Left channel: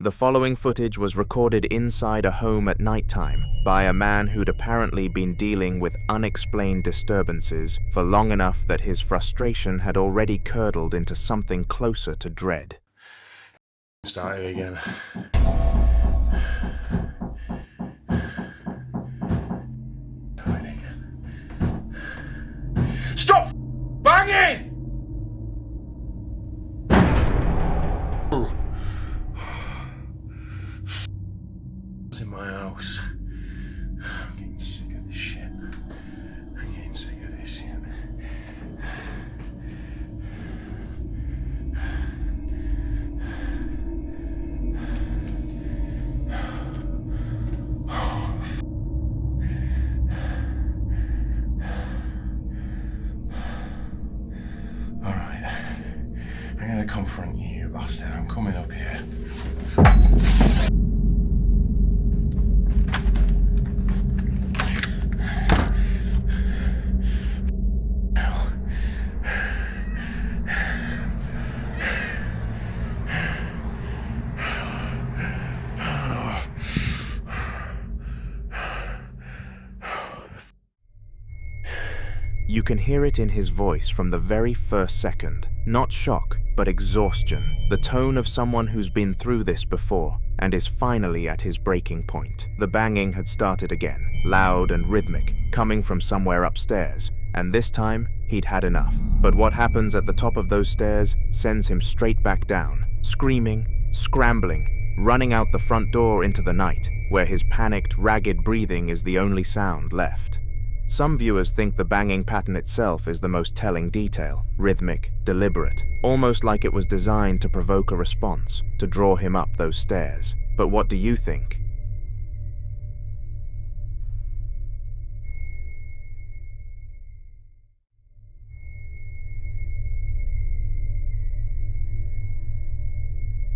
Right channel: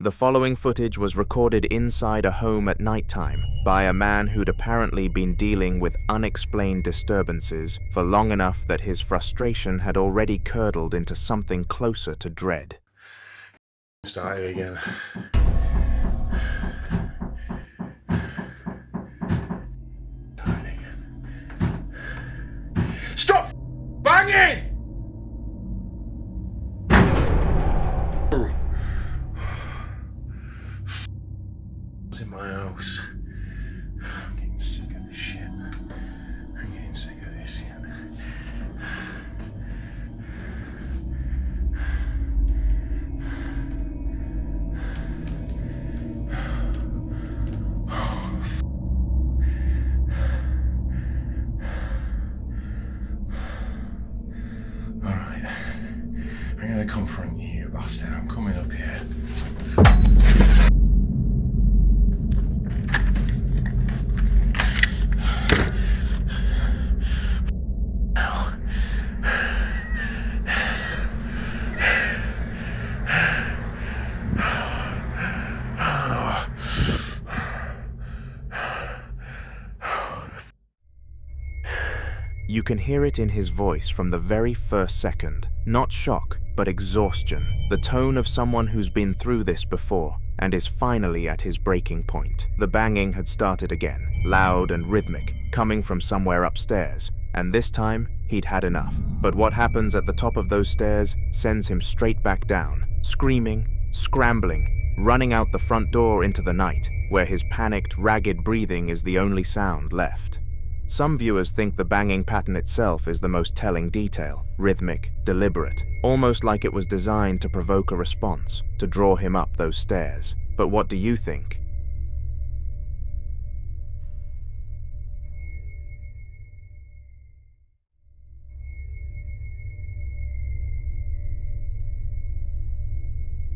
The following footage was recorded inside a home at nighttime by a man who'd apparently been dealing with unexplained disturbances for long enough that his frustration had already curdled into something closer to dread. Starting again. Starting again. Stop banging! In my house. I'm getting sick of this shit. I'm getting sick of this shit. Alright. I'm gonna confront you, you bastard. I'm coming up here. You can hear it in his voice from the very first second. Not shock, but exhaustion. The tone of someone who's been through this before and is finally at his breaking point. The banging had started again, loud and rhythmic, coming from somewhere upstairs, and this time he'd had enough. But what happens at the top of those stairs sends him straight back down, screaming, scrambling, running out the front door into the night, where his panicked, ragged breathing is the only sound left. Some viewers think the banging pattern itself is the most telling detail, rhythmic, deliberate, almost like it was designed to provoke a response, to draw him up those stairs. But what do you think?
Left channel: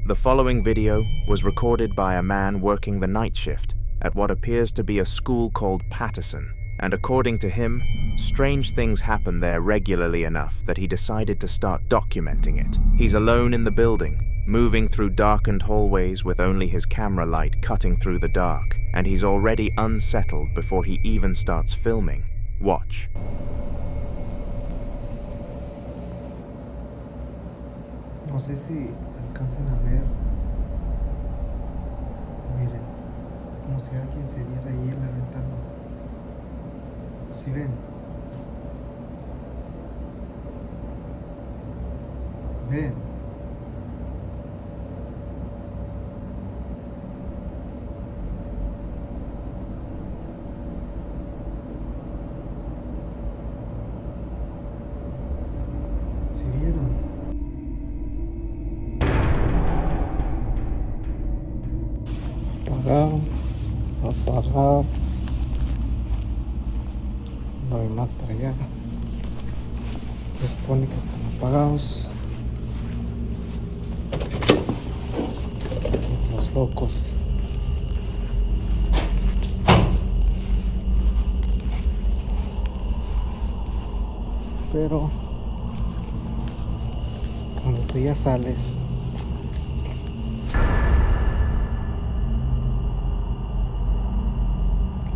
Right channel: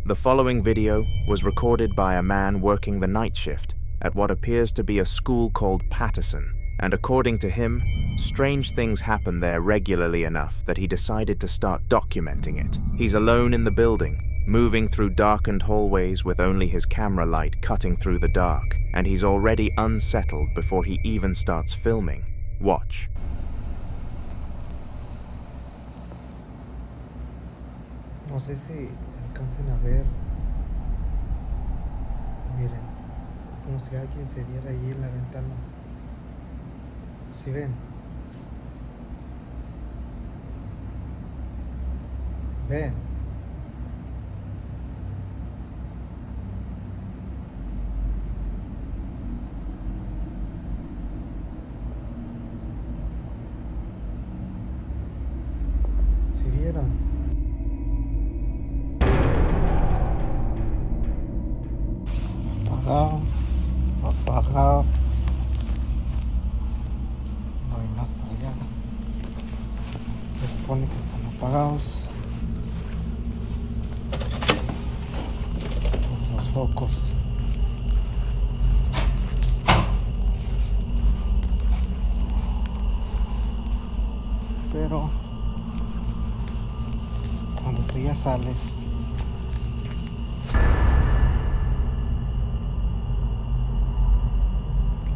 The following video was recorded by a man working the night shift at what appears to be a school called Patterson. And according to him, strange things happen there regularly enough that he decided to start documenting it. He's alone in the building, moving through darkened hallways with only his camera light cutting through the dark, and he's already unsettled before he even starts filming. Watch. No sé si alcancen a ver. Miren, es como si alguien se viera ahí en la ventana. ¿Sí ven? ¿Ven? ¿Sí vieron? Apagado. No hay más para allá. Se supone que están apagados todos los focos. Pero cuando tú ya sales,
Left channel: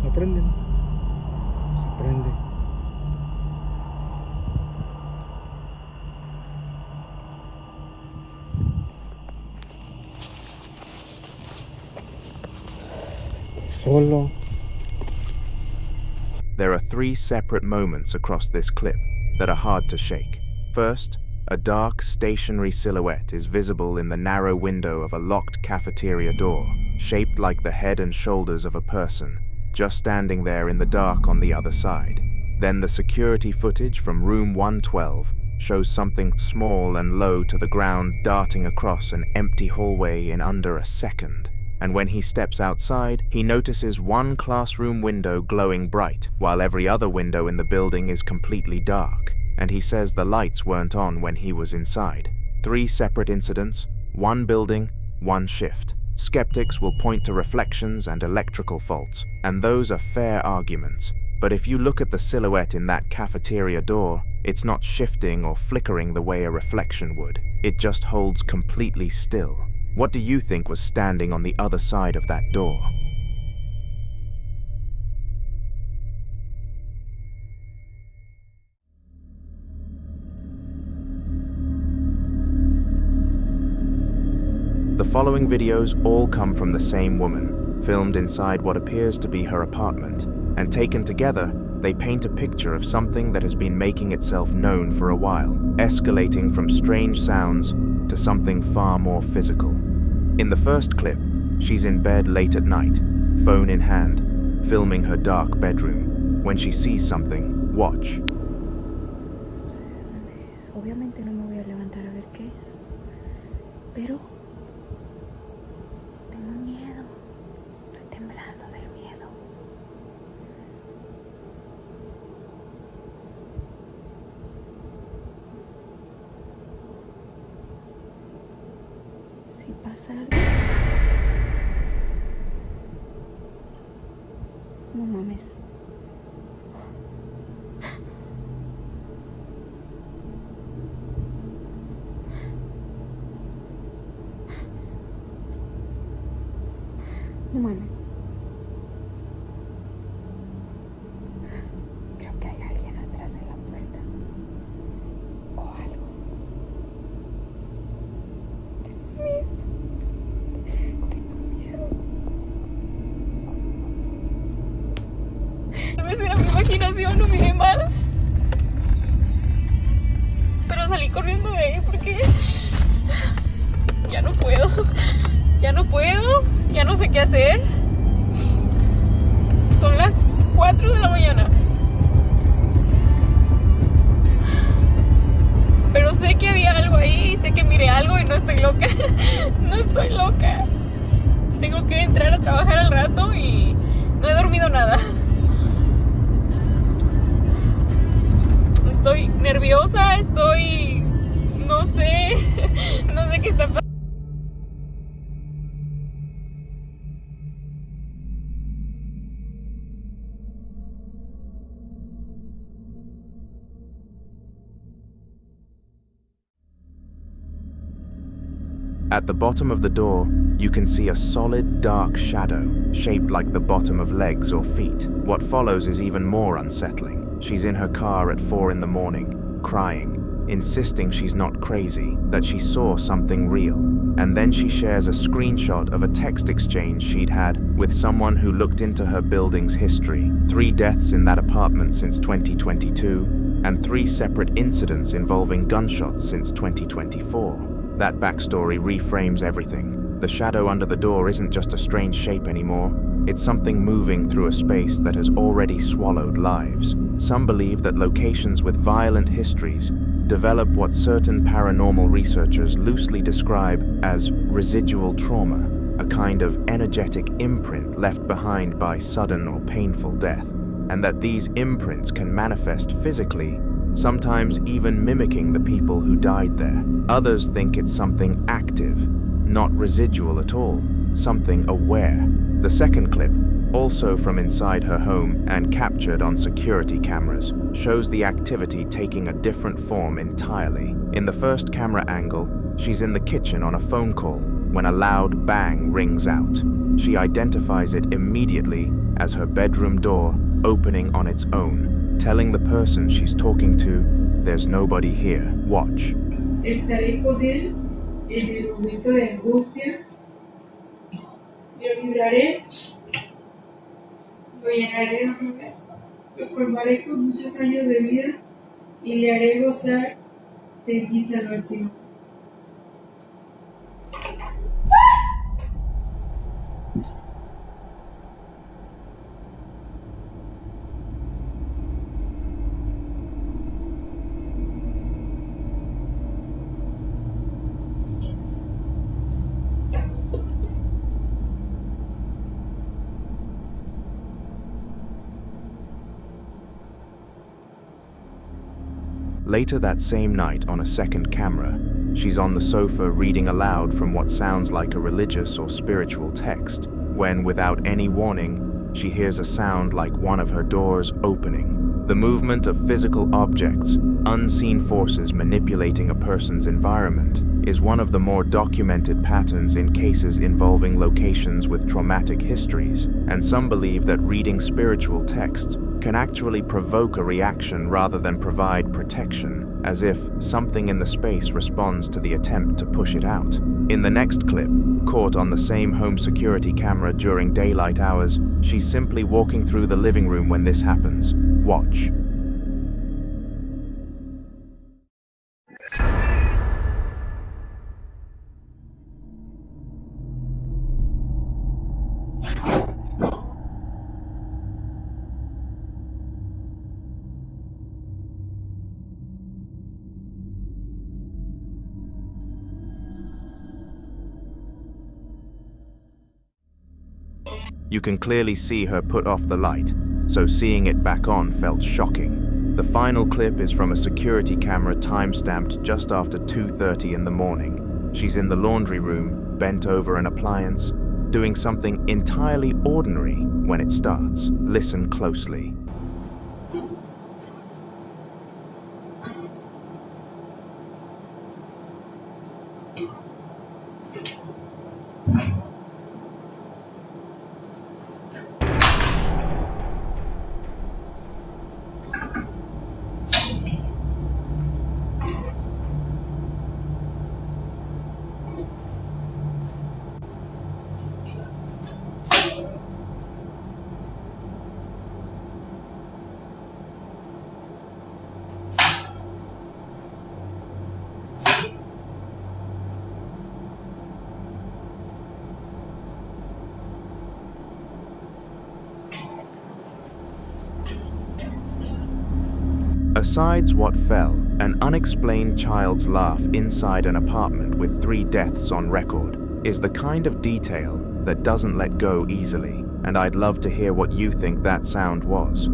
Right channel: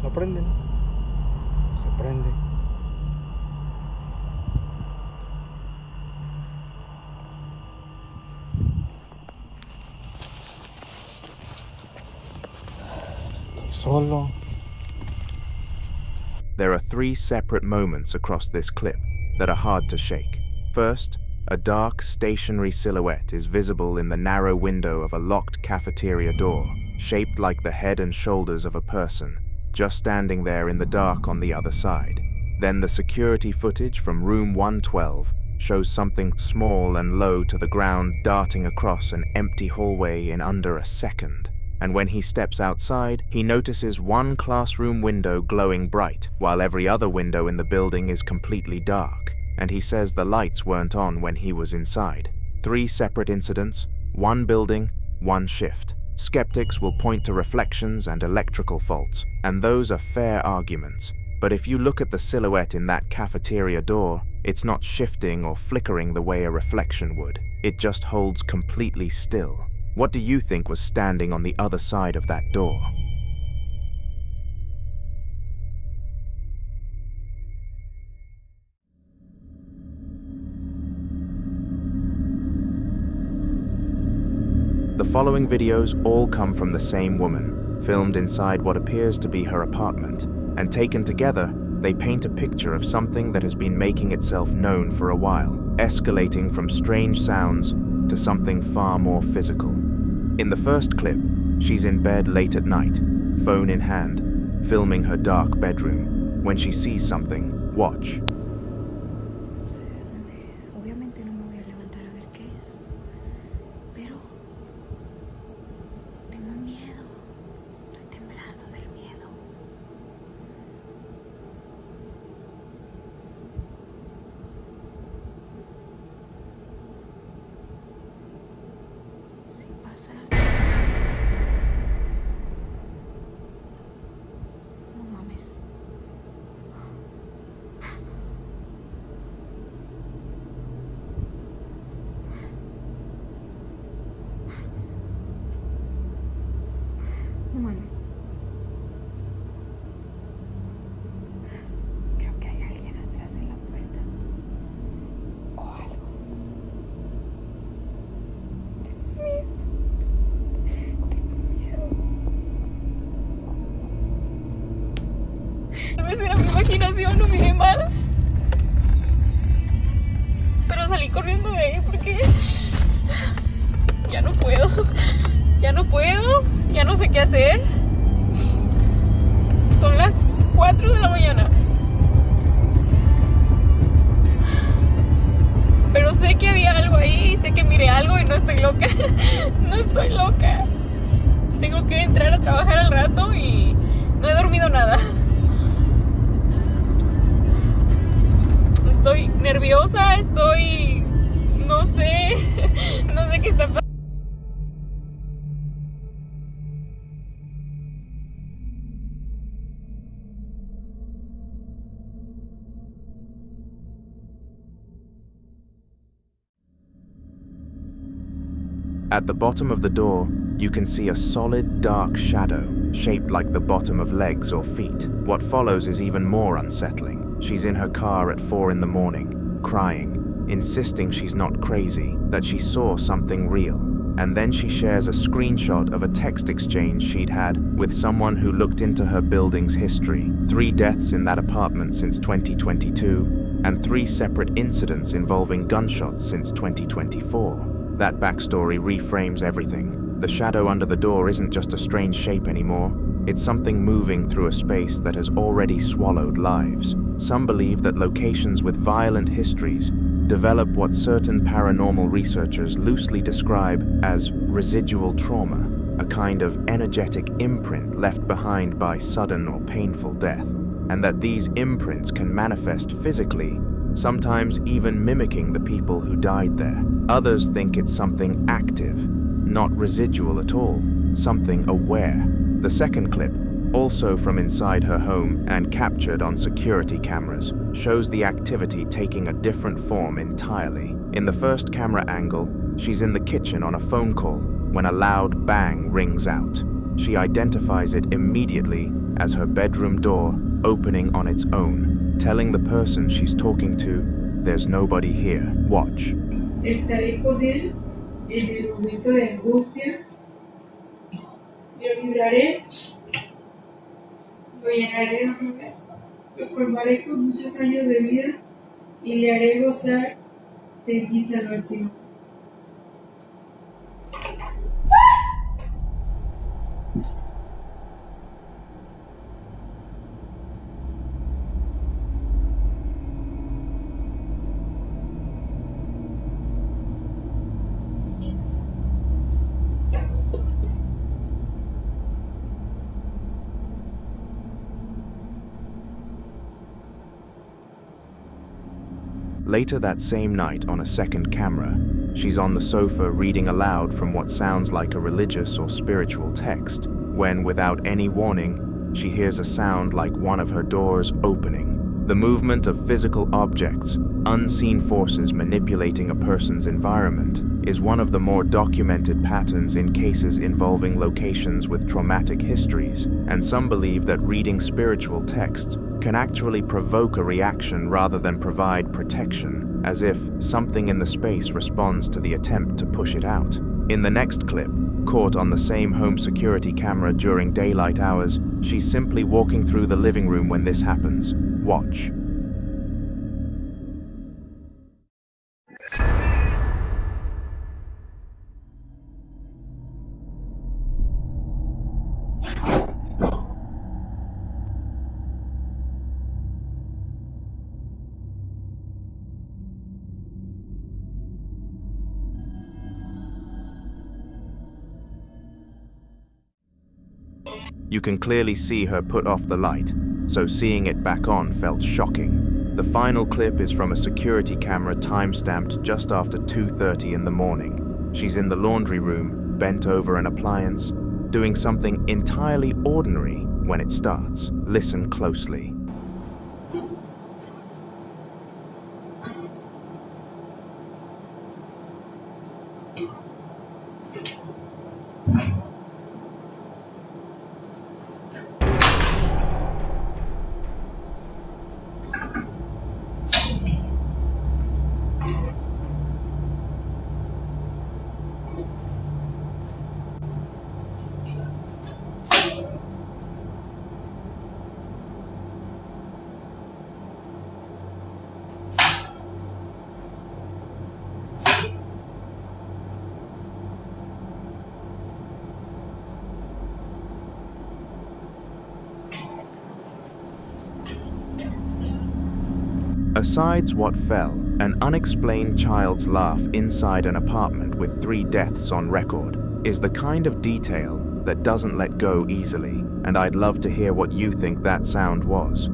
lo prenden. Se prende. Solo. There are three separate moments across this clip that are hard to shake. First, a dark, stationary silhouette is visible in the narrow window of a locked cafeteria door, shaped like the head and shoulders of a person, just standing there in the dark on the other side. Then the security footage from room 112 shows something small and low to the ground darting across an empty hallway in under a second. And when he steps outside, he notices one classroom window glowing bright, while every other window in the building is completely dark. And he says the lights weren't on when he was inside. Three separate incidents, one building, one shift. Skeptics will point to reflections and electrical faults, and those are fair arguments. But if you look at the silhouette in that cafeteria door, it's not shifting or flickering the way a reflection would. It just holds completely still. What do you think was standing on the other side of that door? The following videos all come from the same woman, filmed inside what appears to be her apartment, and taken together, they paint a picture of something that has been making itself known for a while, escalating from strange sounds to something far more physical. In the first clip, she's in bed late at night, phone in hand, filming her dark bedroom. When she sees something, watch. Obviamente no me voy a levantar a ver qué es, pero tengo miedo, estoy temblando del miedo. Si pasa algo, no mames. No mames. Creo que hay alguien atrás de la puerta. O algo. Tengo miedo. Tengo miedo. Tal vez era mi imaginación, no miré mal. Pero salí corriendo de ahí porque ya no puedo. Ya no puedo, ya no sé qué hacer. Son las 4 de la mañana. Pero sé que había algo ahí, sé que miré algo y no estoy loca. No estoy loca. Tengo que entrar a trabajar al rato y no he dormido nada. Estoy nerviosa, no sé qué está pasando. At the bottom of the door, you can see a solid dark shadow, shaped like the bottom of legs or feet. What follows is even more unsettling. She's in her car at 4 in the morning, crying, insisting she's not crazy, that she saw something real. And then she shares a screenshot of a text exchange she'd had with someone who looked into her building's history. 3 deaths in that apartment since 2022, and 3 separate incidents involving gunshots since 2024. That backstory reframes everything. The shadow under the door isn't just a strange shape anymore. It's something moving through a space that has already swallowed lives. Some believe that locations with violent histories develop what certain paranormal researchers loosely describe as residual trauma, a kind of energetic imprint left behind by sudden or painful death, and that these imprints can manifest physically, sometimes even mimicking the people who died there. Others think it's something active, not residual at all, something aware. The second clip, also from inside her home and captured on security cameras, shows the activity taking a different form entirely. In the first camera angle, she's in the kitchen on a phone call when a loud bang rings out. She identifies it immediately as her bedroom door opening on its own, telling the person she's talking to, "There's nobody here, watch." Estaré con él en el momento de angustia, lo libraré, lo llenaré de honores, lo colmaré con muchos años de vida y le haré gozar de mi salvación. Later that same night on a second camera, she's on the sofa reading aloud from what sounds like a religious or spiritual text, when without any warning, she hears a sound like one of her doors opening. The movement of physical objects, unseen forces manipulating a person's environment, is one of the more documented patterns in cases involving locations with traumatic histories, and some believe that reading spiritual texts can actually provoke a reaction rather than provide protection, as if something in the space responds to the attempt to push it out. In the next clip, caught on the same home security camera during daylight hours, she's simply walking through the living room when this happens. Watch. You can clearly see her put off the light, so seeing it back on felt shocking. The final clip is from a security camera time-stamped just after 2:30 in the morning. She's in the laundry room, bent over an appliance, doing something entirely ordinary when it starts. Listen closely. Besides what fell, an unexplained child's laugh inside an apartment with 3 deaths on record is the kind of detail that doesn't let go easily, and I'd love to hear what you think that sound was.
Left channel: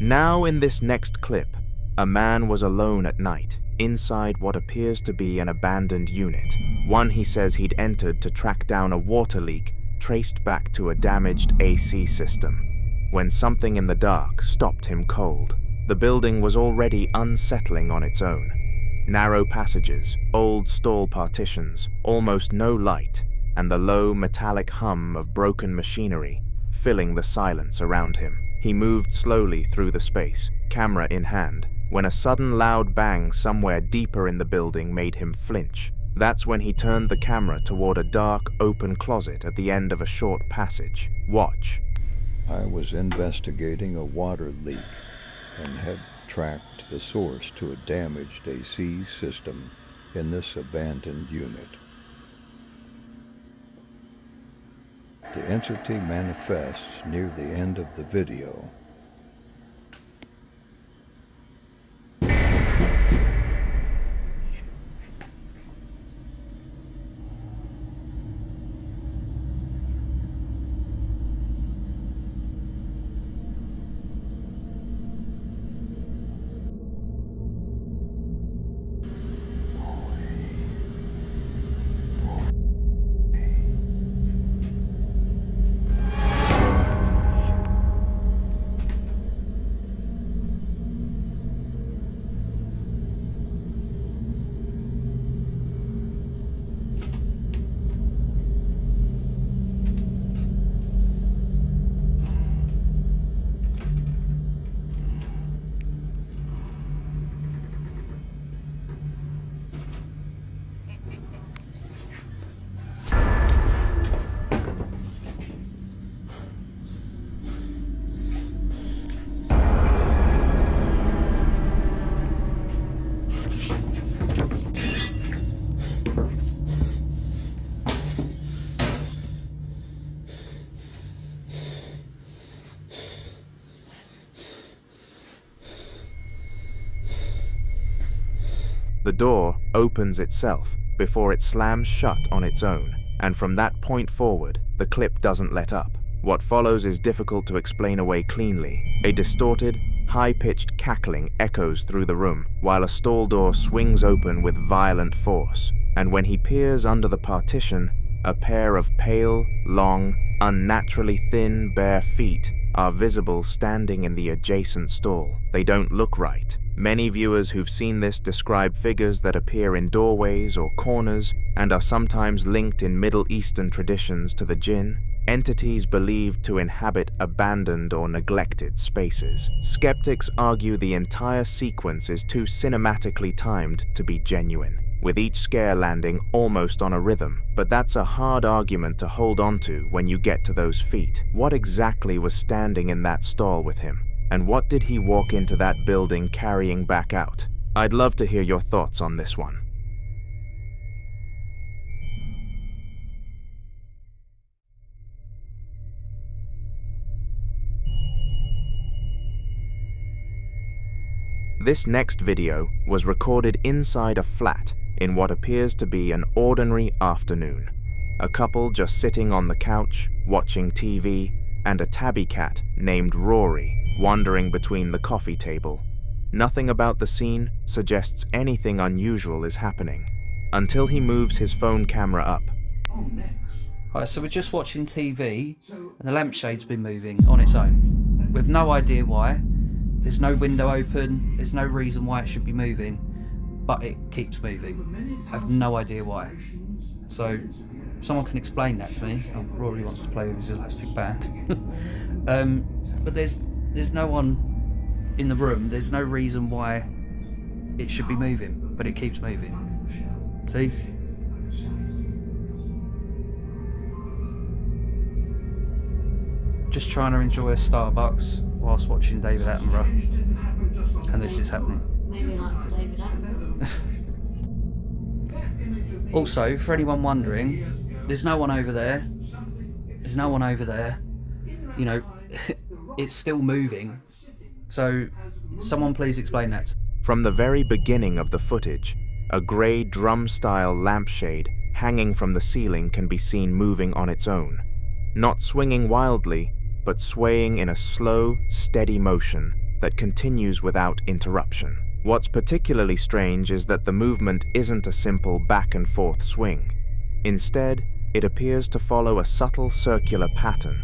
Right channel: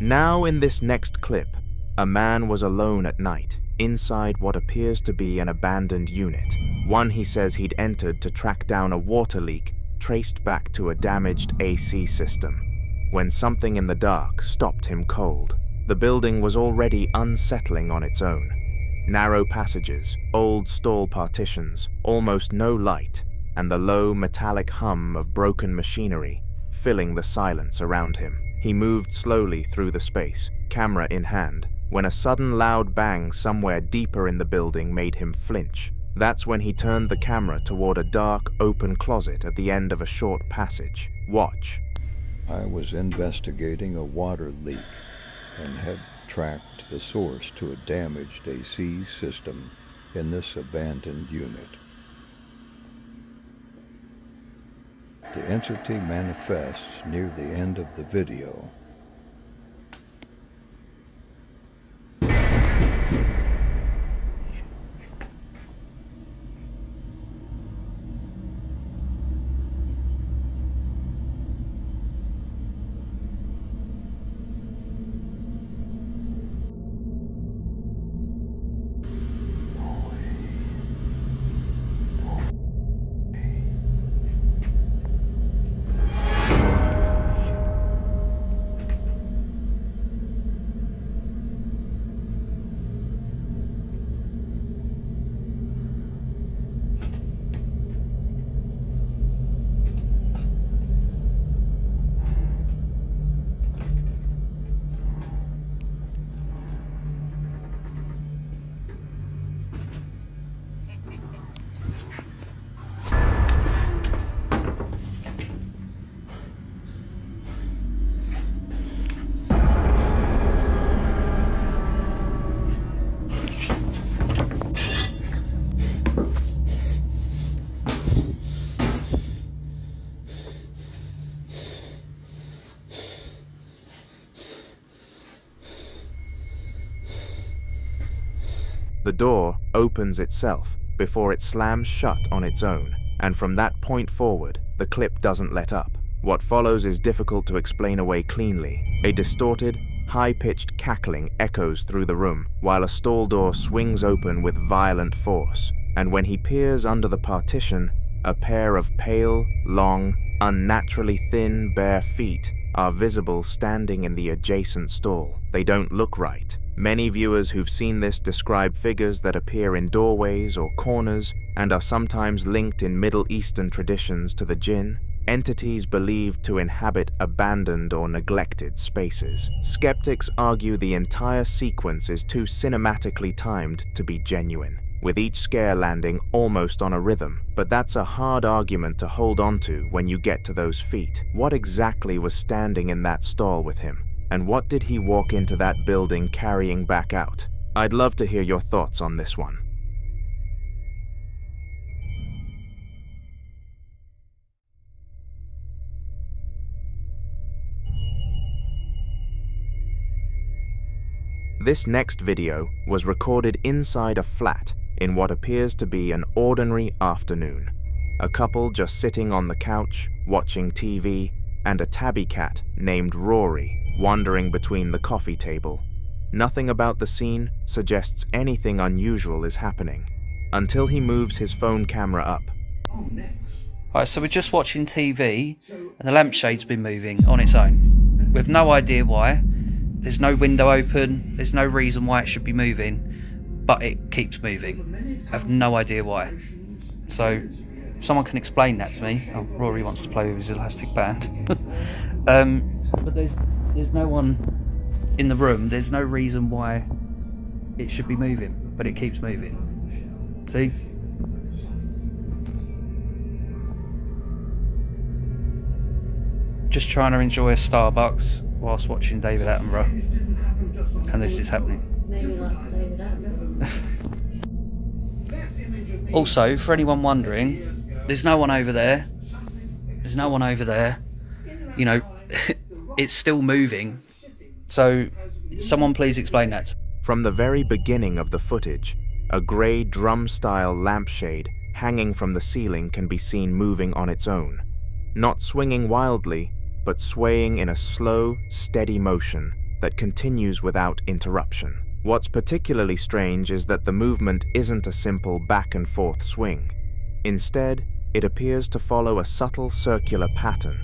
Now in this next clip, a man was alone at night, inside what appears to be an abandoned unit. One he says he'd entered to track down a water leak traced back to a damaged AC system, when something in the dark stopped him cold. The building was already unsettling on its own. Narrow passages, old stall partitions, almost no light, and the low metallic hum of broken machinery filling the silence around him. He moved slowly through the space, camera in hand, when a sudden loud bang somewhere deeper in the building made him flinch. That's when he turned the camera toward a dark, open closet at the end of a short passage. Watch. I was investigating a water leak and had tracked the source to a damaged AC system in this abandoned unit. The entity manifests near the end of the video. The door opens itself before it slams shut on its own, and from that point forward, the clip doesn't let up. What follows is difficult to explain away cleanly. A distorted, high-pitched cackling echoes through the room, while a stall door swings open with violent force, and when he peers under the partition, a pair of pale, long, unnaturally thin, bare feet are visible standing in the adjacent stall. They don't look right. Many viewers who've seen this describe figures that appear in doorways or corners and are sometimes linked in Middle Eastern traditions to the jinn, entities believed to inhabit abandoned or neglected spaces. Skeptics argue the entire sequence is too cinematically timed to be genuine, with each scare landing almost on a rhythm. But that's a hard argument to hold on to when you get to those feet. What exactly was standing in that stall with him? And what did he walk into that building carrying back out? I'd love to hear your thoughts on this one. This next video was recorded inside a flat in what appears to be an ordinary afternoon. A couple just sitting on the couch, watching TV, and a tabby cat named Rory wandering between the coffee table. Nothing about the scene suggests anything unusual is happening, until he moves his phone camera up. Alright, so we're just watching TV, and the lampshade's been moving on its own. We have no idea why. There's no window open, there's no reason why it should be moving, but it keeps moving. I have no idea why. So, if someone can explain that to me. Oh, Rory wants to play with his elastic band. But there's no one in the room, there's no reason why it should be moving, but it keeps moving. See? Just trying to enjoy a Starbucks whilst watching David Attenborough, and this is happening. Maybe like David Attenborough. Also, for anyone wondering, there's no one over there. There's no one over there. You know, it's still moving. So, someone please explain that. From the very beginning of the footage, a grey drum-style lampshade hanging from the ceiling can be seen moving on its own, not swinging wildly, but swaying in a slow, steady motion that continues without interruption. What's particularly strange is that the movement isn't a simple back and forth swing. Instead, it appears to follow a subtle circular pattern,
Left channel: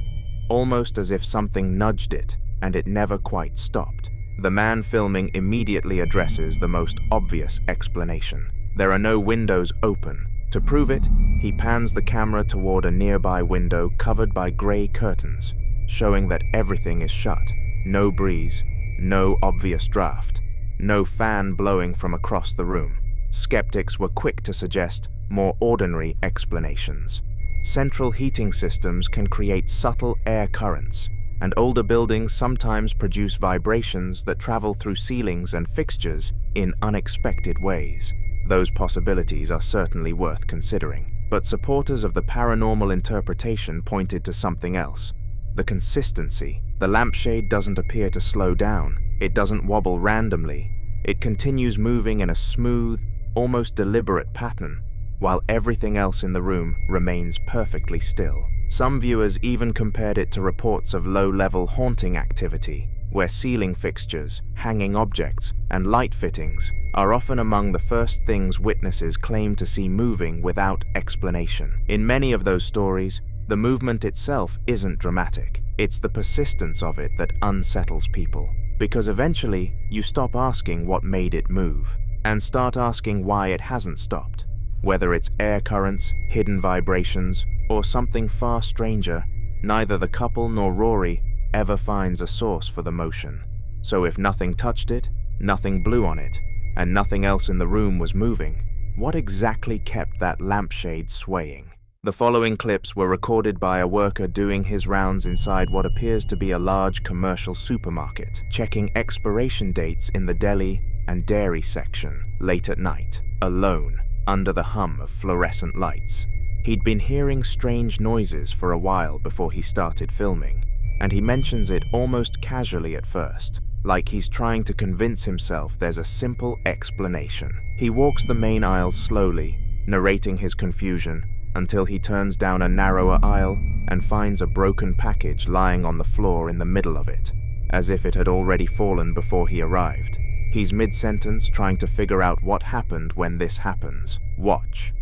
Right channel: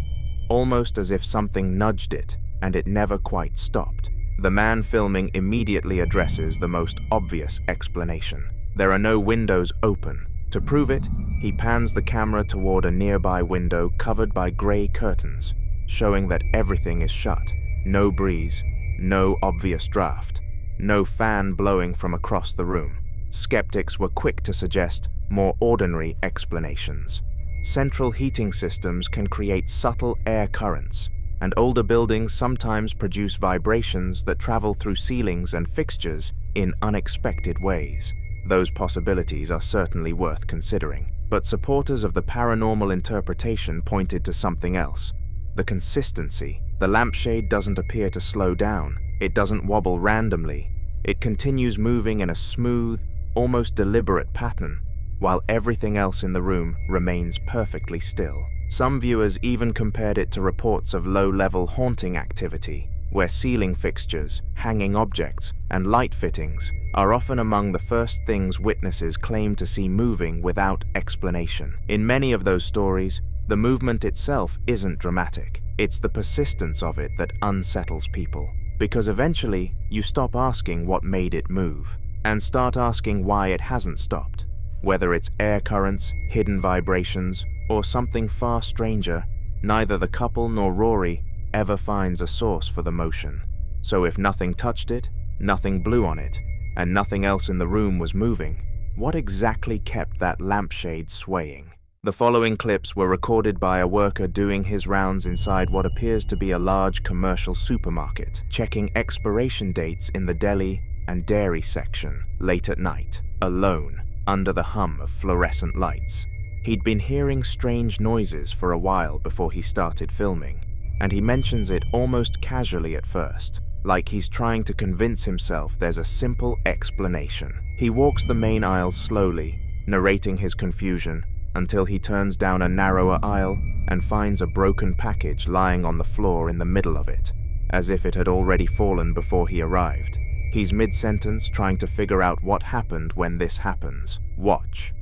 almost as if something nudged it and it never quite stopped. The man filming immediately addresses the most obvious explanation. There are no windows open. To prove it, he pans the camera toward a nearby window covered by grey curtains, showing that everything is shut. No breeze, no obvious draft, no fan blowing from across the room. Skeptics were quick to suggest more ordinary explanations. Central heating systems can create subtle air currents, and older buildings sometimes produce vibrations that travel through ceilings and fixtures in unexpected ways. Those possibilities are certainly worth considering, but supporters of the paranormal interpretation pointed to something else. The consistency. The lampshade doesn't appear to slow down. It doesn't wobble randomly. It continues moving in a smooth, almost deliberate pattern, while everything else in the room remains perfectly still. Some viewers even compared it to reports of low-level haunting activity, where ceiling fixtures, hanging objects, and light fittings are often among the first things witnesses claim to see moving without explanation. In many of those stories, the movement itself isn't dramatic. It's the persistence of it that unsettles people, because eventually you stop asking what made it move, and start asking why it hasn't stopped. Whether it's air currents, hidden vibrations, or something far stranger, neither the couple nor Rory ever finds a source for the motion. So if nothing touched it, nothing blew on it, and nothing else in the room was moving, what exactly kept that lampshade swaying? The following clips were recorded by a worker doing his rounds inside what appears to be a large commercial supermarket, checking expiration dates in the deli and dairy section late at night, alone, under the hum of fluorescent lights. He'd been hearing strange noises for a while before he started filming, and he mentions it almost casually at first, like he's trying to convince himself there's a simple explanation. He walks the main aisle slowly, narrating his confusion, until he turns down a narrower aisle and finds a broken package lying on the floor in the middle of it, as if it had already fallen before he arrived. He's mid-sentence trying to figure out what happened when this happens. Watch.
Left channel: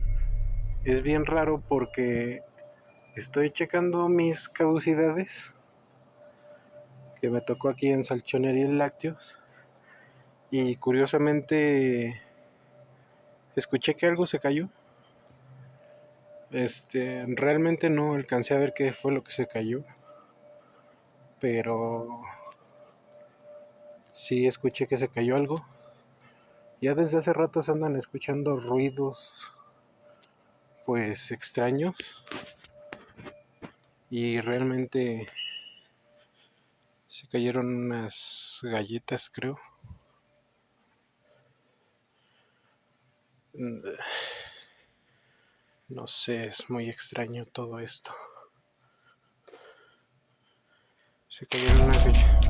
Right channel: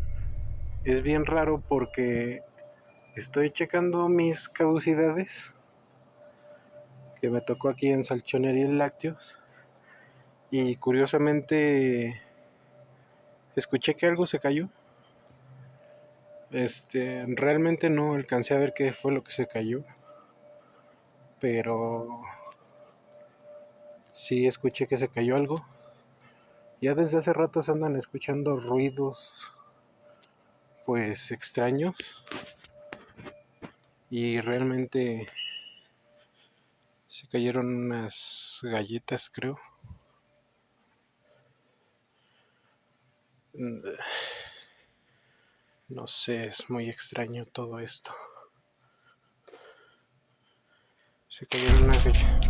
Es bien raro porque estoy checando mis caducidades que me tocó aquí en Salchonería y Lácteos, y curiosamente escuché que algo se cayó. Realmente no alcancé a ver qué fue lo que se cayó, pero sí escuché que se cayó algo. Ya desde hace rato se andan escuchando ruidos pues extraños, y realmente se cayeron unas galletas, creo. No sé, es muy extraño todo esto. Se cayeron unas galletas.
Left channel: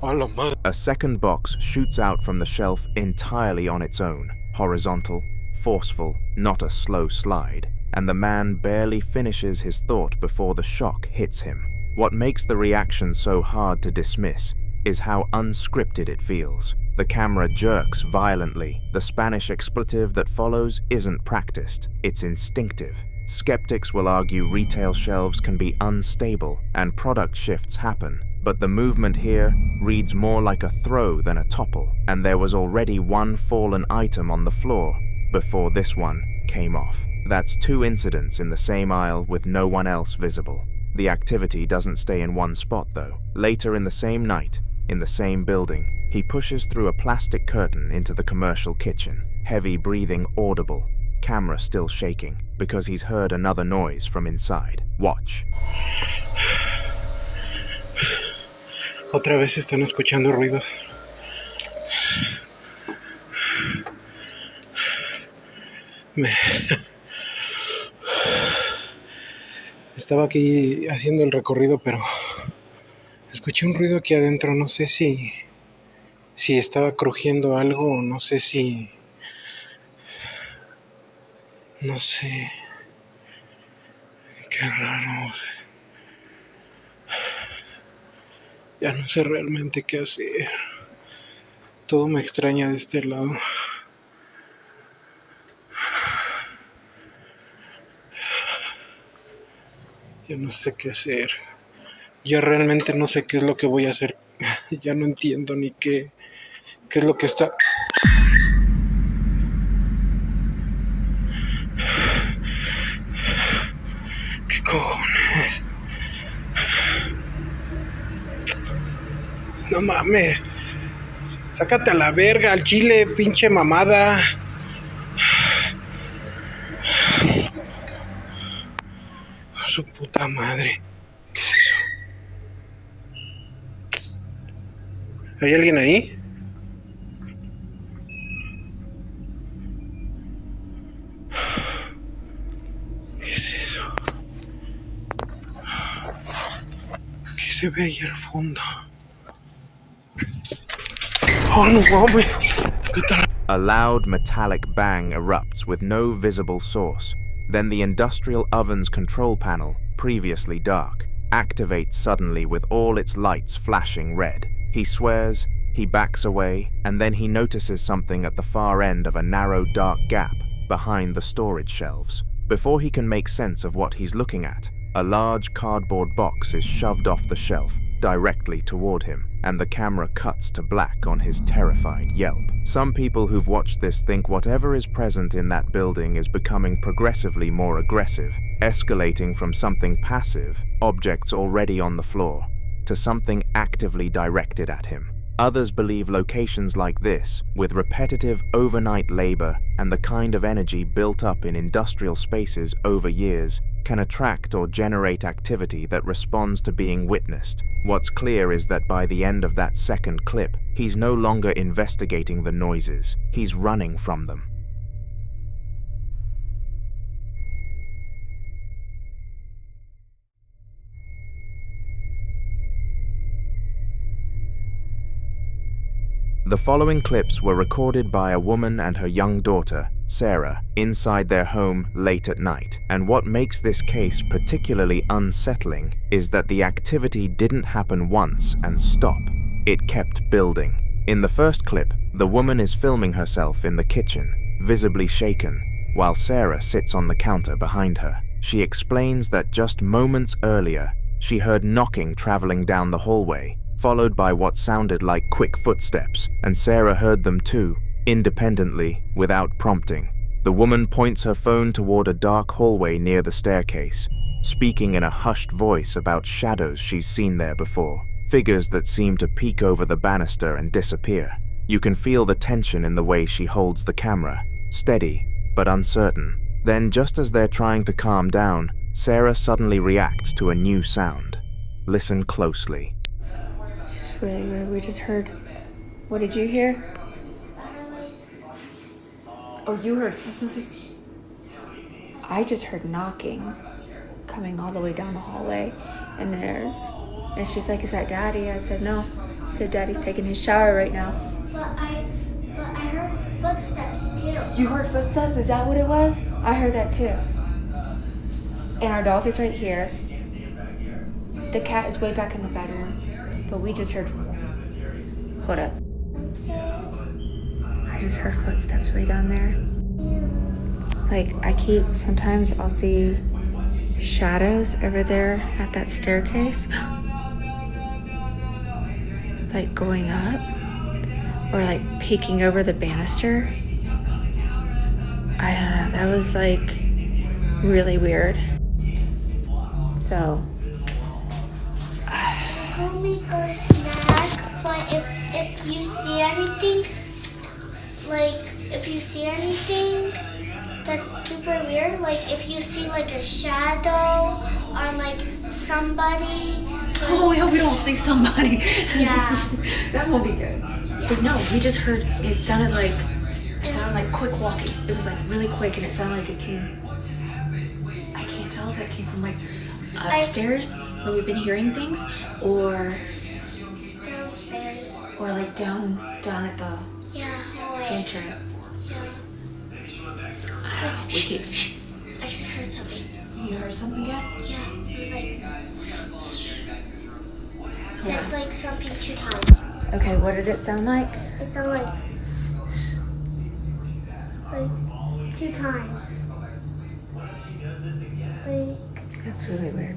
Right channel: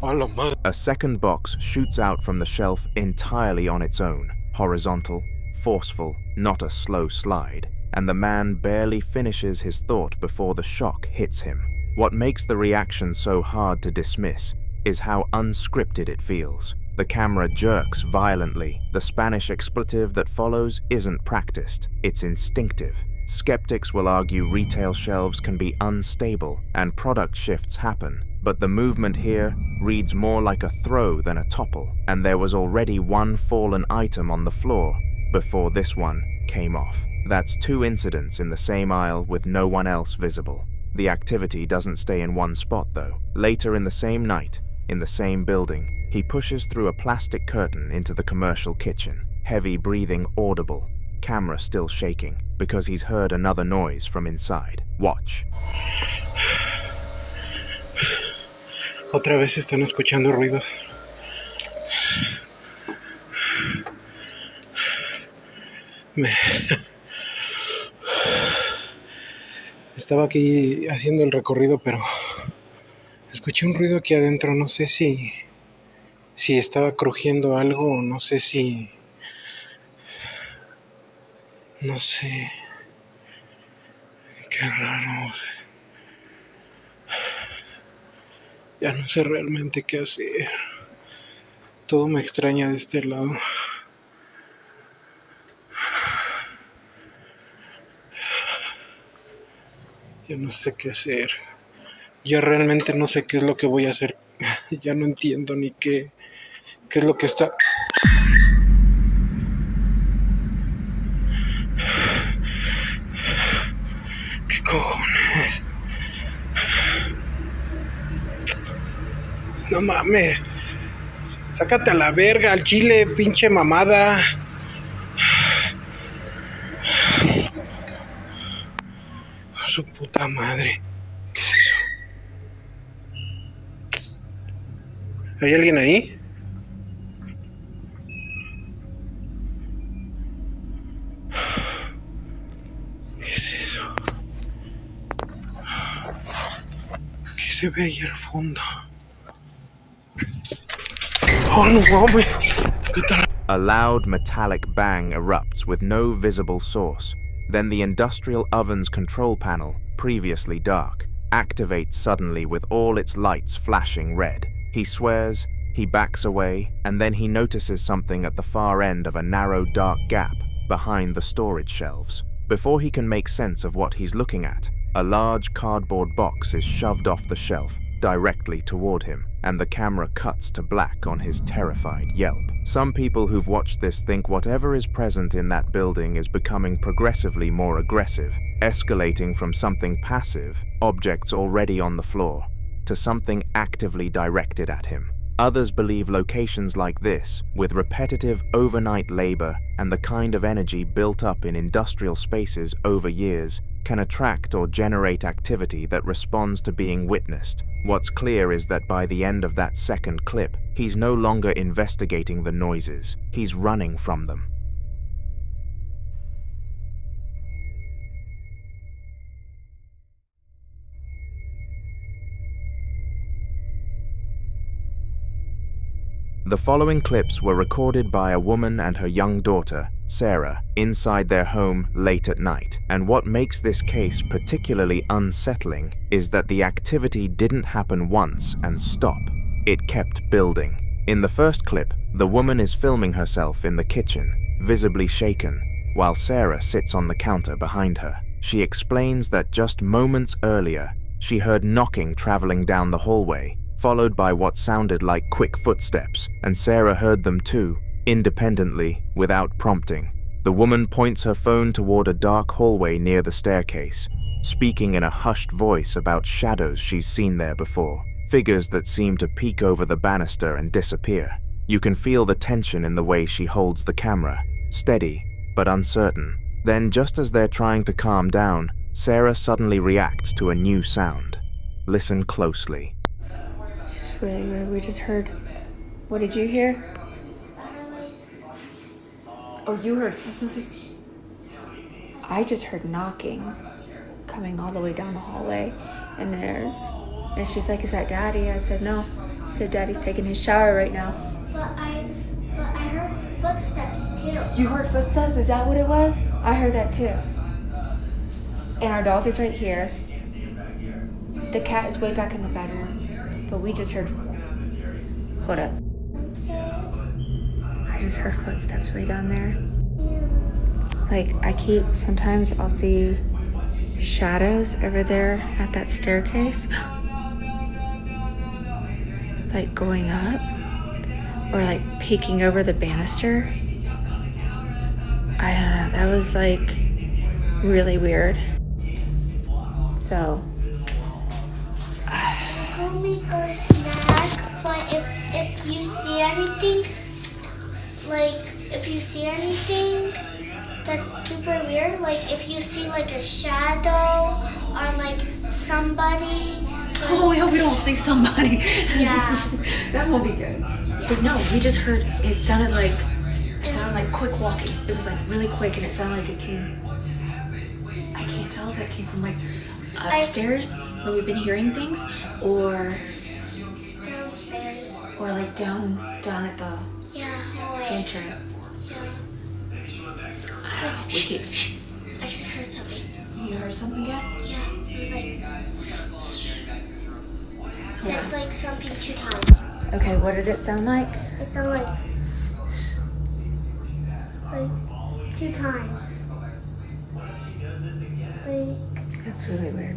¡Oh, la madre! A second box shoots out from the shelf entirely on its own, horizontal, forceful, not a slow slide, and the man barely finishes his thought before the shock hits him. What makes the reaction so hard to dismiss is how unscripted it feels. The camera jerks violently. The Spanish expletive that follows isn't practiced, it's instinctive. Skeptics will argue retail shelves can be unstable and product shifts happen, but the movement here reads more like a throw than a topple, and there was already one fallen item on the floor before this one came off. That's 2 incidents in the same aisle with no one else visible. The activity doesn't stay in one spot though. Later in the same night, in the same building, he pushes through a plastic curtain into the commercial kitchen. Heavy breathing audible, camera still shaking, because he's heard another noise from inside. Watch. Otra vez están escuchando ruidos. Estaba aquí haciendo el recorrido, pero escuché un ruido aquí adentro. No sé si estaba crujiendo algo, o no sé si... No sé. Qué raro. Ya no sé realmente qué hacer. Todo me extraña de este lado. Ya no sé qué hacer. Ya realmente no sé qué es lo que voy a hacer. Ya no entiendo ni qué es lo que está... ¿Qué cojones? No mames. Sácate a la verga, al chile, pinche mamada. Su puta madre. ¿Qué es eso? ¿Hay alguien ahí? ¿Qué es eso? ¿Qué se ve ahí al fondo? Oh, no mames. ¿Qué tal? A loud metallic bang erupts with no visible source. Then the industrial oven's control panel, previously dark, activates suddenly with all its lights flashing red. He swears, he backs away, and then he notices something at the far end of a narrow dark gap behind the storage shelves. Before he can make sense of what he's looking at, a large cardboard box is shoved off the shelf directly toward him, and the camera cuts to black on his terrified yelp. Some people who've watched this think whatever is present in that building is becoming progressively more aggressive, escalating from something passive, objects already on the floor, to something actively directed at him. Others believe locations like this, with repetitive overnight labor and the kind of energy built up in industrial spaces over years, can attract or generate activity that responds to being witnessed. What's clear is that by the end of that second clip, he's no longer investigating the noises, he's running from them. The following clips were recorded by a woman and her young daughter, Sarah, inside their home late at night. And what makes this case particularly unsettling is that the activity didn't happen once and stop. It kept building. In the first clip, the woman is filming herself in the kitchen, visibly shaken. while Sarah sits on the counter behind her. She explains that just moments earlier, she heard knocking traveling down the hallway, followed by what sounded like quick footsteps, and Sarah heard them too, independently, without prompting. The woman points her phone toward a dark hallway near the staircase, speaking in a hushed voice about shadows she's seen there before, figures that seem to peek over the banister and disappear. You can feel the tension in the way she holds the camera, steady but uncertain. Then, just as they're trying to calm down, Sarah suddenly reacts to a new sound. Listen closely. It's just really weird. We just heard. What did you hear? Oh, you heard. I just heard knocking coming all the way down the hallway. And she's like, "Is that Daddy?" I said, "No." I said, "Daddy's taking his shower right now." But I heard footsteps too. You heard footsteps? Is that what it was? I heard that too. And our dog is right here. The cat is way back in the bedroom. But we just heard... Hold up. I just heard footsteps way down there. Like, sometimes I'll see shadows over there at that staircase. Like going up. Or like peeking over the banister. I don't know, that was like really weird. So Go make our snack, but if you see anything, that's super weird, like if you see like a shadow or like somebody. oh, we hope we don't see somebody. Yeah. That won't be good. Yeah. But no, we just heard it sounded like quick walking. It was like really quick, and it sounded like it came. I can't tell if that came from like upstairs where we've been hearing things, or Downstairs. or like down at the hallway. entrance. Yeah. I don't know. We keep. I just heard something. You heard something again? Yeah, it was like Yeah. said like something 2 times. Okay, what did it sound like? It sounded like 2 times. Like That's really weird.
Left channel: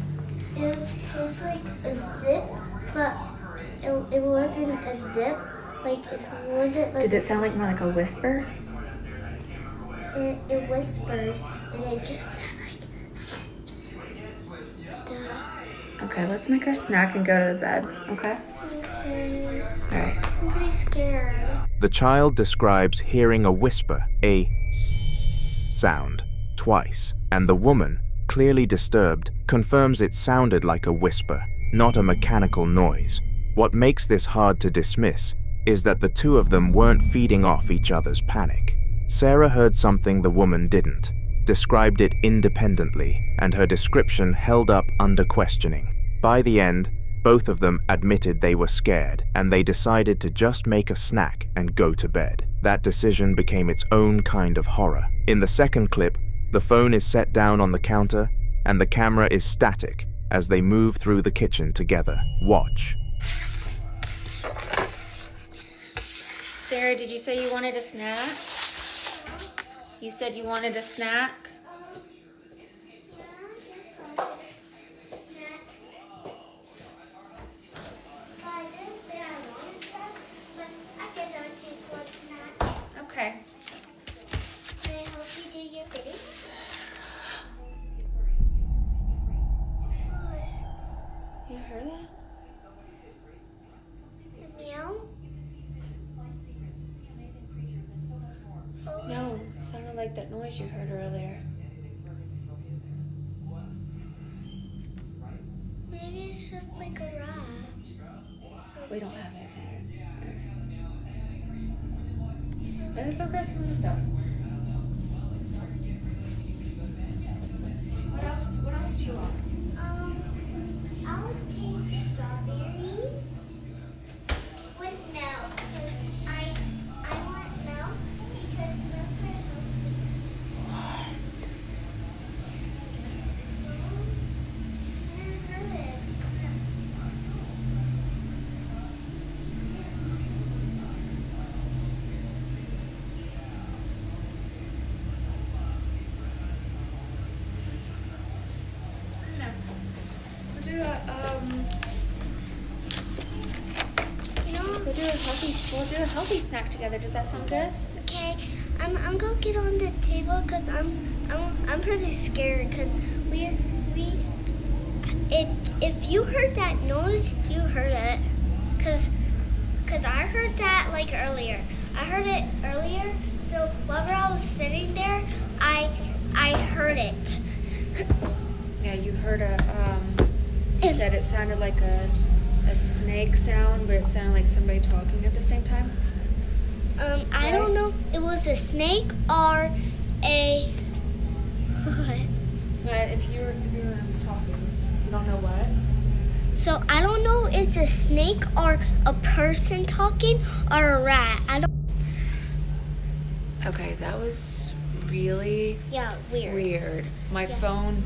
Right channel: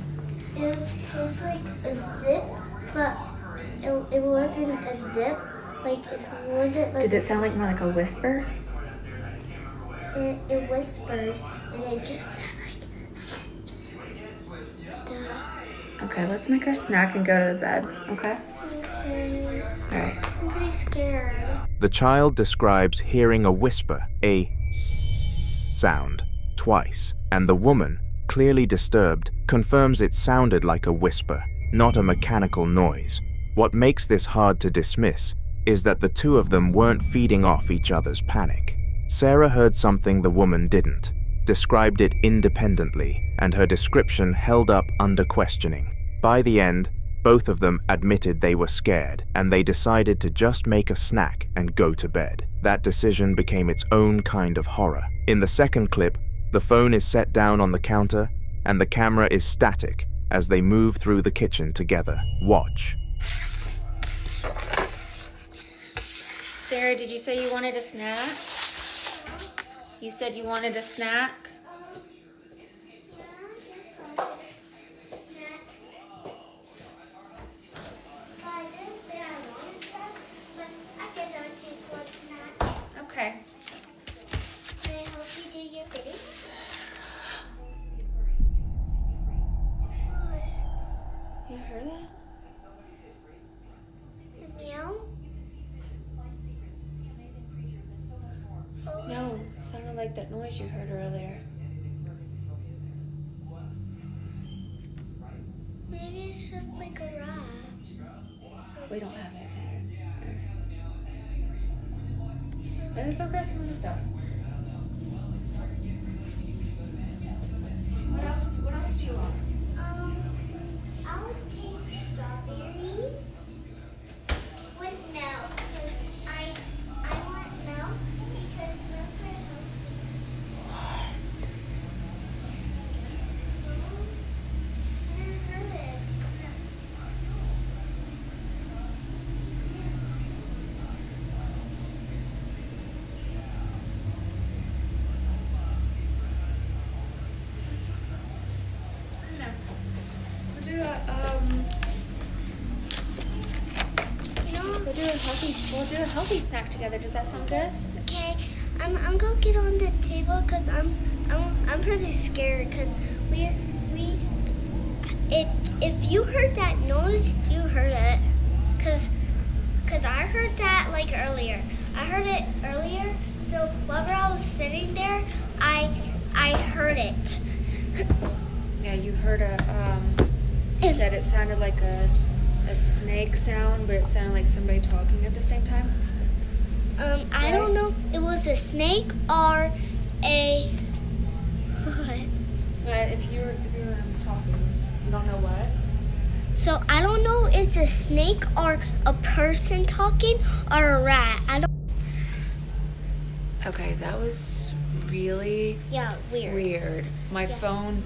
it was like a zip, but it wasn't a zip. Like it wasn't like Did it sound like more like a whisper? it whispered, and it just said like Okay, let's make our snack and go to the bed. Okay. okay. Alright. I'm pretty scared. The child describes hearing a whisper, a sound, twice, and the woman, clearly disturbed, confirms it sounded like a whisper, not a mechanical noise. What makes this hard to dismiss is that the two of them weren't feeding off each other's panic. Sarah heard something the woman didn't, described it independently, and her description held up under questioning. By the end, both of them admitted they were scared, and they decided to just make a snack and go to bed. That decision became its own kind of horror. In the second clip, the phone is set down on the counter, and the camera is static as they move through the kitchen together. Watch. Sarah, did you say you wanted a snack? You said you wanted a snack? Okay. Can I help you do your fittings? You heard that? Meow? No, it sounded like that noise you heard earlier. Maybe it's just like a rat. So We don't have that, Sarah. Let's go grab some other stuff. What else do you want? I'll take strawberries with milk. Because I want milk because milk are healthy. I heard it. do a we'll do a healthy snack together. Does that sound good? Okay, I'm gonna get on the table because I'm pretty scared because if you heard that noise, you heard it, cause I heard that like earlier. I heard it earlier, so while I was sitting there, I heard it. Yeah, you heard you said it sounded like a snake sound, but it sounded like somebody talking at the same time. I don't know. It was a snake or a what? But if you were talking, you don't know what? So I don't know. It's a snake or a person talking or a rat. I don't. Okay, that was really weird. My phone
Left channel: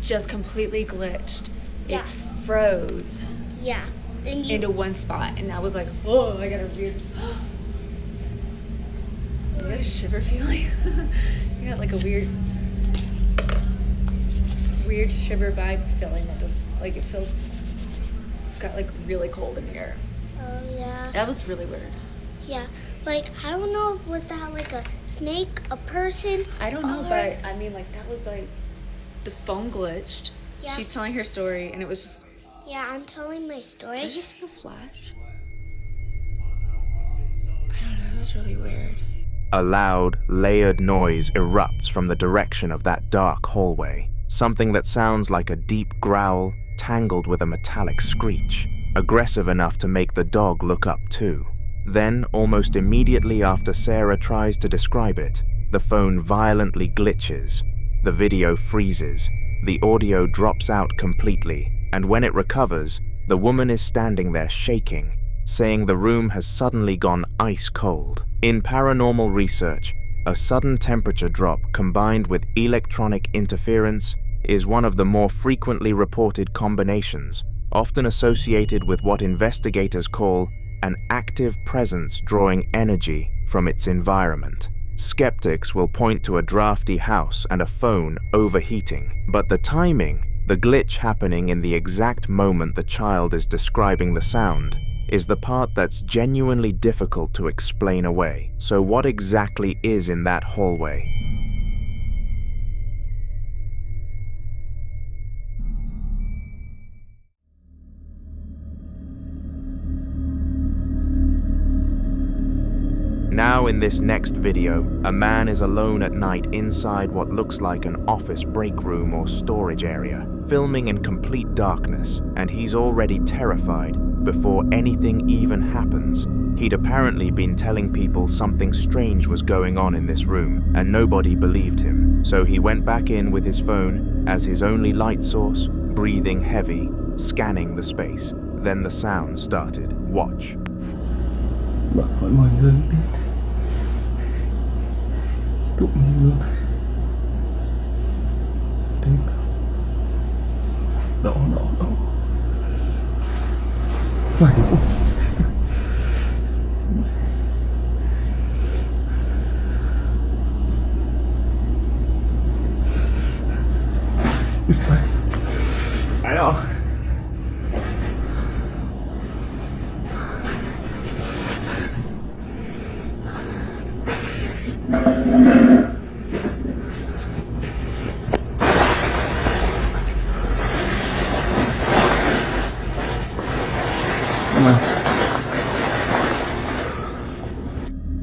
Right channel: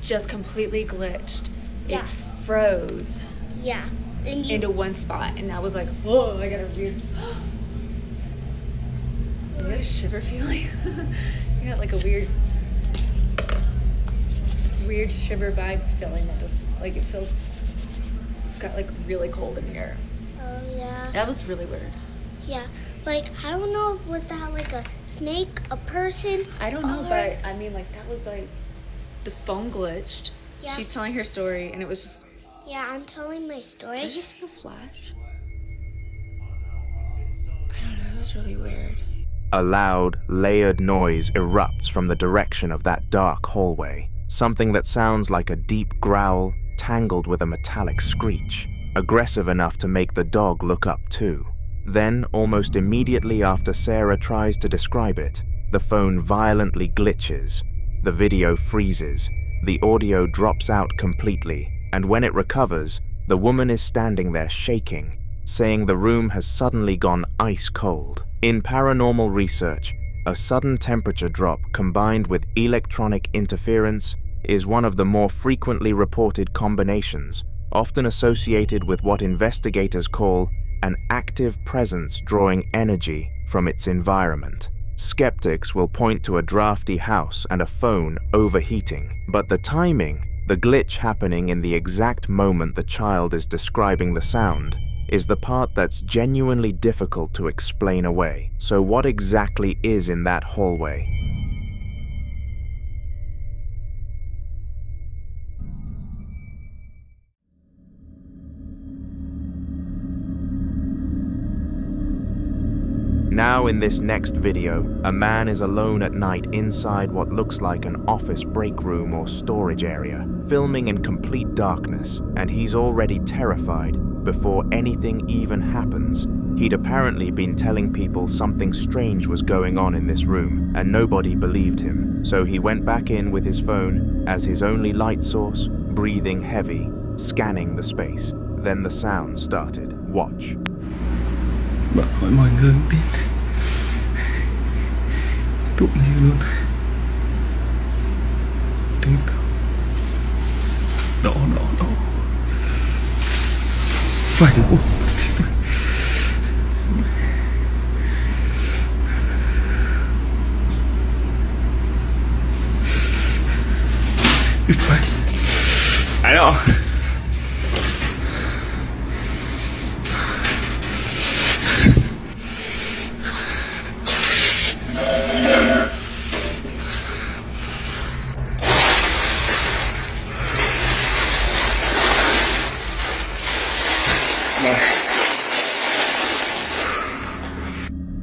just completely glitched. Yeah. It froze. Yeah. Into one spot, and I was like, "Whoa!" I got a weird. You got a shiver feeling? You got like a weird shiver vibe feeling that just like it feels. It's got like really cold in here. Oh yeah. That was really weird. Yeah, like I don't know. Was that like a snake, a person? I don't know, but I mean, like that was like the phone glitched. Yeah. She's telling her story, and it was just. Yeah, I'm telling my story. Did I just see a flash? I don't know. It was really weird. A loud, layered noise erupts from the direction of that dark hallway. Something that sounds like a deep growl, tangled with a metallic screech, aggressive enough to make the dog look up too. Then, almost immediately after Sarah tries to describe it, the phone violently glitches. The video freezes. The audio drops out completely, and when it recovers, the woman is standing there shaking, saying the room has suddenly gone ice cold. In paranormal research, a sudden temperature drop combined with electronic interference is one of the more frequently reported combinations, often associated with what investigators call an active presence drawing energy from its environment. Skeptics will point to a drafty house and a phone overheating, but the timing, the glitch happening in the exact moment the child is describing the sound, is the part that's genuinely difficult to explain away. So what exactly is in that hallway? Now in this next video, a man is alone at night inside what looks like an office break room or storage area, filming in complete darkness, and he's already terrified before anything even happens. He'd apparently been telling people something strange was going on in this room, and nobody believed him. So he went back in with his phone as his only light source, breathing heavy, scanning the space. Then the sound started. Watch. Bạn hỏi mọi người không tin. Tụi mình luôn. Đến đó. Phải đúng. I know.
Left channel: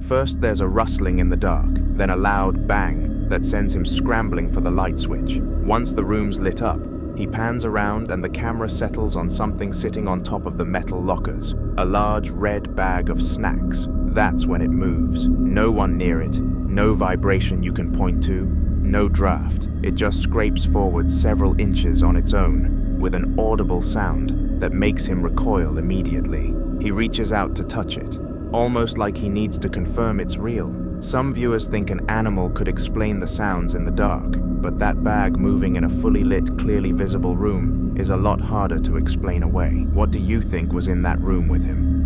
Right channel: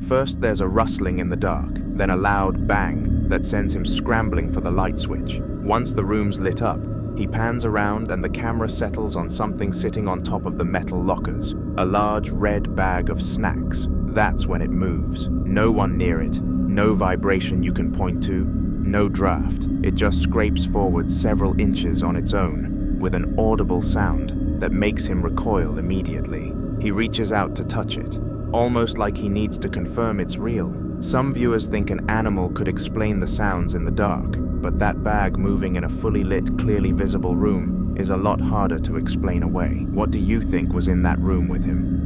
First, there's a rustling in the dark, then a loud bang that sends him scrambling for the light switch. Once the room's lit up, he pans around and the camera settles on something sitting on top of the metal lockers, a large red bag of snacks. That's when it moves. No one near it, no vibration you can point to, no draft. It just scrapes forward several inches on its own, with an audible sound that makes him recoil immediately. He reaches out to touch it, almost like he needs to confirm it's real. Some viewers think an animal could explain the sounds in the dark, but that bag moving in a fully lit, clearly visible room is a lot harder to explain away. What do you think was in that room with him?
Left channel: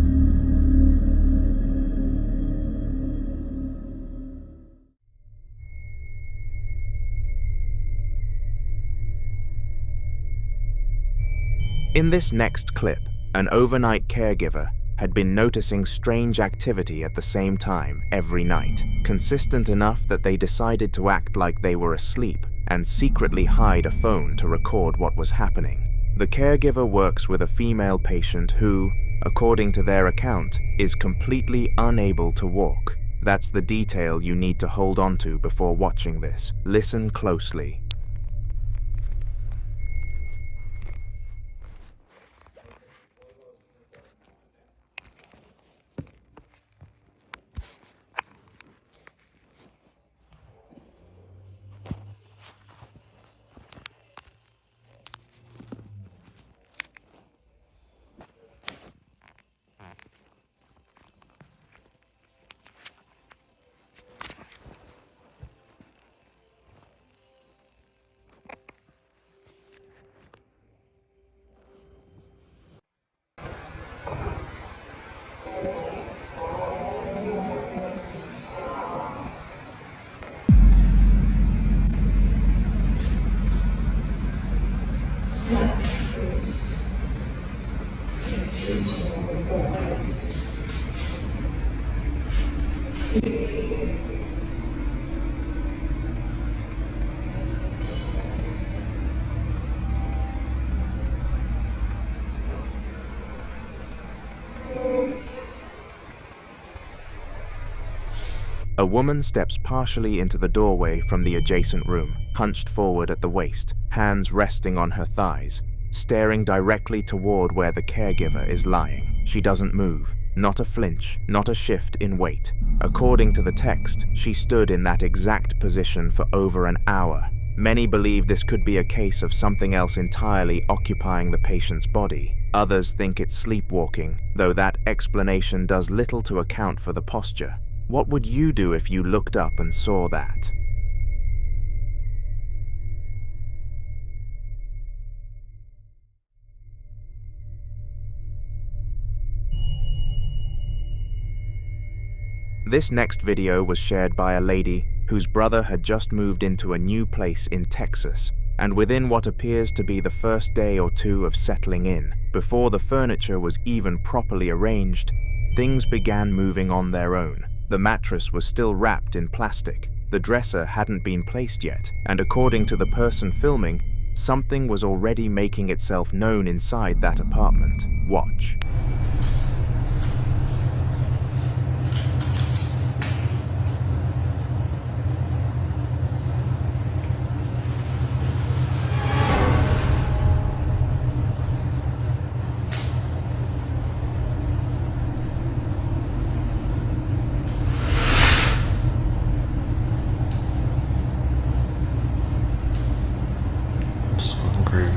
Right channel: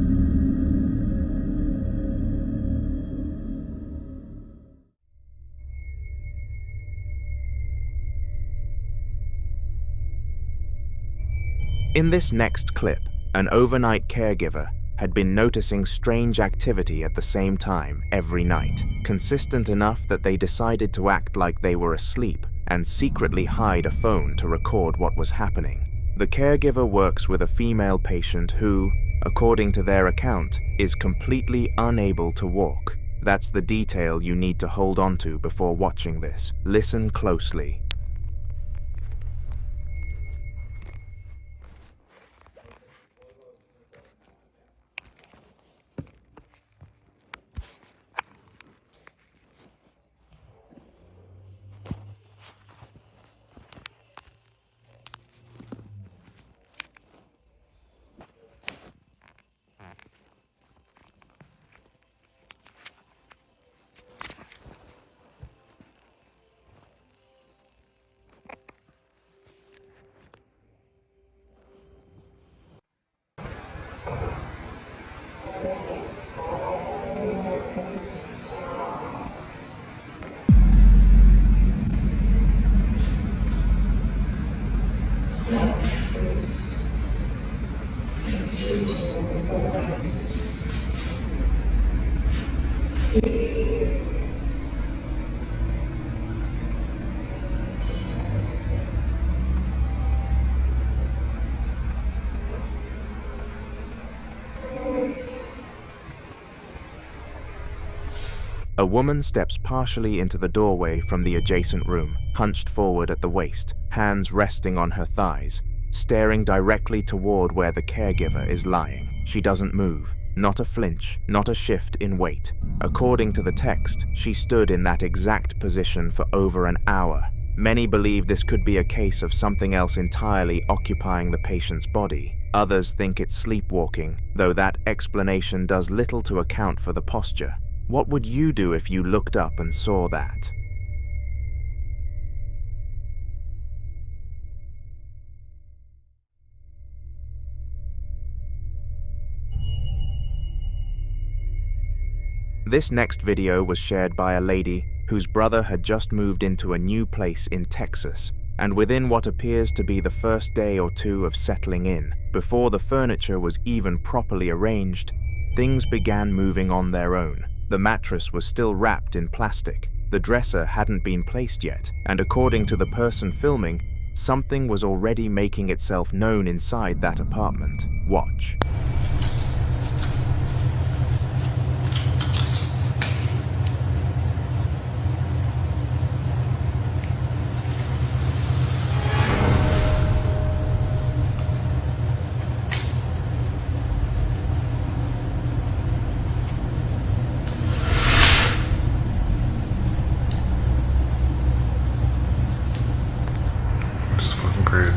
In this next clip, an overnight caregiver had been noticing strange activity at the same time every night, consistent enough that they decided to act like they were asleep and secretly hide a phone to record what was happening. The caregiver works with a female patient who, according to their account, is completely unable to walk. That's the detail you need to hold on to before watching this. Listen closely. A woman steps partially into the doorway from the adjacent room, hunched forward at the waist, hands resting on her thighs, staring directly toward where the caregiver is lying. She doesn't move, not a flinch, not a shift in weight. According to the text, she stood in that exact position for over an hour. Many believe this could be a case of something else entirely occupying the patient's body. Others think it's sleepwalking, though that explanation does little to account for the posture. What would you do if you looked up and saw that? This next video was shared by a lady whose brother had just moved into a new place in Texas, and within what appears to be the first day or two of settling in, before the furniture was even properly arranged, things began moving on their own. The mattress was still wrapped in plastic, the dresser hadn't been placed yet, and according to the person filming, something was already making itself known inside that apartment. Watch. This is fucking crazy.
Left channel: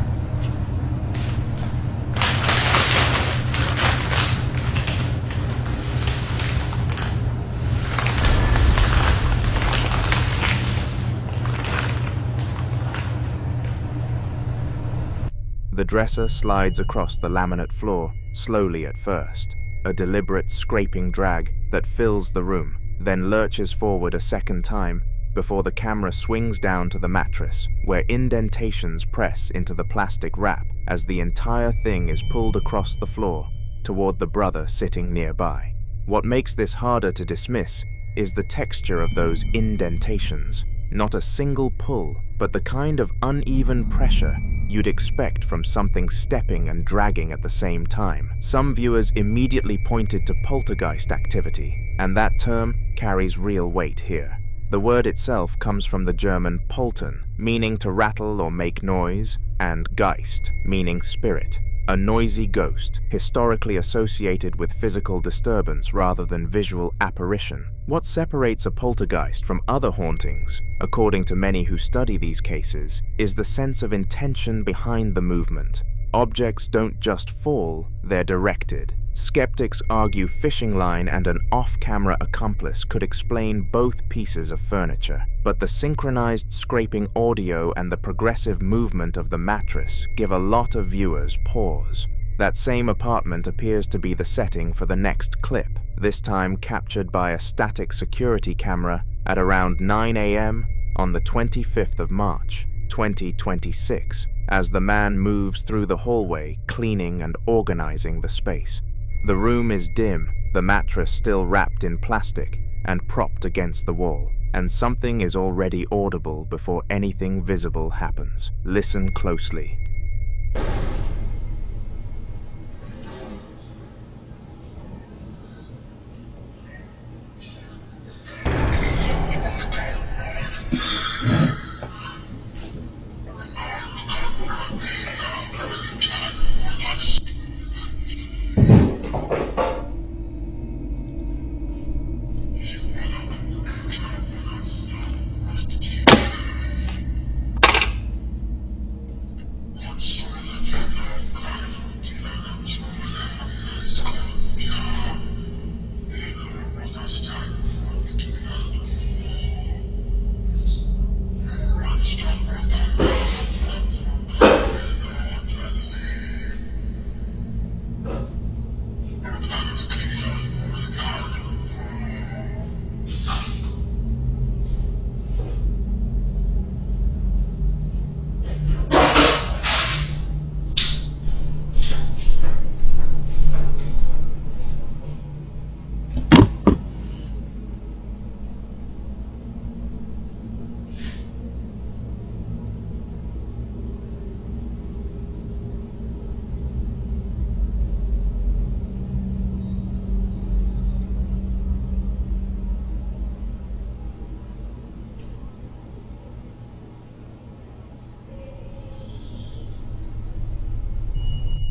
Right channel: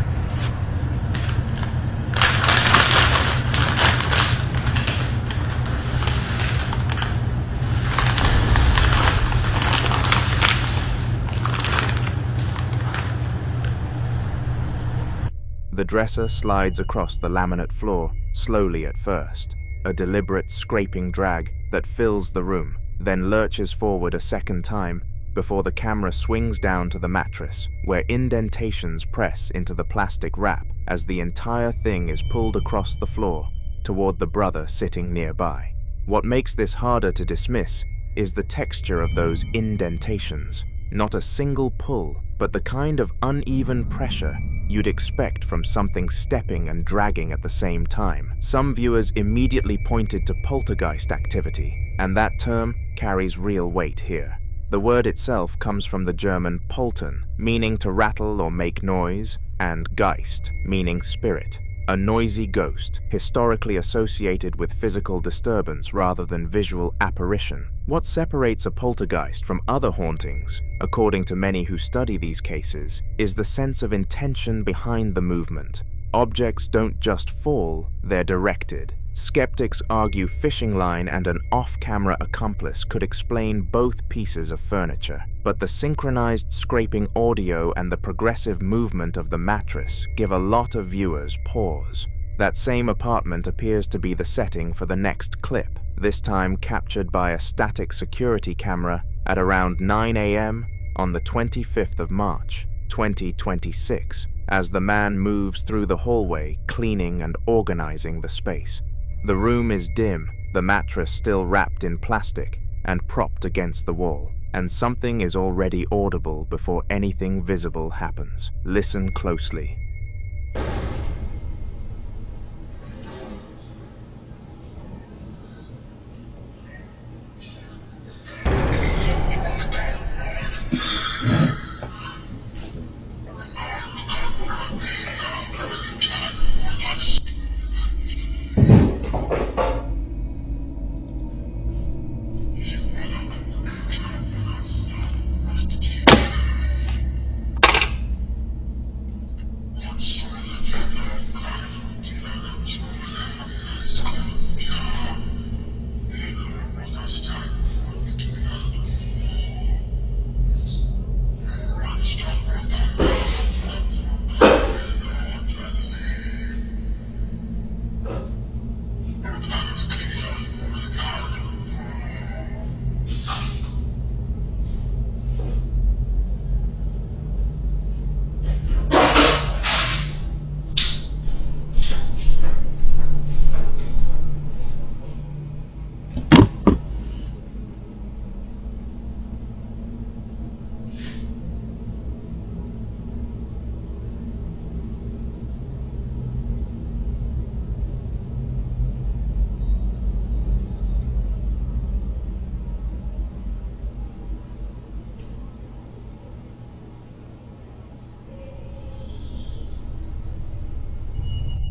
The dresser slides across the laminate floor, slowly at first, a deliberate scraping drag that fills the room, then lurches forward a second time before the camera swings down to the mattress, where indentations press into the plastic wrap as the entire thing is pulled across the floor toward the brother sitting nearby. What makes this harder to dismiss is the texture of those indentations. Not a single pull, but the kind of uneven pressure you'd expect from something stepping and dragging at the same time. Some viewers immediately pointed to poltergeist activity, and that term carries real weight here. The word itself comes from the German poltern, meaning to rattle or make noise, and Geist, meaning spirit, a noisy ghost, historically associated with physical disturbance rather than visual apparition. What separates a poltergeist from other hauntings, according to many who study these cases, is the sense of intention behind the movement. Objects don't just fall, they're directed. Skeptics argue fishing line and an off-camera accomplice could explain both pieces of furniture, but the synchronized scraping audio and the progressive movement of the mattress give a lot of viewers pause. That same apartment appears to be the setting for the next clip, this time captured by a static security camera at around 9 a.m. on the 25th of March, 2026, as the man moves through the hallway, cleaning and organizing the space. The room is dim, the mattress still wrapped in plastic and propped against the wall, and something is already audible before anything visible happens. Listen closely.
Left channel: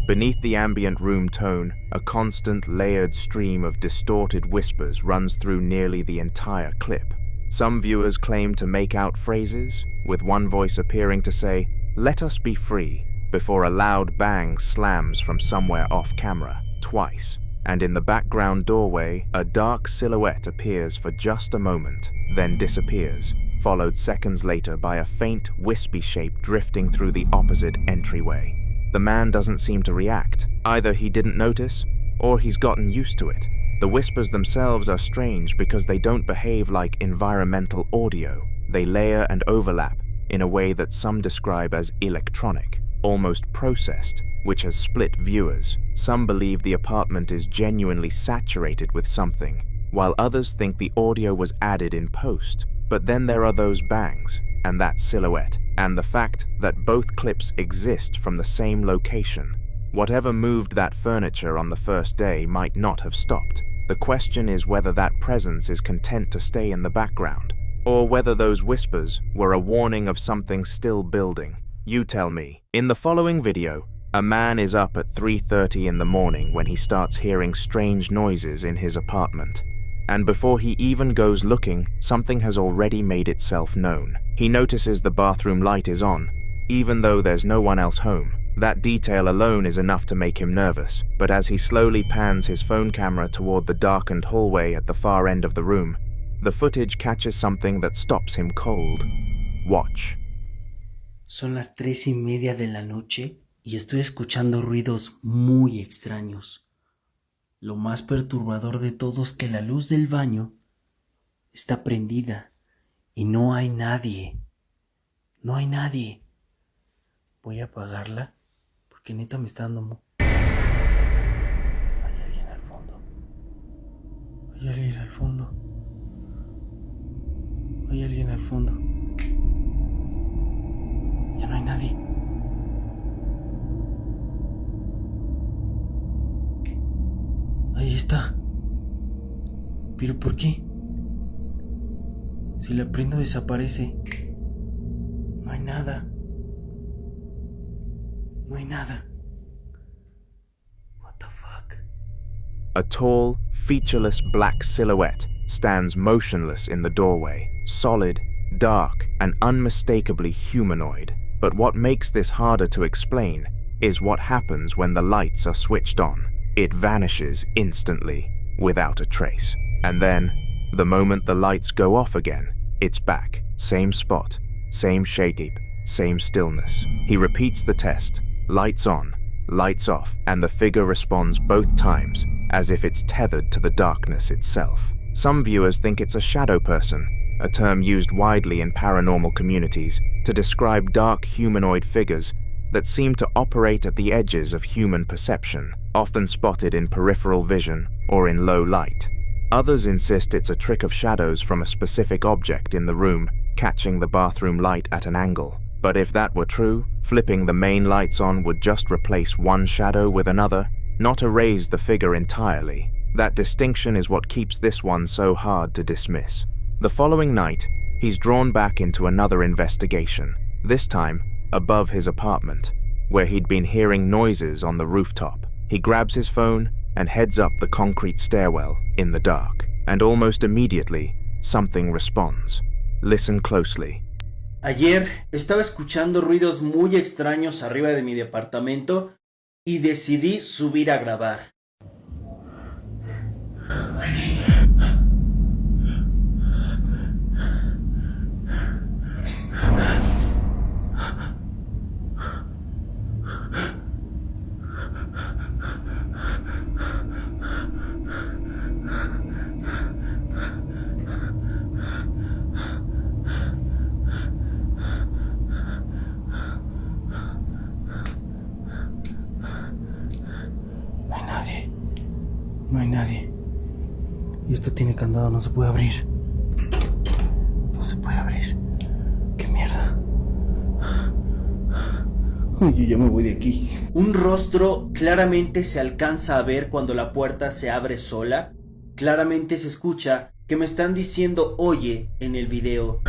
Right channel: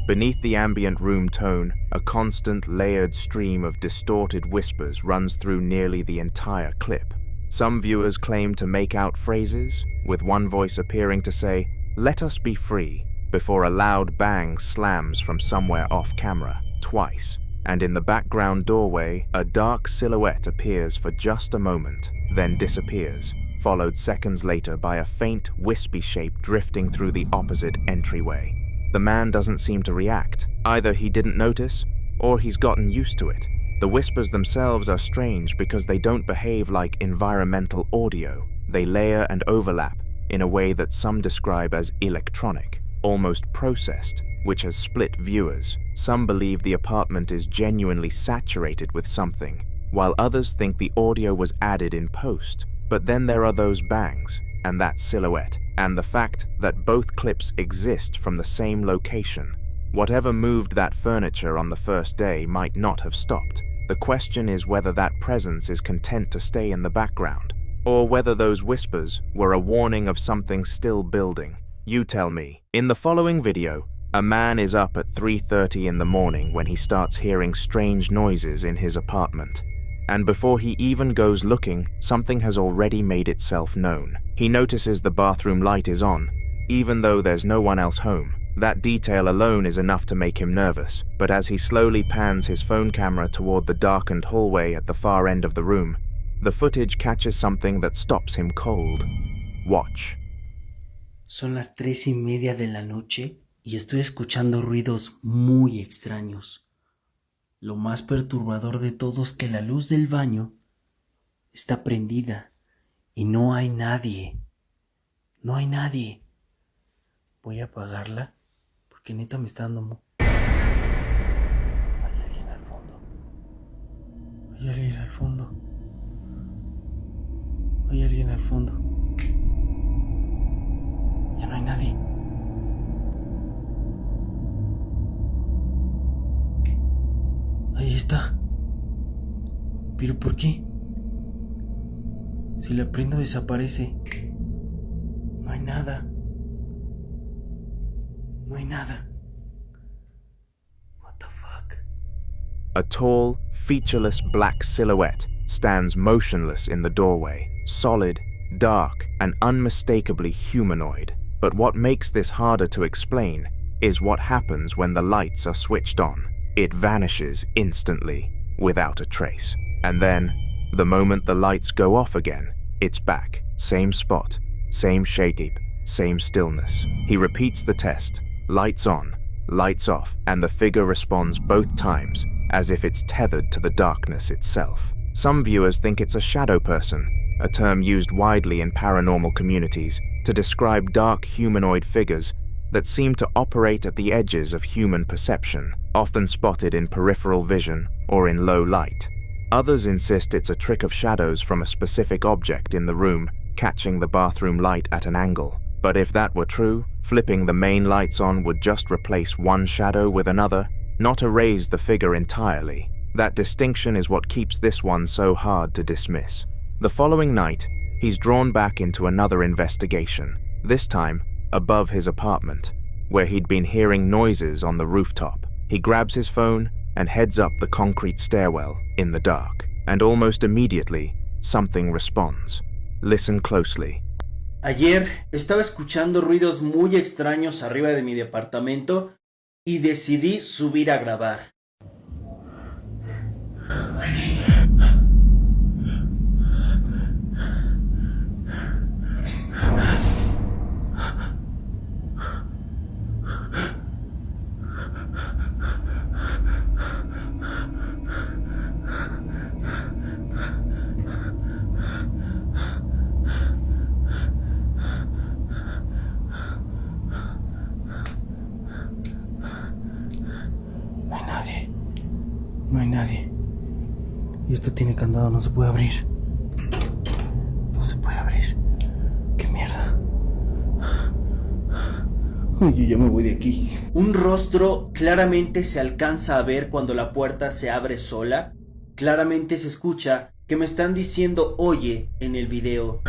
Beneath the ambient room tone, a constant layered stream of distorted whispers runs through nearly the entire clip. Some viewers claim to make out phrases, with one voice appearing to say, "Let us be free," before a loud bang slams from somewhere off camera, twice, and in the background doorway, a dark silhouette appears for just a moment, then disappears, followed seconds later by a faint, wispy shape drifting through the opposite entryway. The man doesn't seem to react. Either he didn't notice, or he's gotten used to it. The whispers themselves are strange because they don't behave like environmental audio. They layer and overlap in a way that some describe as electronic, almost processed, which has split viewers. Some believe the apartment is genuinely saturated with something, while others think the audio was added in post. But then there are those bangs, and that silhouette, and the fact that both clips exist from the same location. Whatever moved that furniture on the first day might not have stopped. The question is whether that presence is content to stay in the background, or whether those whispers were a warning of something still building. You tell me. In the following video, a man is up at 3:30 in the morning when he starts hearing strange noises in his apartment. And before he even goes looking, something has already made itself known. He notices the bathroom light is on, even though there's no one else home. That detail alone is enough to make him nervous, but as he slowly pans his phone camera toward the darkened hallway at the far end of the room, the footage catches something that stops him cold. Watch. Son las 3:30 de la noche y estoy escuchando ruidos muy extraños. Lo más perturbador de todo es que la luz del baño está prendida y no hay nadie. No hay nadie. Voy a apagarla porque neta me está dando... Hay alguien al fondo. Hay alguien al fondo. Hay alguien al fondo. Ya no hay nadie. Ahí está. ¿Pero por qué? Si la prendo desaparece. No hay nada. No hay nada. What the fuck? A tall, featureless black silhouette stands motionless in the doorway, solid, dark, and unmistakably humanoid. But what makes this harder to explain is what happens when the lights are switched on. It vanishes instantly, without a trace. And then, the moment the lights go off again, it's back. Same spot, same shape, same stillness. He repeats the test. Lights on, lights off, and the figure responds both times, as if it's tethered to the darkness itself. Some viewers think it's a shadow person, a term used widely in paranormal communities to describe dark humanoid figures that seem to operate at the edges of human perception, often spotted in peripheral vision or in low light. Others insist it's a trick of shadows from a specific object in the room, catching the bathroom light at an angle. But if that were true, flipping the main lights on would just replace one shadow with another, not erase the figure entirely. That distinction is what keeps this one so hard to dismiss. The following night, he's drawn back into another investigation, this time above his apartment, where he'd been hearing noises on the rooftop. He grabs his phone and heads up the concrete stairwell in the dark, and almost immediately, something responds. Listen closely. Ayer estaba escuchando ruidos muy extraños arriba de mi departamento y decidí subir a grabar. No hay nadie. Y esto tiene candado, no se puede abrir. No se puede abrir. ¡Qué mierda! Yo ya me voy de aquí. Un rostro claramente se alcanza a ver cuando la puerta se abre sola. Claramente se escucha que me están diciendo oye en el video.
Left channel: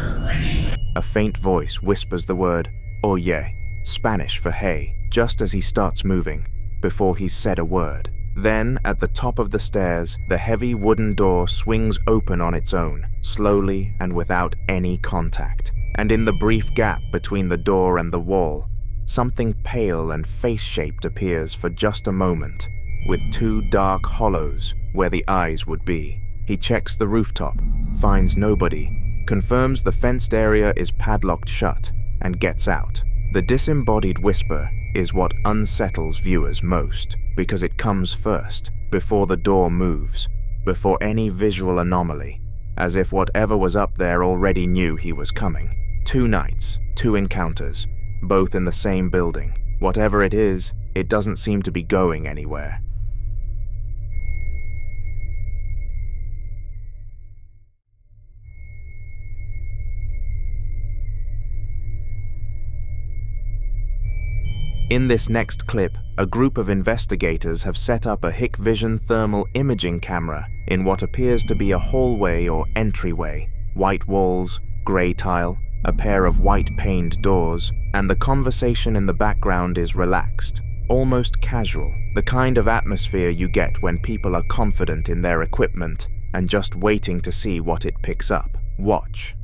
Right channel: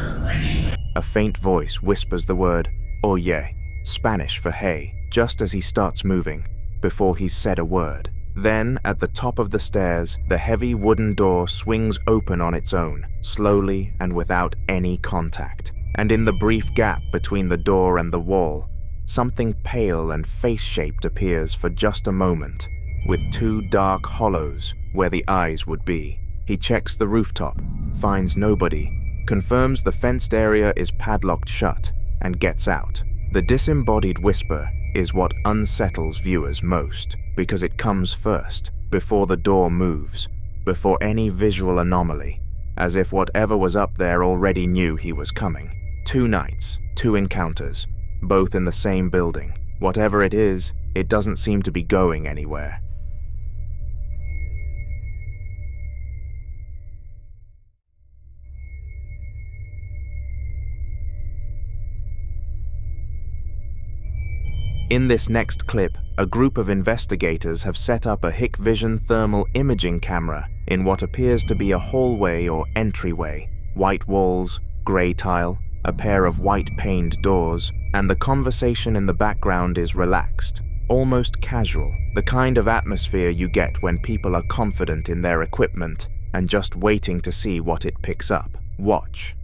A faint voice whispers the word oye, Spanish for hey, just as he starts moving, before he's said a word. Then, at the top of the stairs, the heavy wooden door swings open on its own, slowly and without any contact. And in the brief gap between the door and the wall, something pale and face-shaped appears for just a moment, with two dark hollows where the eyes would be. He checks the rooftop, finds nobody, confirms the fenced area is padlocked shut, and gets out. The disembodied whisper is what unsettles viewers most, because it comes first, before the door moves, before any visual anomaly, as if whatever was up there already knew he was coming. 2 nights, 2 encounters, both in the same building. Whatever it is, it doesn't seem to be going anywhere. In this next clip, a group of investigators have set up a Hikvision thermal imaging camera in what appears to be a hallway or entryway. White walls, grey tile, a pair of white-paned doors, and the conversation in the background is relaxed, almost casual, the kind of atmosphere you get when people are confident in their equipment and just waiting to see what it picks up. Watch.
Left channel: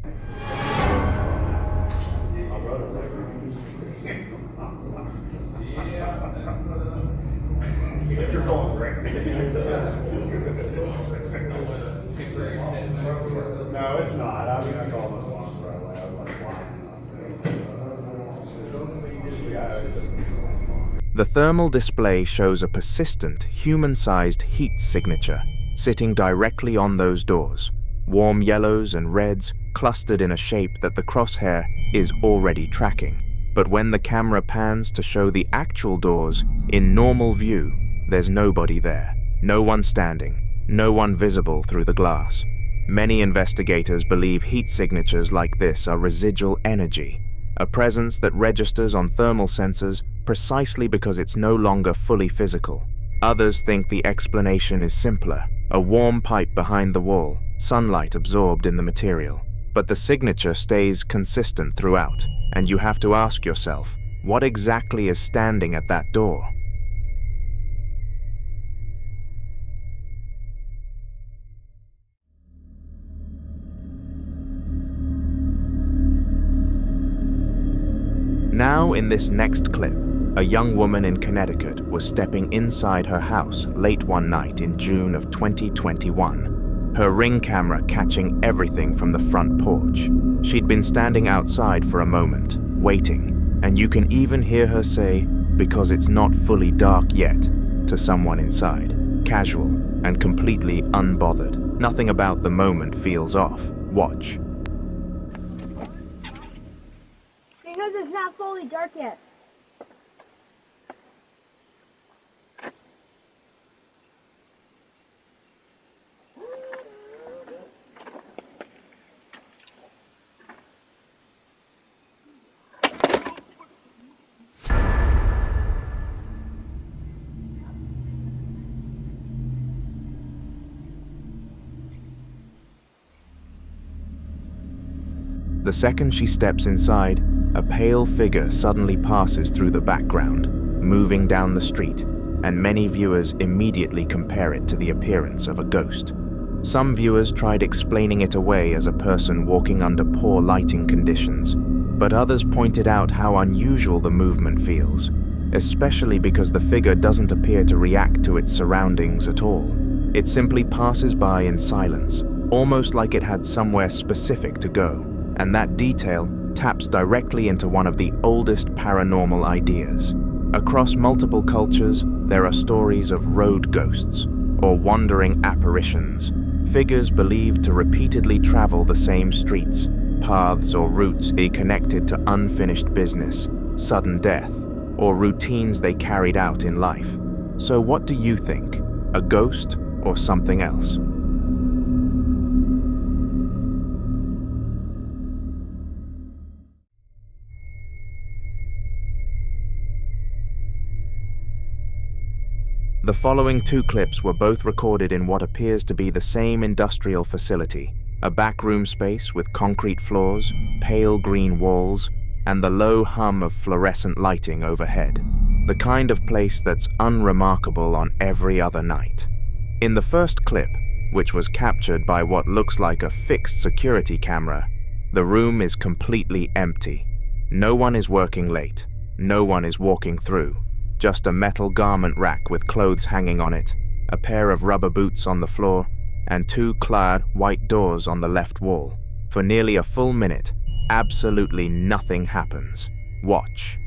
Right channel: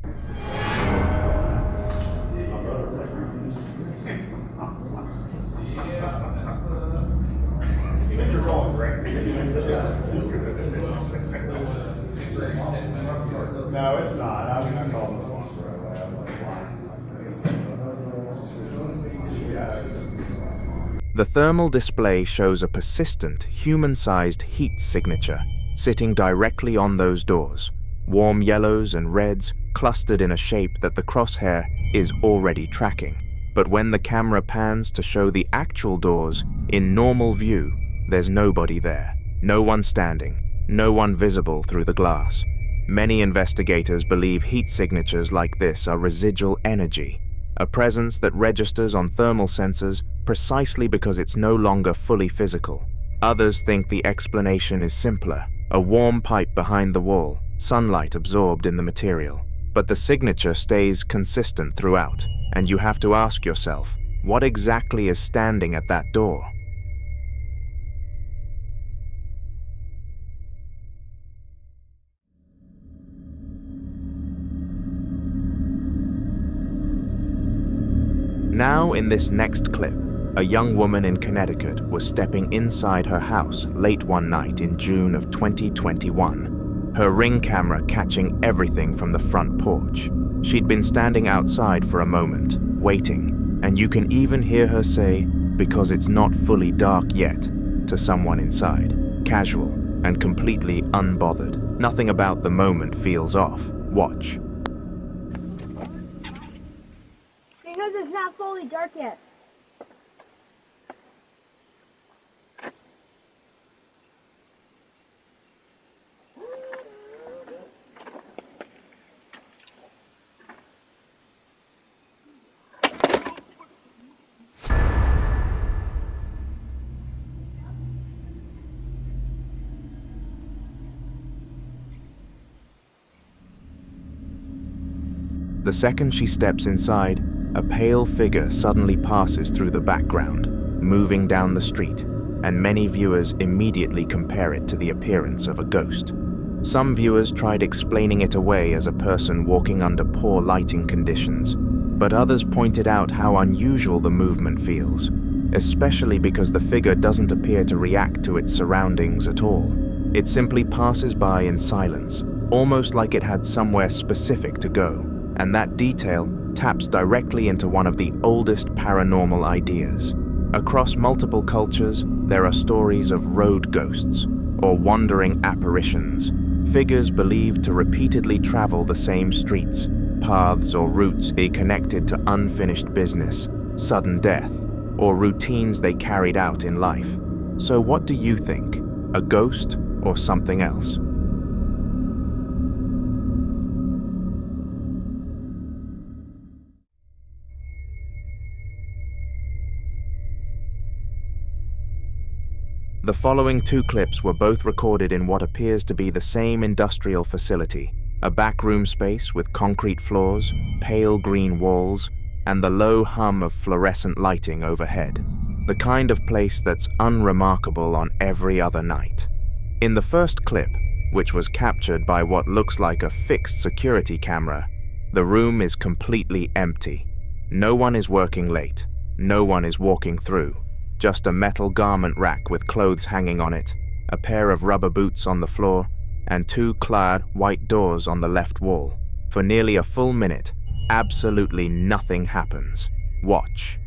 No, it's not. I mean, I called this one right away. The thermal display shows a persistent, human-sized heat signature sitting directly on those doors. Warm yellows and reds clustered in a shape that the crosshair is already tracking. But when the camera pans to show the actual doors in normal view, there's nobody there. No one standing, no one visible through the glass. Many investigators believe heat signatures like this are residual energy, a presence that registers on thermal sensors precisely because it's no longer fully physical. Others think the explanation is simpler, a warm pipe behind the wall, sunlight absorbed in the material. But the signature stays consistent throughout, and you have to ask yourself, what exactly is standing at that door? Now, in this next clip, a young woman in Connecticut was stepping inside her house late one night in June of 2021, her Ring camera catching everything from the front porch. She'd been standing outside for a moment, waiting, and you can even hear her say, "Because it's not fully dark yet," to someone inside, casual and completely unbothered. Nothing about the moment feels off. Watch. Because it's not fully dark yet. The second she steps inside, a pale figure suddenly passes through the background, moving down the street, and many viewers immediately compare it to the appearance of a ghost. Some viewers tried explaining it away as a person walking under poor lighting conditions, but others pointed out how unusual the movement feels, especially because the figure doesn't appear to react to its surroundings at all. It simply passes by in silence, almost like it had somewhere specific to go, and that detail taps directly into one of the oldest paranormal ideas. Across multiple cultures, there are stories of road ghosts, or wandering apparitions, figures believed to repeatedly travel the same streets, paths or routes be connected to unfinished business, sudden death, or routines they carried out in life. So what do you think? A ghost or something else? The following two clips were both recorded in what appears to be the same industrial facility, a backroom space with concrete floors, pale green walls, and the low hum of fluorescent lighting overhead. The kind of place that's unremarkable on every other night. In the first clip, which was captured by what looks like a fixed security camera, the room is completely empty. No one is working late. No one is walking through. Just a metal garment rack with clothes hanging on it, a pair of rubber boots on the floor, and two clad white doors on the left wall. For nearly a full minute, absolutely nothing happens. Watch.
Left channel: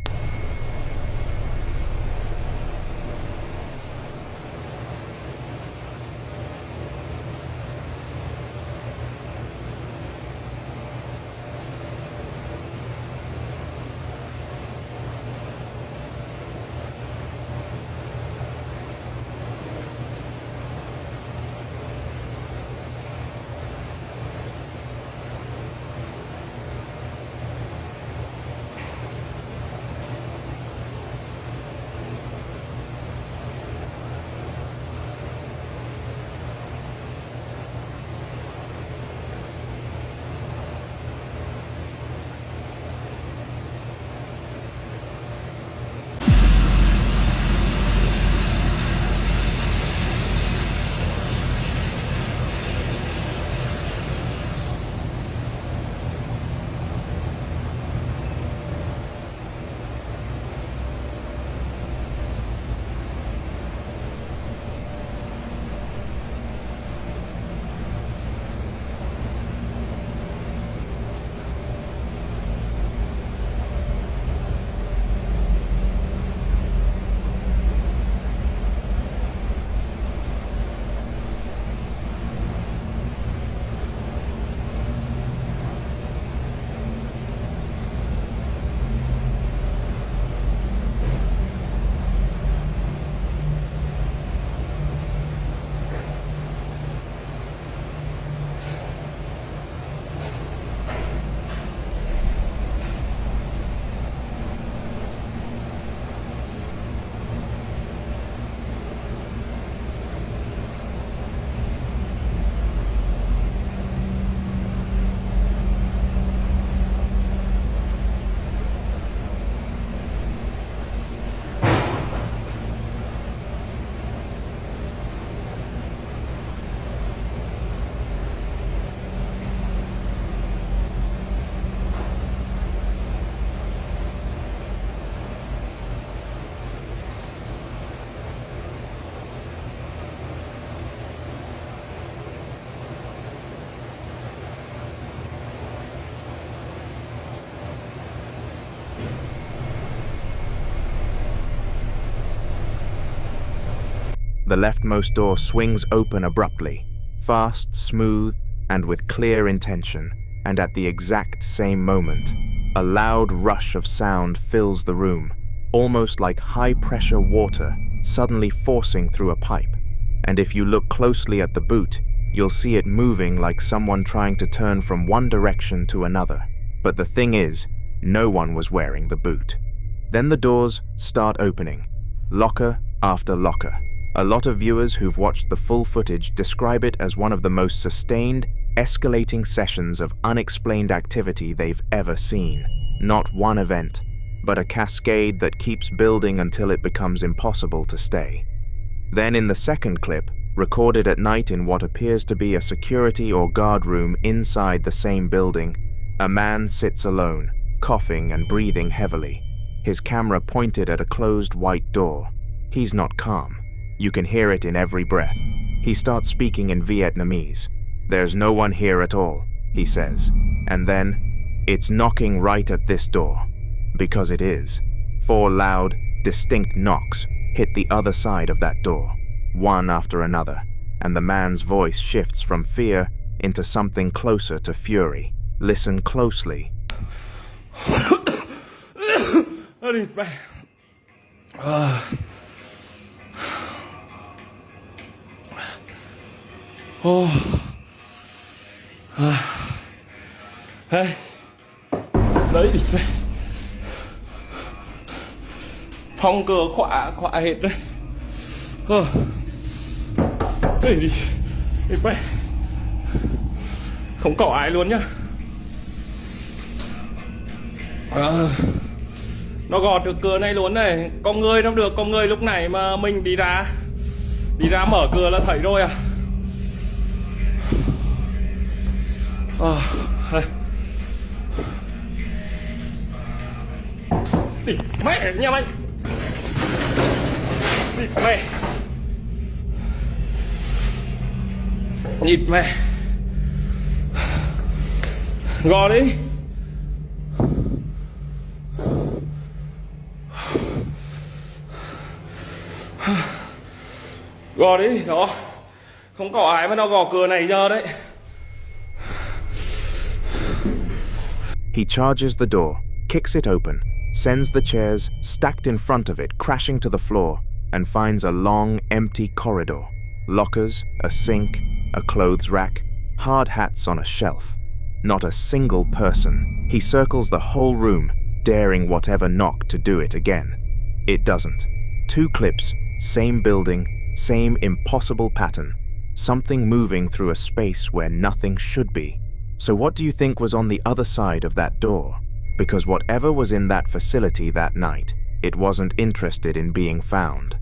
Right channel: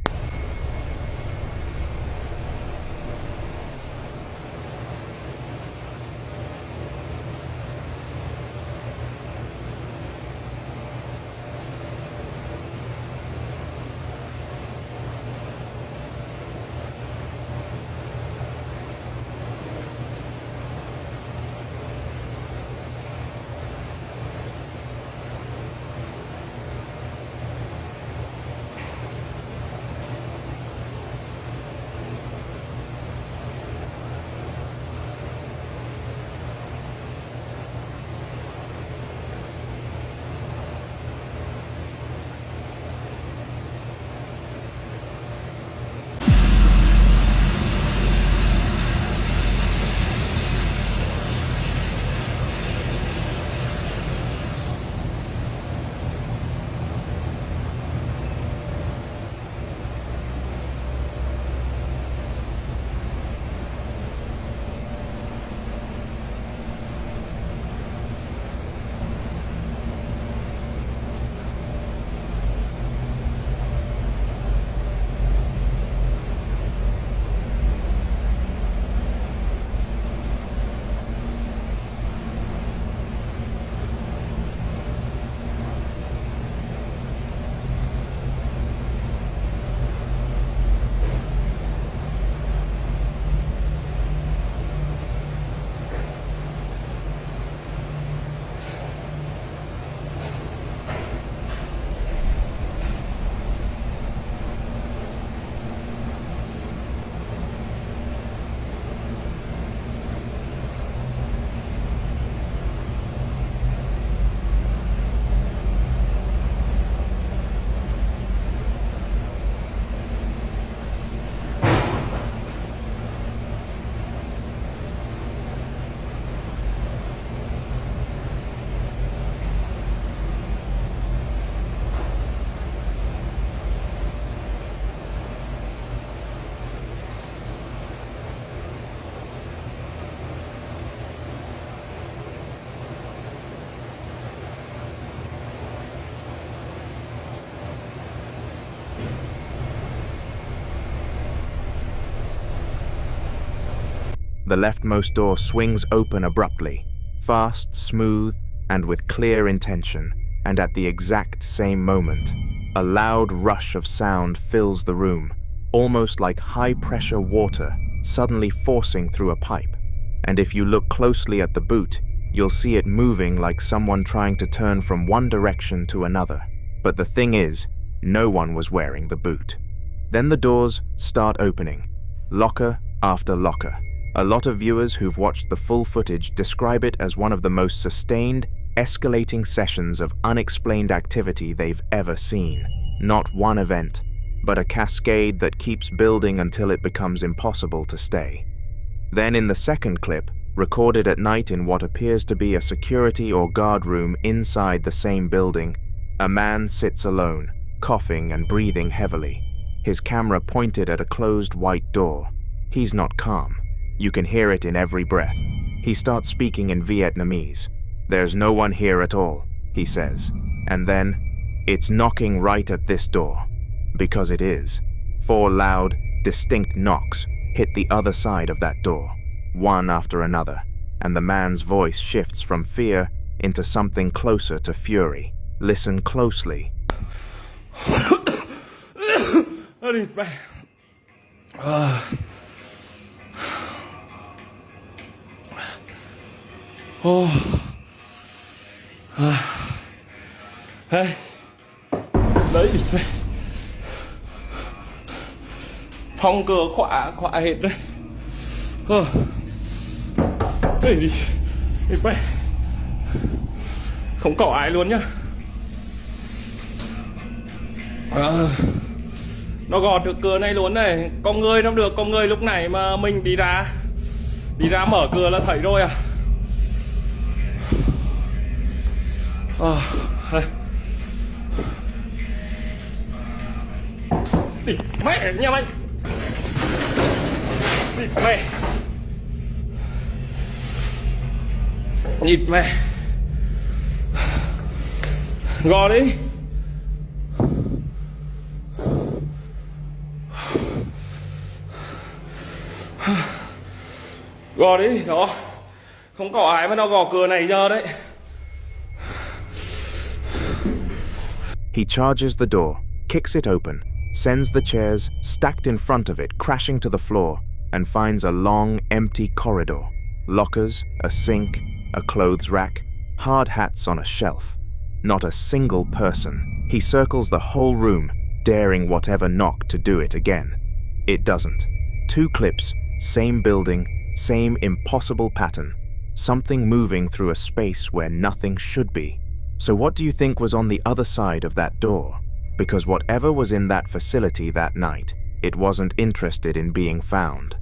The leftmost door swings open abruptly, fast, smooth, and with clear intention, and at the exact same moment, a loud rush of sound fills the room, almost like high-pressure water suddenly forcing through a pipe. And if you look closely at the boot, you'll see it moving like someone trying to turn from one direction to another. But the thing is, no one was wearing the boot. Then the doors start opening, locker after locker. A lot of viewers who've watched the full footage describe it as one of the most sustained, escalating sessions of unexplained activity they've ever seen. Not one event, but a cascade that keeps building until it becomes impossible to stay. Then in the second clip, recorded at night in what appears to be a security or guard room inside the same building, a man sits alone, coughing and breathing heavily, his camera pointed at a closed white door. He's not calm. You can hear it in every breath. He starts speaking in Vietnamese. "There's no one here at all," he says. And then, "It's knocking right at this door." Because it is. 4 loud, distinct knocks hit the other side of that door, one after another, and the man's voice shifts from fear into something closer to fury. Listen closely. Đấy địt mẹ. Phòng cửa khóa hết đấy. Cái gì? Địt mẹ. Không có ai luôn nhá. Nó gọt được cửa này luôn này. Con người đâu được, con người lúc này mà mình đi ra mở cửa là thấy rồi à. Mẹ nhà mày. Mẹ. Nhịt mẹ. Gò đi. Gò đi, đó. Không có ai mà nó gò cửa này giờ đấy. He charges the door, kicks it open, sends the chairs stacked in front of it crashing to the floor, and finds a long, empty corridor. Lockers, a sink, a clothes rack, hard hats on a shelf. Not a single person. He circles the whole room, daring whatever knock to do it again. It doesn't. 2 clips, same building, same impossible pattern. Something moving through a space where nothing should be. So what do you think was on the other side of that door? Because whatever was in that facility that night, it wasn't interested in being found.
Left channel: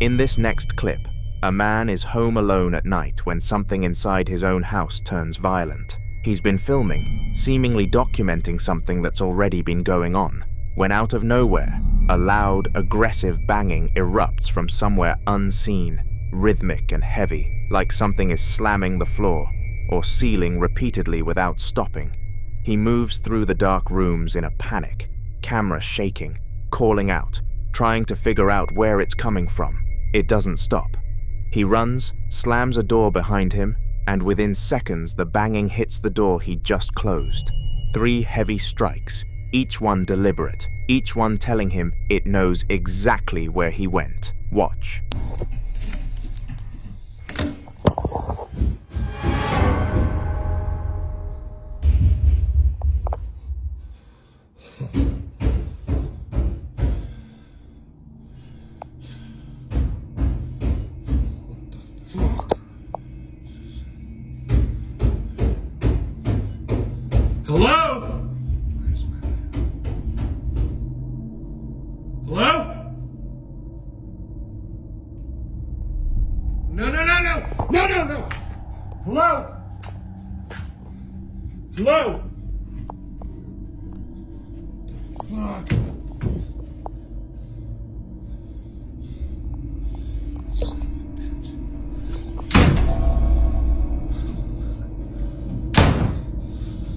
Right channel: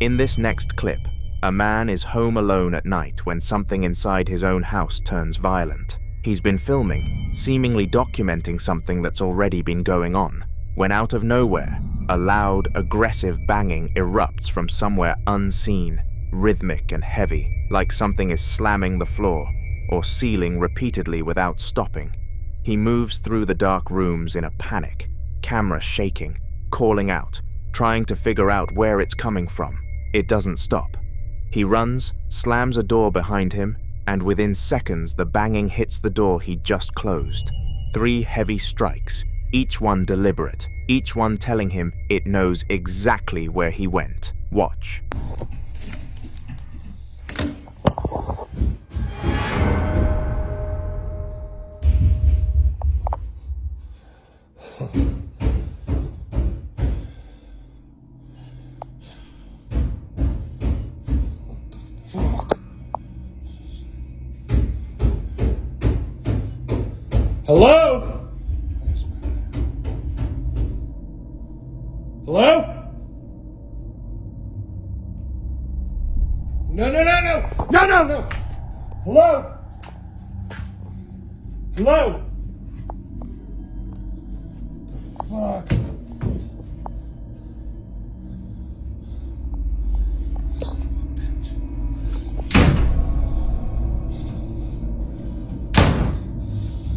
In this next clip, a man is home alone at night when something inside his own house turns violent. He's been filming, seemingly documenting something that's already been going on, when out of nowhere, a loud, aggressive banging erupts from somewhere unseen, rhythmic and heavy, like something is slamming the floor or ceiling repeatedly without stopping. He moves through the dark rooms in a panic, camera shaking, calling out, trying to figure out where it's coming from. It doesn't stop. He runs, slams a door behind him, and within seconds the banging hits the door he just closed. 3 heavy strikes, each one deliberate, each one telling him it knows exactly where he went. Watch. Hello? Hello? No. Hello? Hello? Fuck.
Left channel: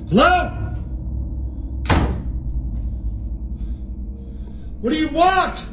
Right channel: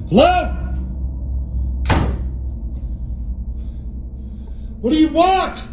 Hello? What do you want?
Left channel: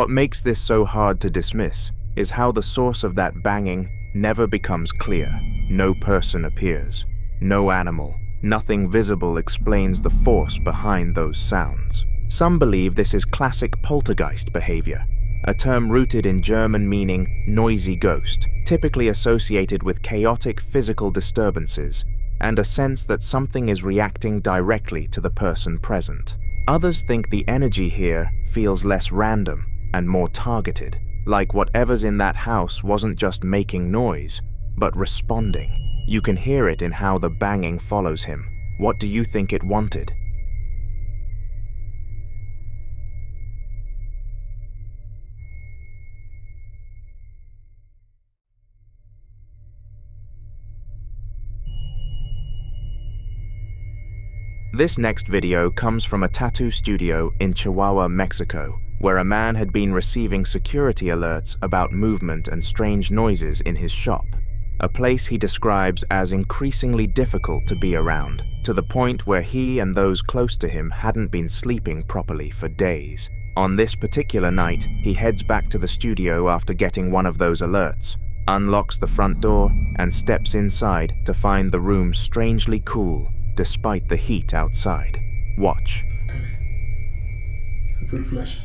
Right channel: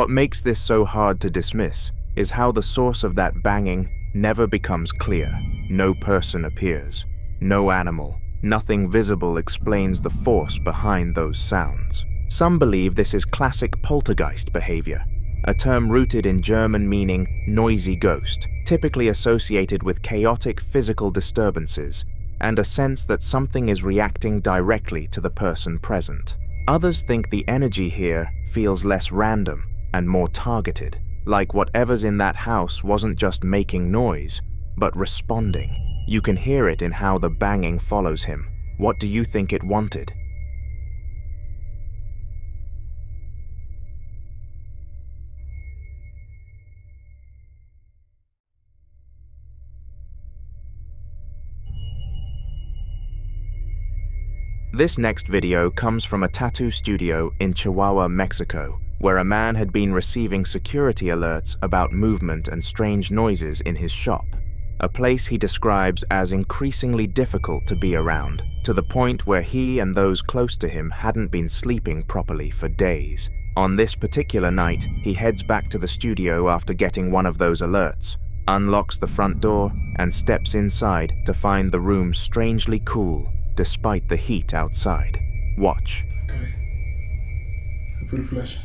What makes this so hard to dismiss is how the source of that banging never becomes clear. No person appears, no animal, nothing visible explains the force behind those sounds. Some believe this is classic poltergeist behavior, a term rooted in German meaning noisy ghost, typically associated with chaotic physical disturbances and a sense that something is reacting directly to the person present. Others think the energy here feels less random and more targeted, like whatever's in that house wasn't just making noise, but responding. You can hear it in how the banging follows him. What do you think it wanted? This next video comes from a tattoo studio in Chihuahua, Mexico, where a man had been receiving security alerts about movement and strange noises in his shop, a place he describes as increasingly difficult to be around, to the point where he and those close to him hadn't been sleeping properly for days. On this particular night, he heads back to the studio after getting one of those alerts, unlocks the front door, and steps inside to find the room strangely cool despite the heat outside. Watch. Fue el flash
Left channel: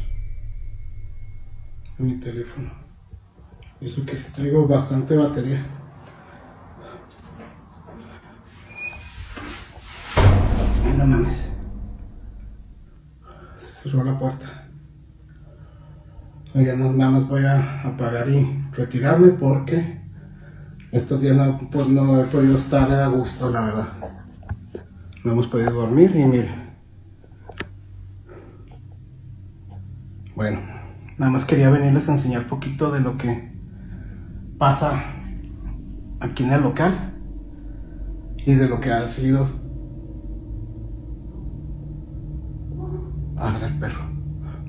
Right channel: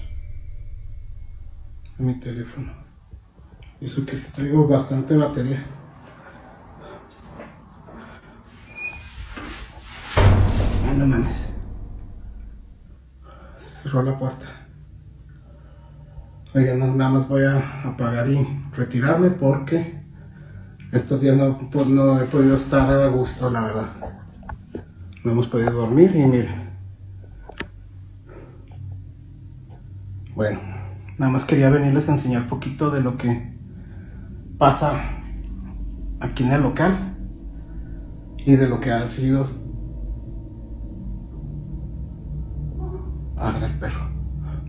a mi teléfono. Y eso que traigo bastante batería. Ay, no mames. Se cerró la puerta. Oigan, nada más voy a apagar y retirarme porque estos días no he podido estar a gusto, la verdad. No hemos podido dormir y mire. Bueno, nada más quería venirles a enseñar un poquito de lo que pasa aquí en el local y de lo que ha sido... Ah, el perro.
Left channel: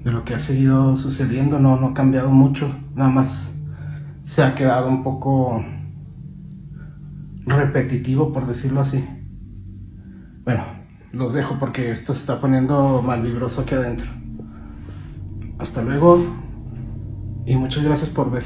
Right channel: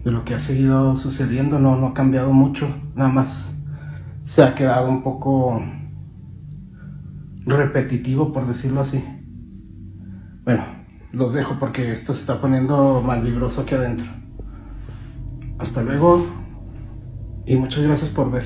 De lo que ha seguido sucediendo, no ha cambiado mucho, nada más se ha quedado un poco repetitivo, por decirlo así. Bueno, los dejo porque esto se está poniendo mal vibroso aquí adentro. Hasta luego y muchas gracias por ver.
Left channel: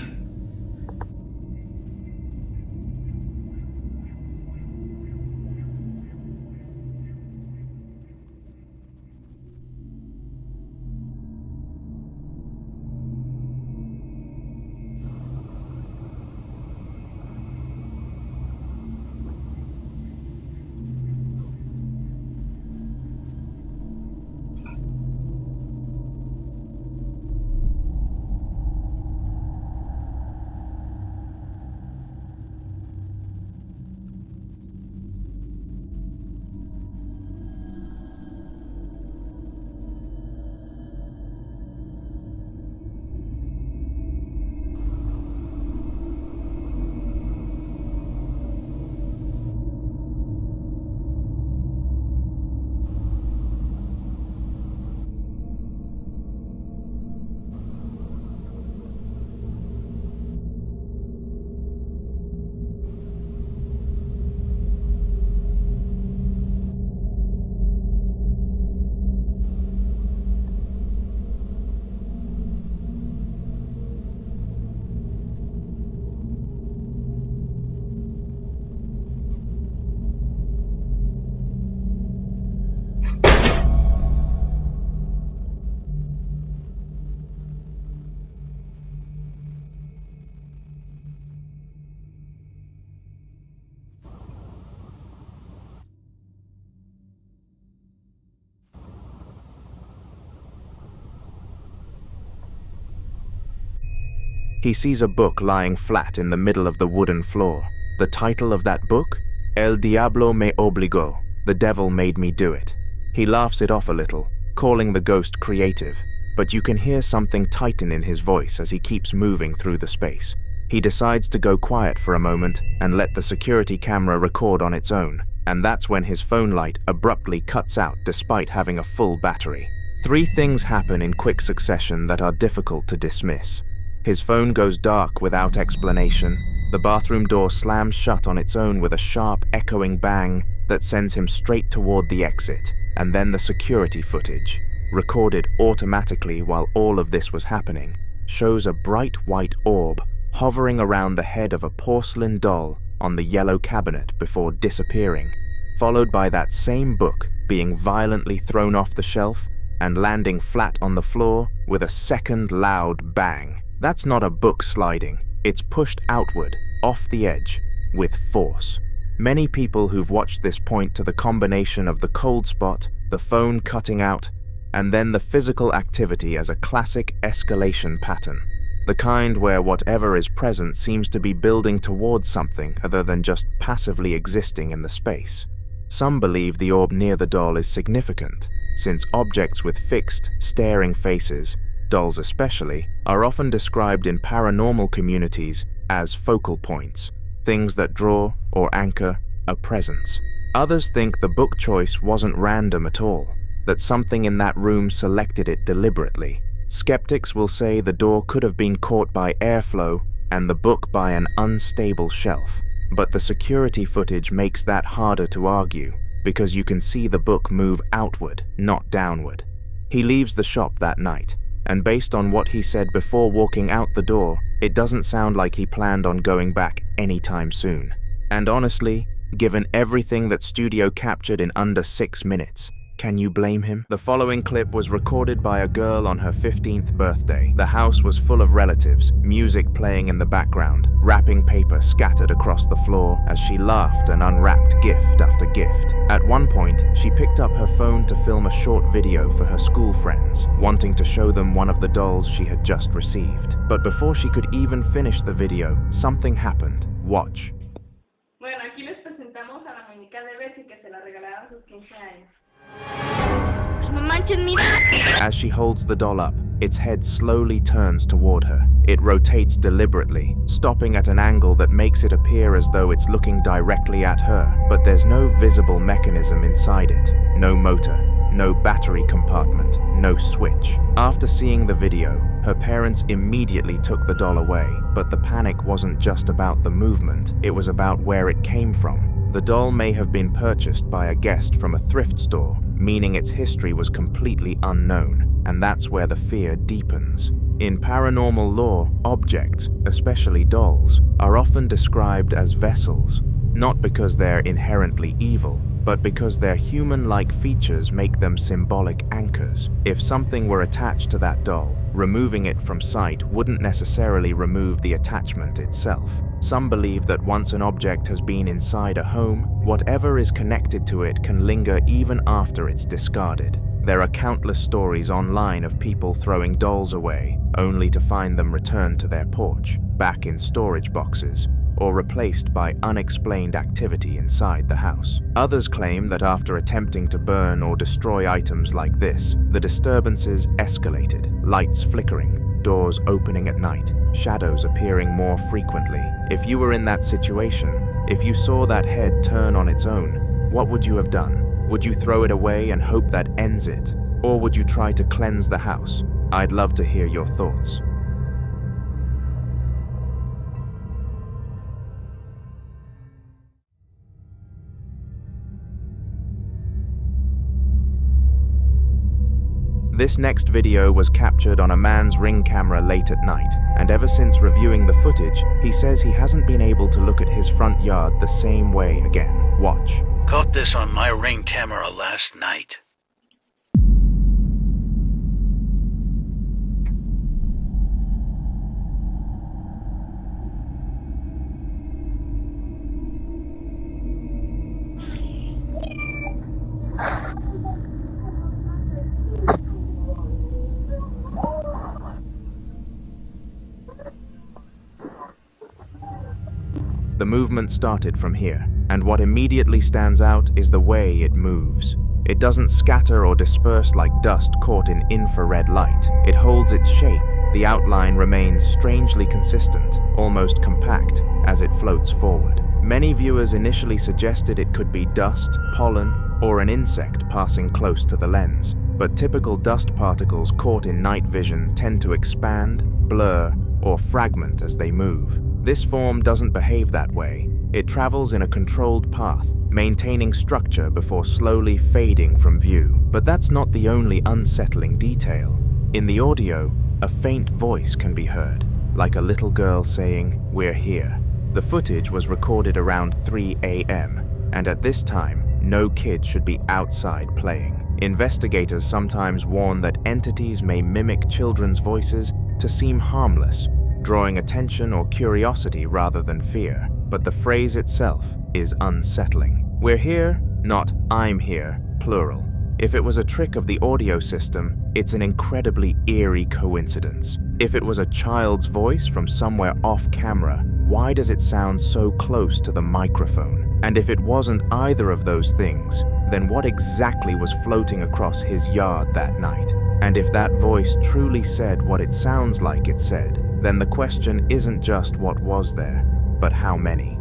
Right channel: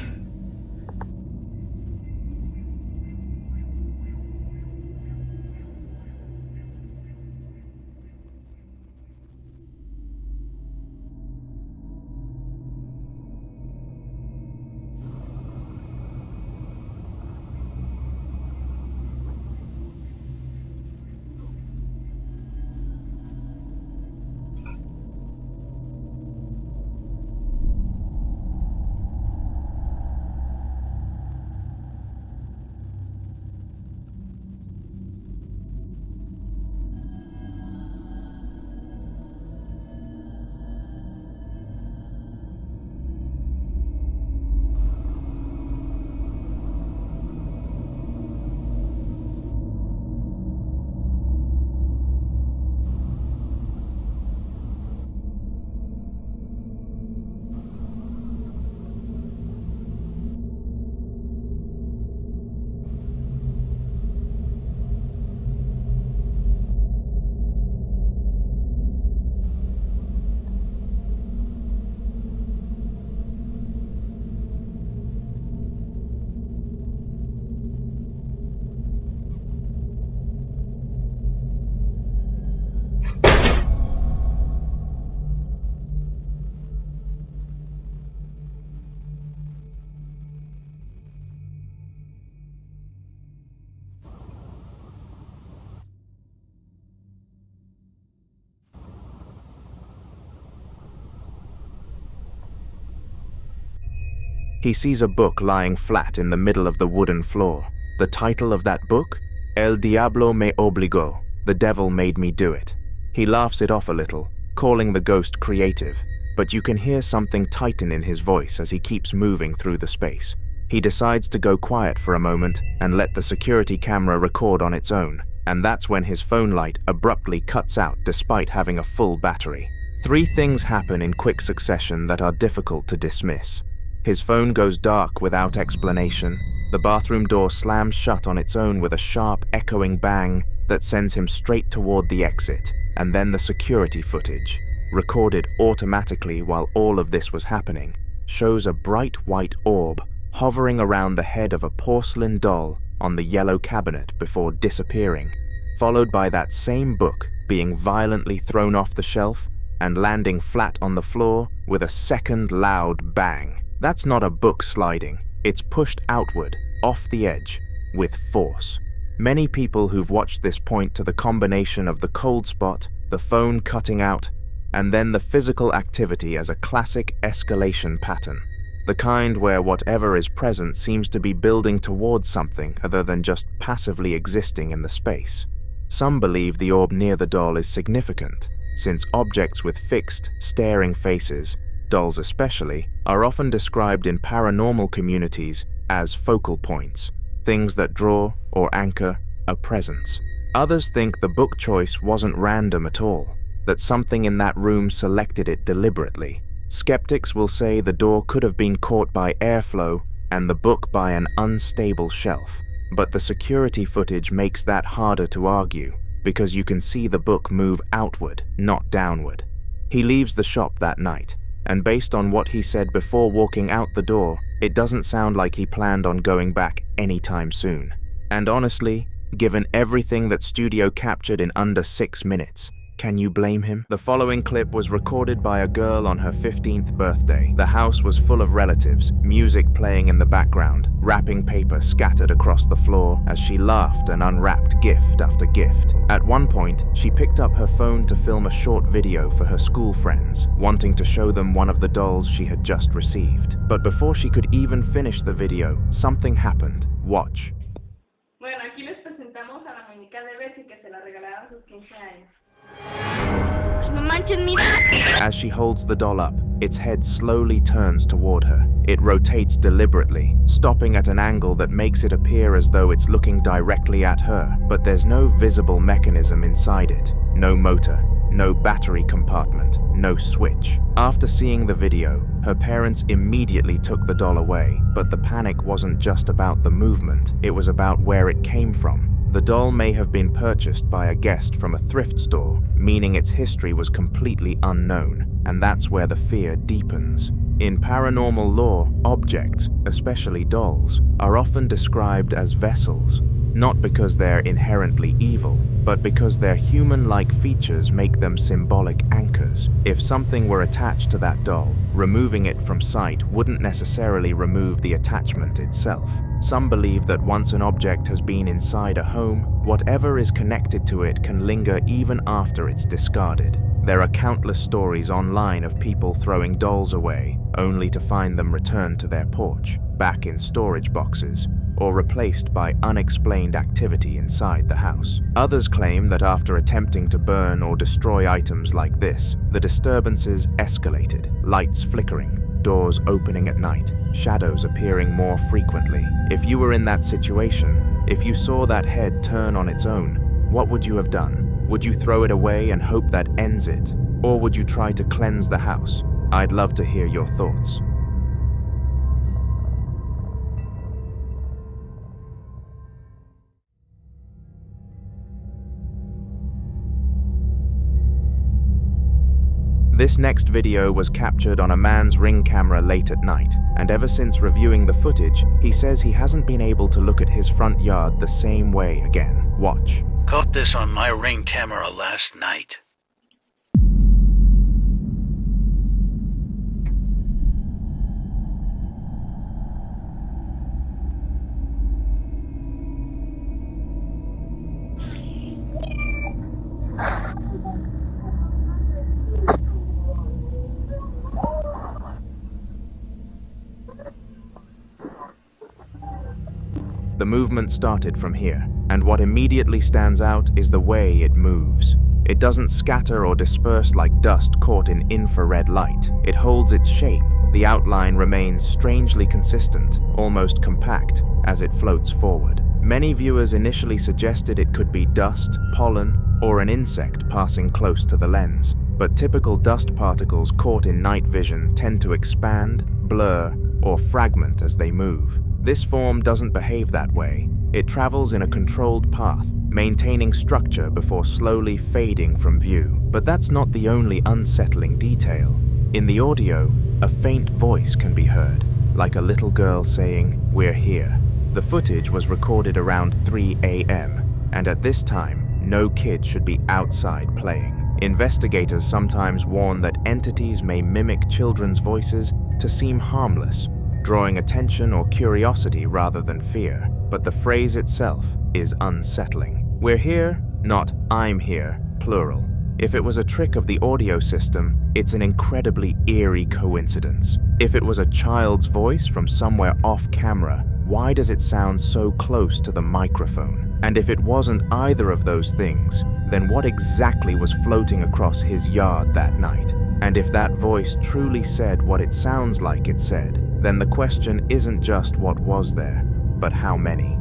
He sees a book lying flat in the middle of the wooden floor. The title of that book? El Diablo me obligó, The Devil Made Me Do It. He laughs it off a little, calling the ghost creative, but you can hear something tighten in his voice as he keeps moving through the space. He decides to go quiet for a moment and let the security camera record on its own, and that's when his phone light abruptly cuts out despite having a full battery. 3 things happen in quick succession that are difficult to dismiss. His phone goes dark without explanation, the bathroom door slams shut on its own with a sharp, echoing bang that sends him straight toward the exit, and then the security footage, recorded automatically while all of this was happening, shows a bright white orb hovering around the head of a porcelain doll on the yellow cabinet before disappearing, followed by that same book being violently thrown off the shelf and landing flat on the floor with a second loud bang. That's not a book sliding, it's pushed outward, off the edge, with force. Many people who've watched this point to the combination of the cold spot, the phone cutting out, and then the physical activity as a classic escalation pattern. The kind where whatever is present seems to be building towards something other than just passively existing in the space. Some believe the orb near the doll is significant, since objects with fixed, staring faces, dolls especially, are often described in paranormal communities as focal points, things that draw or anchor a presence. Others think the book choice wasn't random at all, that something in that room selected it deliberately. Skeptics will say the door could have been caught by airflow and the book by an unstable shelf, but the security footage makes that harder to argue, because you can see the book move outward, not downward. He leaves the shop that night, and based on what he said before walking out the door, it doesn't sound like he planned on going back anytime soon. And honestly, given everything that studio captured in under 6 minutes, can you blame him? The following clip was recorded by a girl on her 15th birthday. The house was full of relatives, music playing in the background, wrapping paper scattered across the floor as she laughed and unwrapped gift after gift. At one point, she picked up her phone to film a short video for her school friends, wanting to show them one of the dolls she had just received. But before she could even finish the video, something happened. Watch. Bueno, aquí les presentamos a la muñeca de Bessie que se la regalaron a sus 15 años. As she holds the doll up, its head slowly turns toward her. It rotates deliberately, stopping at an angle that makes it appear as though it's looking directly at her, but there's no visible mechanism inside it. No motor, no battery compartment, no switch. After seeing the video, her parents immediately took the doll away, but the panic wasn't just about the movement, it was about where it came from. The doll may have been purchased by a guest from a thrift store, meaning its history was completely unknown, and that's where the fear deepens. In paranormal lore, objects, especially dolls, are often described as vessels, not because they're inherently evil, but because their human-like features make them symbolic anchors. If something were attached to that doll, removing it from sight wouldn't necessarily remove the attachment itself. Some believe that once an object has been inside a home, whatever is connected to it can linger even after it's discarded. There are countless stories online of people throwing dolls away, only to find them returned to their porch, back in storage boxes, or replaced by unexplained activity inside the house. Others claim that after attempting to burn or destroy items like this, the disturbances escalated, lights flickering, doors opening at night, shadows appearing more frequently. If you were in that situation, if you saw that head turn on its own, what would you have done? Would you throw it away and hope that ends it? Or would you try to cleanse the house? I'd love to hear your thoughts. This next video was captured on a man's Ring camera late at night, and ever since reviewing the footage, he says he hasn't been able to look at his front yard the same way again. Watch. Caught this on my Ring camera last night. The movement started from here, and what immediately stands out is the way it moves. It doesn't scatter or disperse like dust caught in infrared light. It holds its shape. The outline remains strangely consistent, almost compact, as it floats forward. Many viewers initially suggested it could be dust, pollen, or an insect passing close to the lens. But typical dust particles caught in night vision tend to expand, blur, or fragment as they move. This form doesn't behave that way. It travels in a controlled path, maintaining structure before slowly fading from view. But that's not the only unsettling detail. In the audio, a faint voice can be heard, like a little girl saying, "We're here." The footage was recorded around 3 a.m., and at this time, no kid should be outside playing. Investigators sometimes warn that entities may mimic children's voices to seem harmless, drawing attention or curiosity rather than fear. But the phrase itself is unsettling. We're here, not I'm here, plural. If it was a trick of the audio system, it's an incredibly eerie coincidence. If it was a child's voice from somewhere off camera, why does it sound so close to the microphone? And if it wasn't either of those things, then what exactly was floating across his yard that night? And if that voice truly said what it sounds like it said, then the question isn't just what was there, but how many.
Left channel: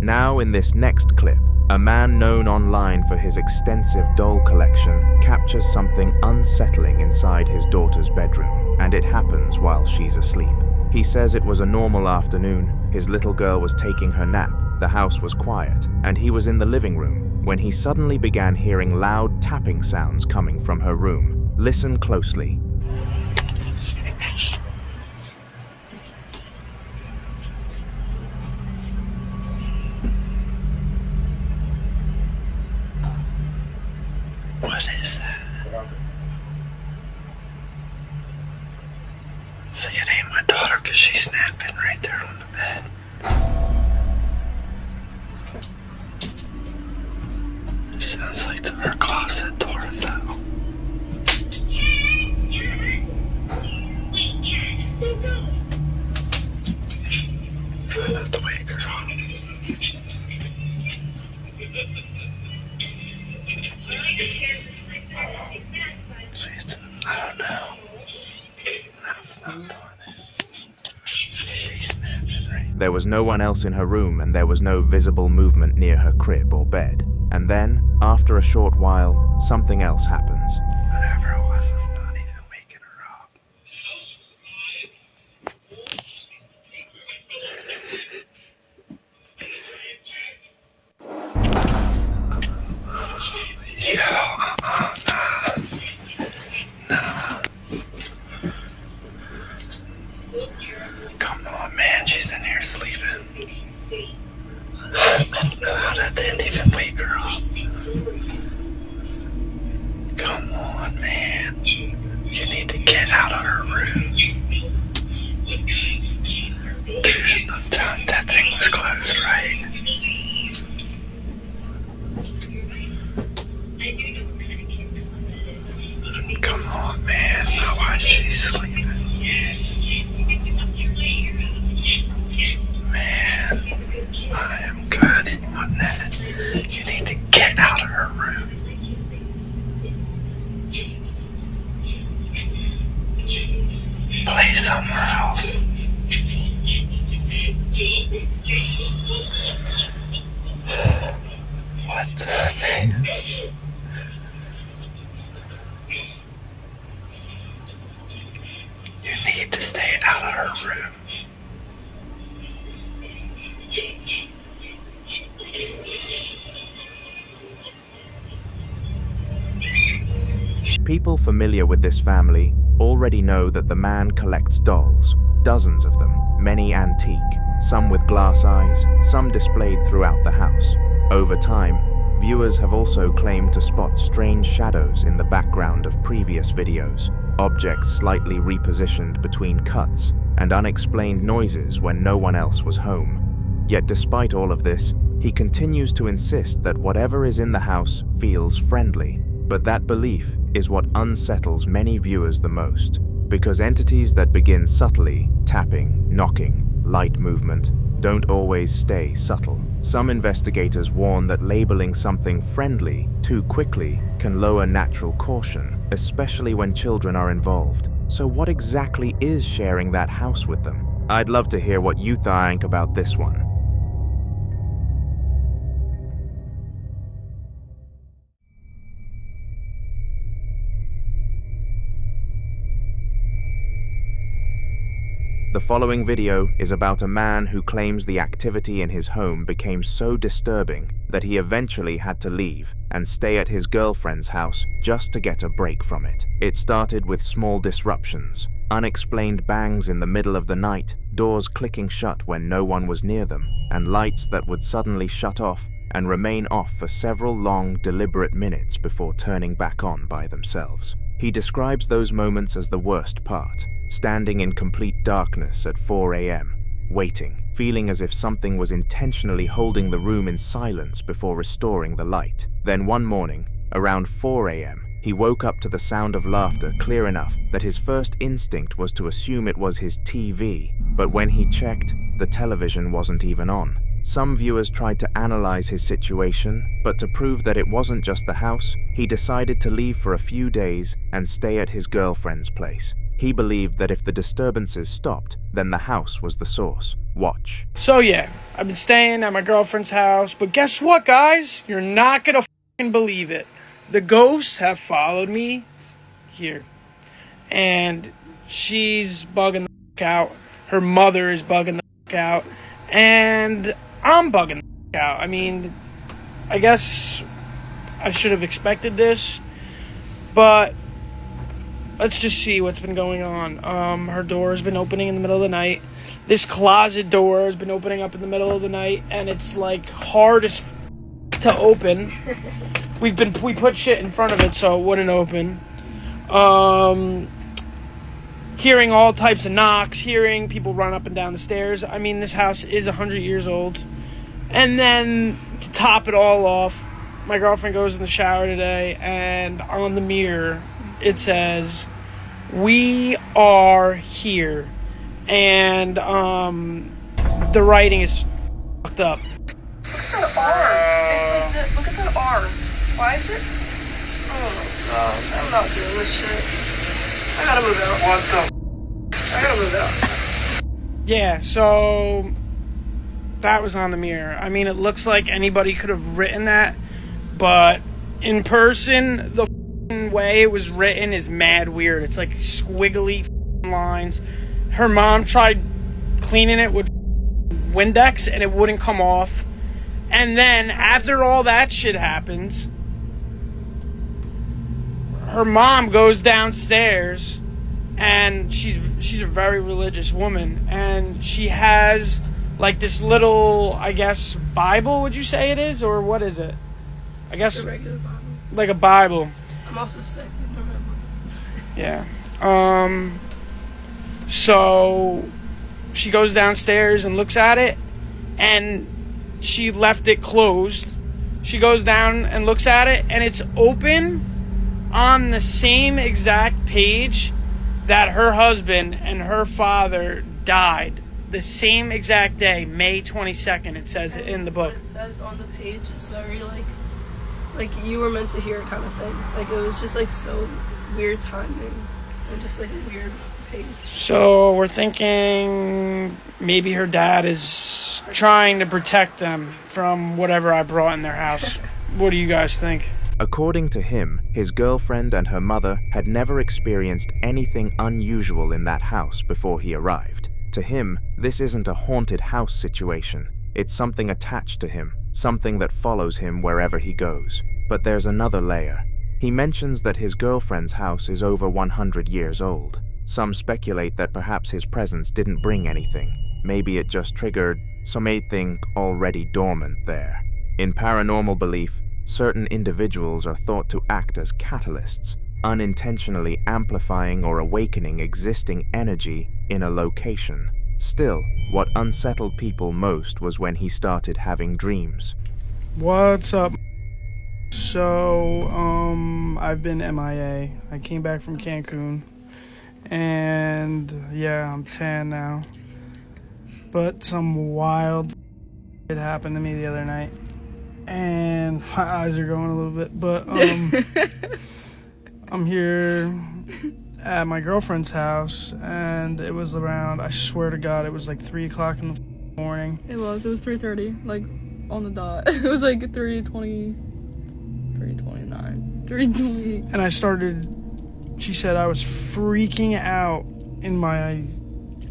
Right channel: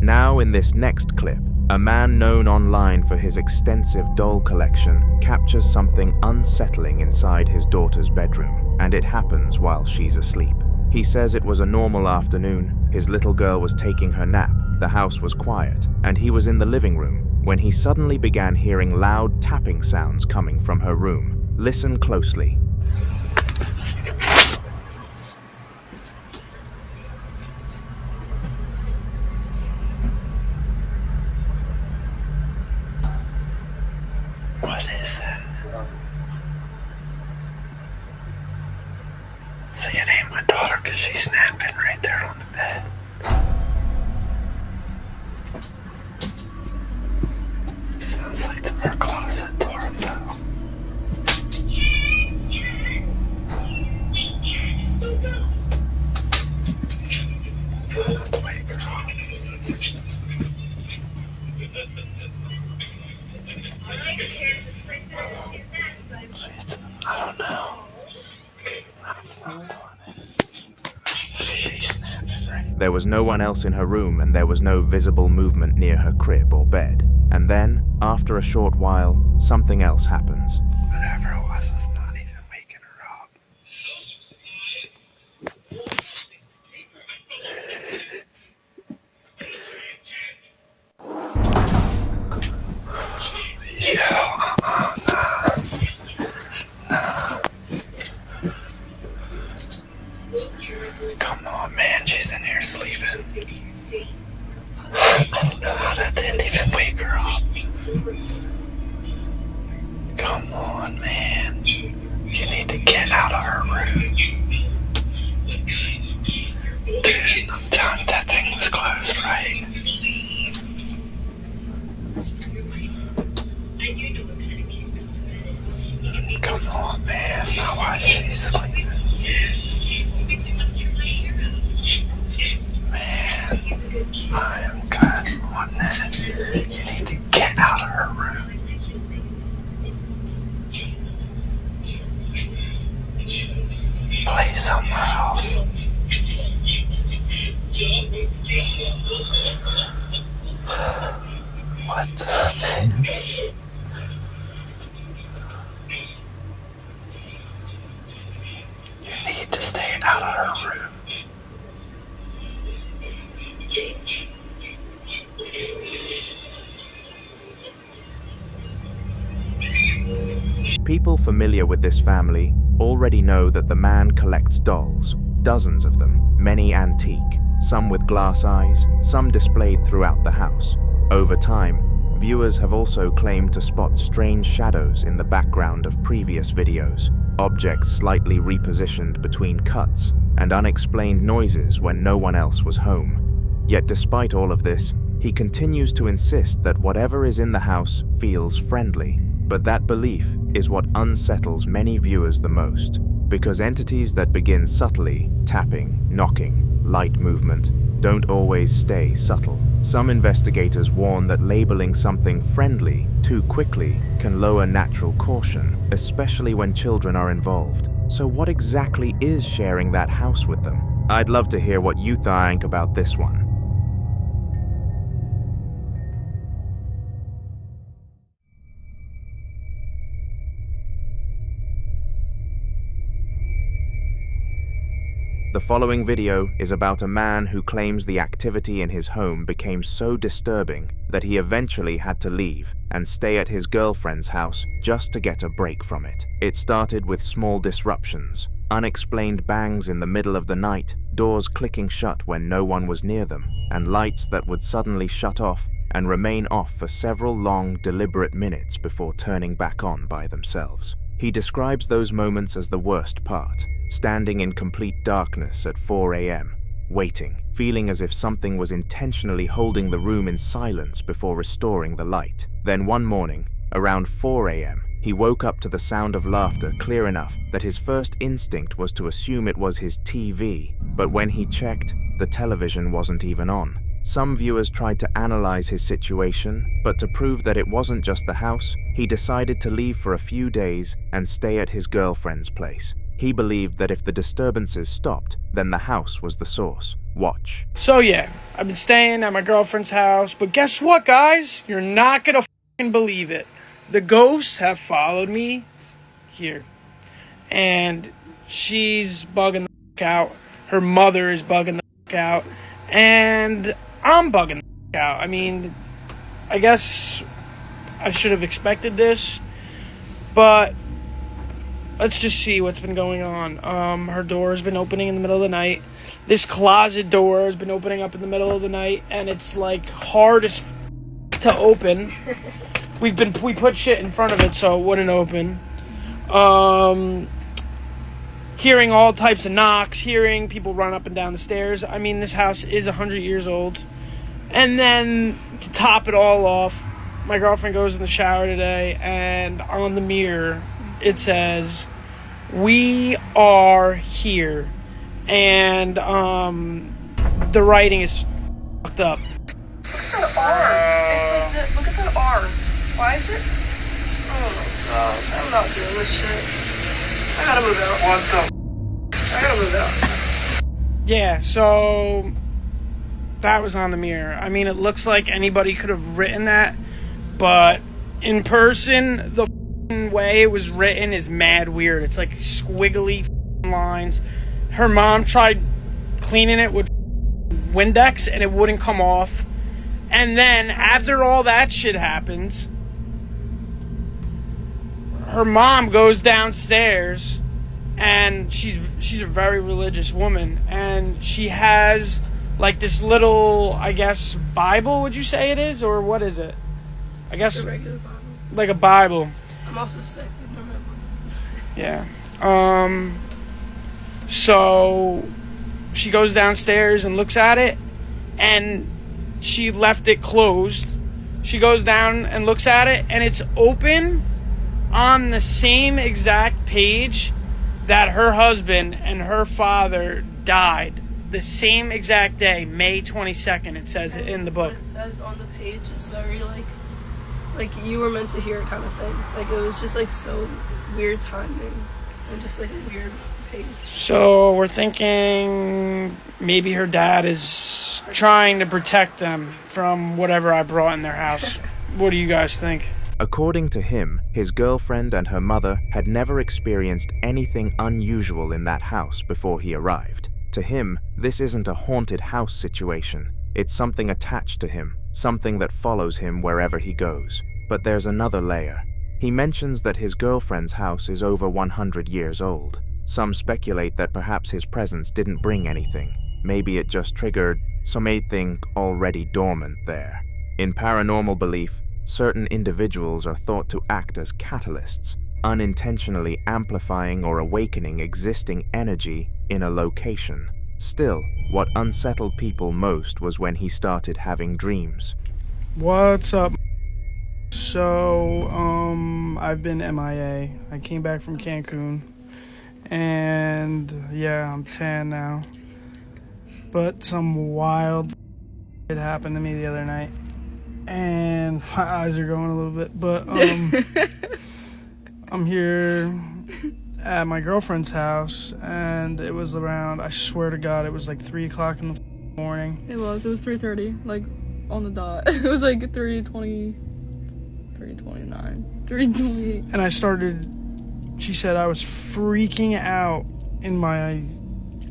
Now in this next clip, a man known online for his extensive doll collection captures something unsettling inside his daughter's bedroom, and it happens while she's asleep. He says it was a normal afternoon, his little girl was taking her nap, the house was quiet, and he was in the living room when he suddenly began hearing loud tapping sounds coming from her room. Listen closely. What is that? See, it ain't my daughter because she's napping right there on the bed. It sounds like her closet door, though. Try not to wake her up. I don't know. No, it's not doing it. See, she's snapping, right? There was no one else in her room, and there was no visible movement near her crib or bed. And then, after a short while, something else happens. Whatever it was not even waking her up. Nah. Come on, man, she's in here sleeping. I don't know how that didn't even wake her up. Come on, man. You need to get out of her room. Dude, I'm telling you, that thing was closed, right? Come on, man. Now why is she sleeping? Man, I am good on that. You need to get out of her room. Play somewhere else. What the man? You need to stay out of her room. People familiar with this family already know that the man collects dolls, dozens of them, many antique, some with glass eyes, some displayed throughout the house. Over time, viewers have also claimed to spot strange shadows in the background of previous videos, objects slightly repositioned between cuts, and unexplained noises when no one else was home. Yet despite all of this, he continues to insist that whatever is in the house feels friendly. But that belief is what unsettles many viewers the most, because entities that begin subtly, tapping, knocking, light movement, don't always stay subtle. Some investigators warn that labeling something friendly too quickly can lower natural caution, especially when children are involved. So what exactly is sharing that house with them? I'd love to hear what you think about this one. The following video is about a man who claims the activity in his home became so disturbing that he eventually had to leave and stay at his girlfriend's house just to get a break from it. It started with small disruptions, unexplained bangs in the middle of the night, doors clicking shut when no one was near them, and lights that would suddenly shut off and remain off for several long, deliberate minutes before turning back on by themselves. He describes those moments as the worst part, standing in complete darkness at 4 a.m., waiting, feeling as if something was intentionally holding the room in silence before restoring the light. Then one morning, around 4 a.m., he woke up to the sound of laughter clear enough that his first instinct was to assume it was his TV, but when he checked, the television wasn't even on. Some viewers tried to analyze his situation, but to prove that it wasn't just the house, he decided to leave for a few days and stay at his girlfriend's place. He believed that if the disturbances stopped, then the house was the source. Watch. So yeah, I've been staying at my girlfriend's house, but guess what, guys? You're not gonna fucking believe it. The ghosts have followed me here. And she's bugging the fuck out. Her mother is bugging the fuck out. And I'm bugging the fuck out. I mean, I guess I should have expected this, but let's just see what's been going on. Her door has been opening in the middle of the night. This closet door has been opening up in the middle of the night, and it's like hard as to open. We put shit in front of it so it wouldn't open. Hearing all types of knocks, hearing people run up and down the stairs. I mean, this house is 100 years old. And then to top it all off, my girlfriend goes in the shower today, and on the mirror it says, "We are here." And the writing is fucked up. Look at that R. It's like look at that R. Why is it? Oh my god, I'm not doing this shit. I gotta move out. What the? I gotta move out. Yeah, so that was on the mirror. I mean, it looks like anybody could have written that, but in person, the way it was written is mad weird. It's like squiggly lines. Her mom tried cleaning it with Windex and it wouldn't come off. And then after all that shit happens, her mom goes downstairs, and she's a very religious woman, and she has like this little, I guess, Bible, would you say it is, or what is it? I guess it's a regular Bible. Like a Bible. I'm also sick. I don't remember. Yeah. So she goes downstairs and looks at it, and she left it closed. She goes down and looks at it, and it's open on the same exact page that her husband and her father died. The same exact day, May 22nd, it says it in the book. What it says on the page is very like you were meant to hear it kind of thing. Like it was just like so weird timing and just like a weird page. So we're thinking maybe her dad is trying to protect them from whatever I brought in their house. What do you guys think? According to him, his girlfriend and her mother had never experienced anything unusual in that house before he arrived. To him, this isn't a haunted house situation. It's something attached to him, something that follows him wherever he goes. But there's another layer. He mentions that his girlfriend's house is over 100 years old. Some speculate that perhaps his presence didn't bring anything. Maybe it just triggered something already dormant there. In paranormal belief, certain individuals are thought to act as catalysts, unintentionally amplifying or awakening existing energy in a location. Still, what unsettled people most was when he started having dreams. What's up? So, I've been MIA. I came back from Cancun, and yeah, I'm tan now. But some wild shit happened to me the other night, and my eyes are going a little bit, but I'm here at my girlfriend's house, and it was around, I swear to God, it was like 3 o'clock in the morning. It was 3:30, like on the dot. It was like 3:20, 3:29, 3:20. And she said I was freaking out in my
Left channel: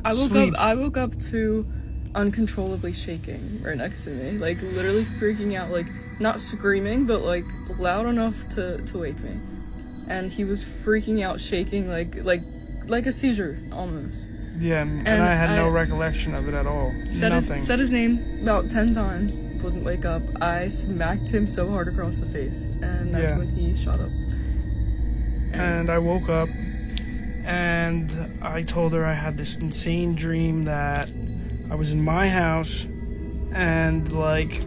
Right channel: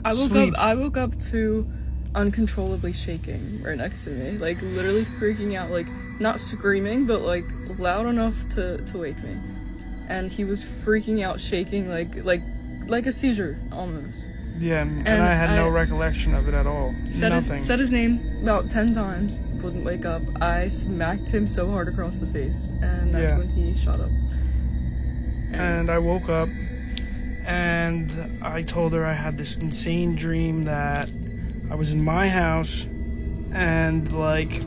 I woke up to uncontrollably shaking right next to me, like literally freaking out, like not screaming, but like loud enough to wake me. And he was freaking out, shaking like a seizure almost. Yeah, and I had no recollection of it at all. Said his name about 10 times, wouldn't wake up. I smacked him so hard across the face, and that's when he shot up. And I woke up, and I told her I had this insane dream that I was in my house, and like,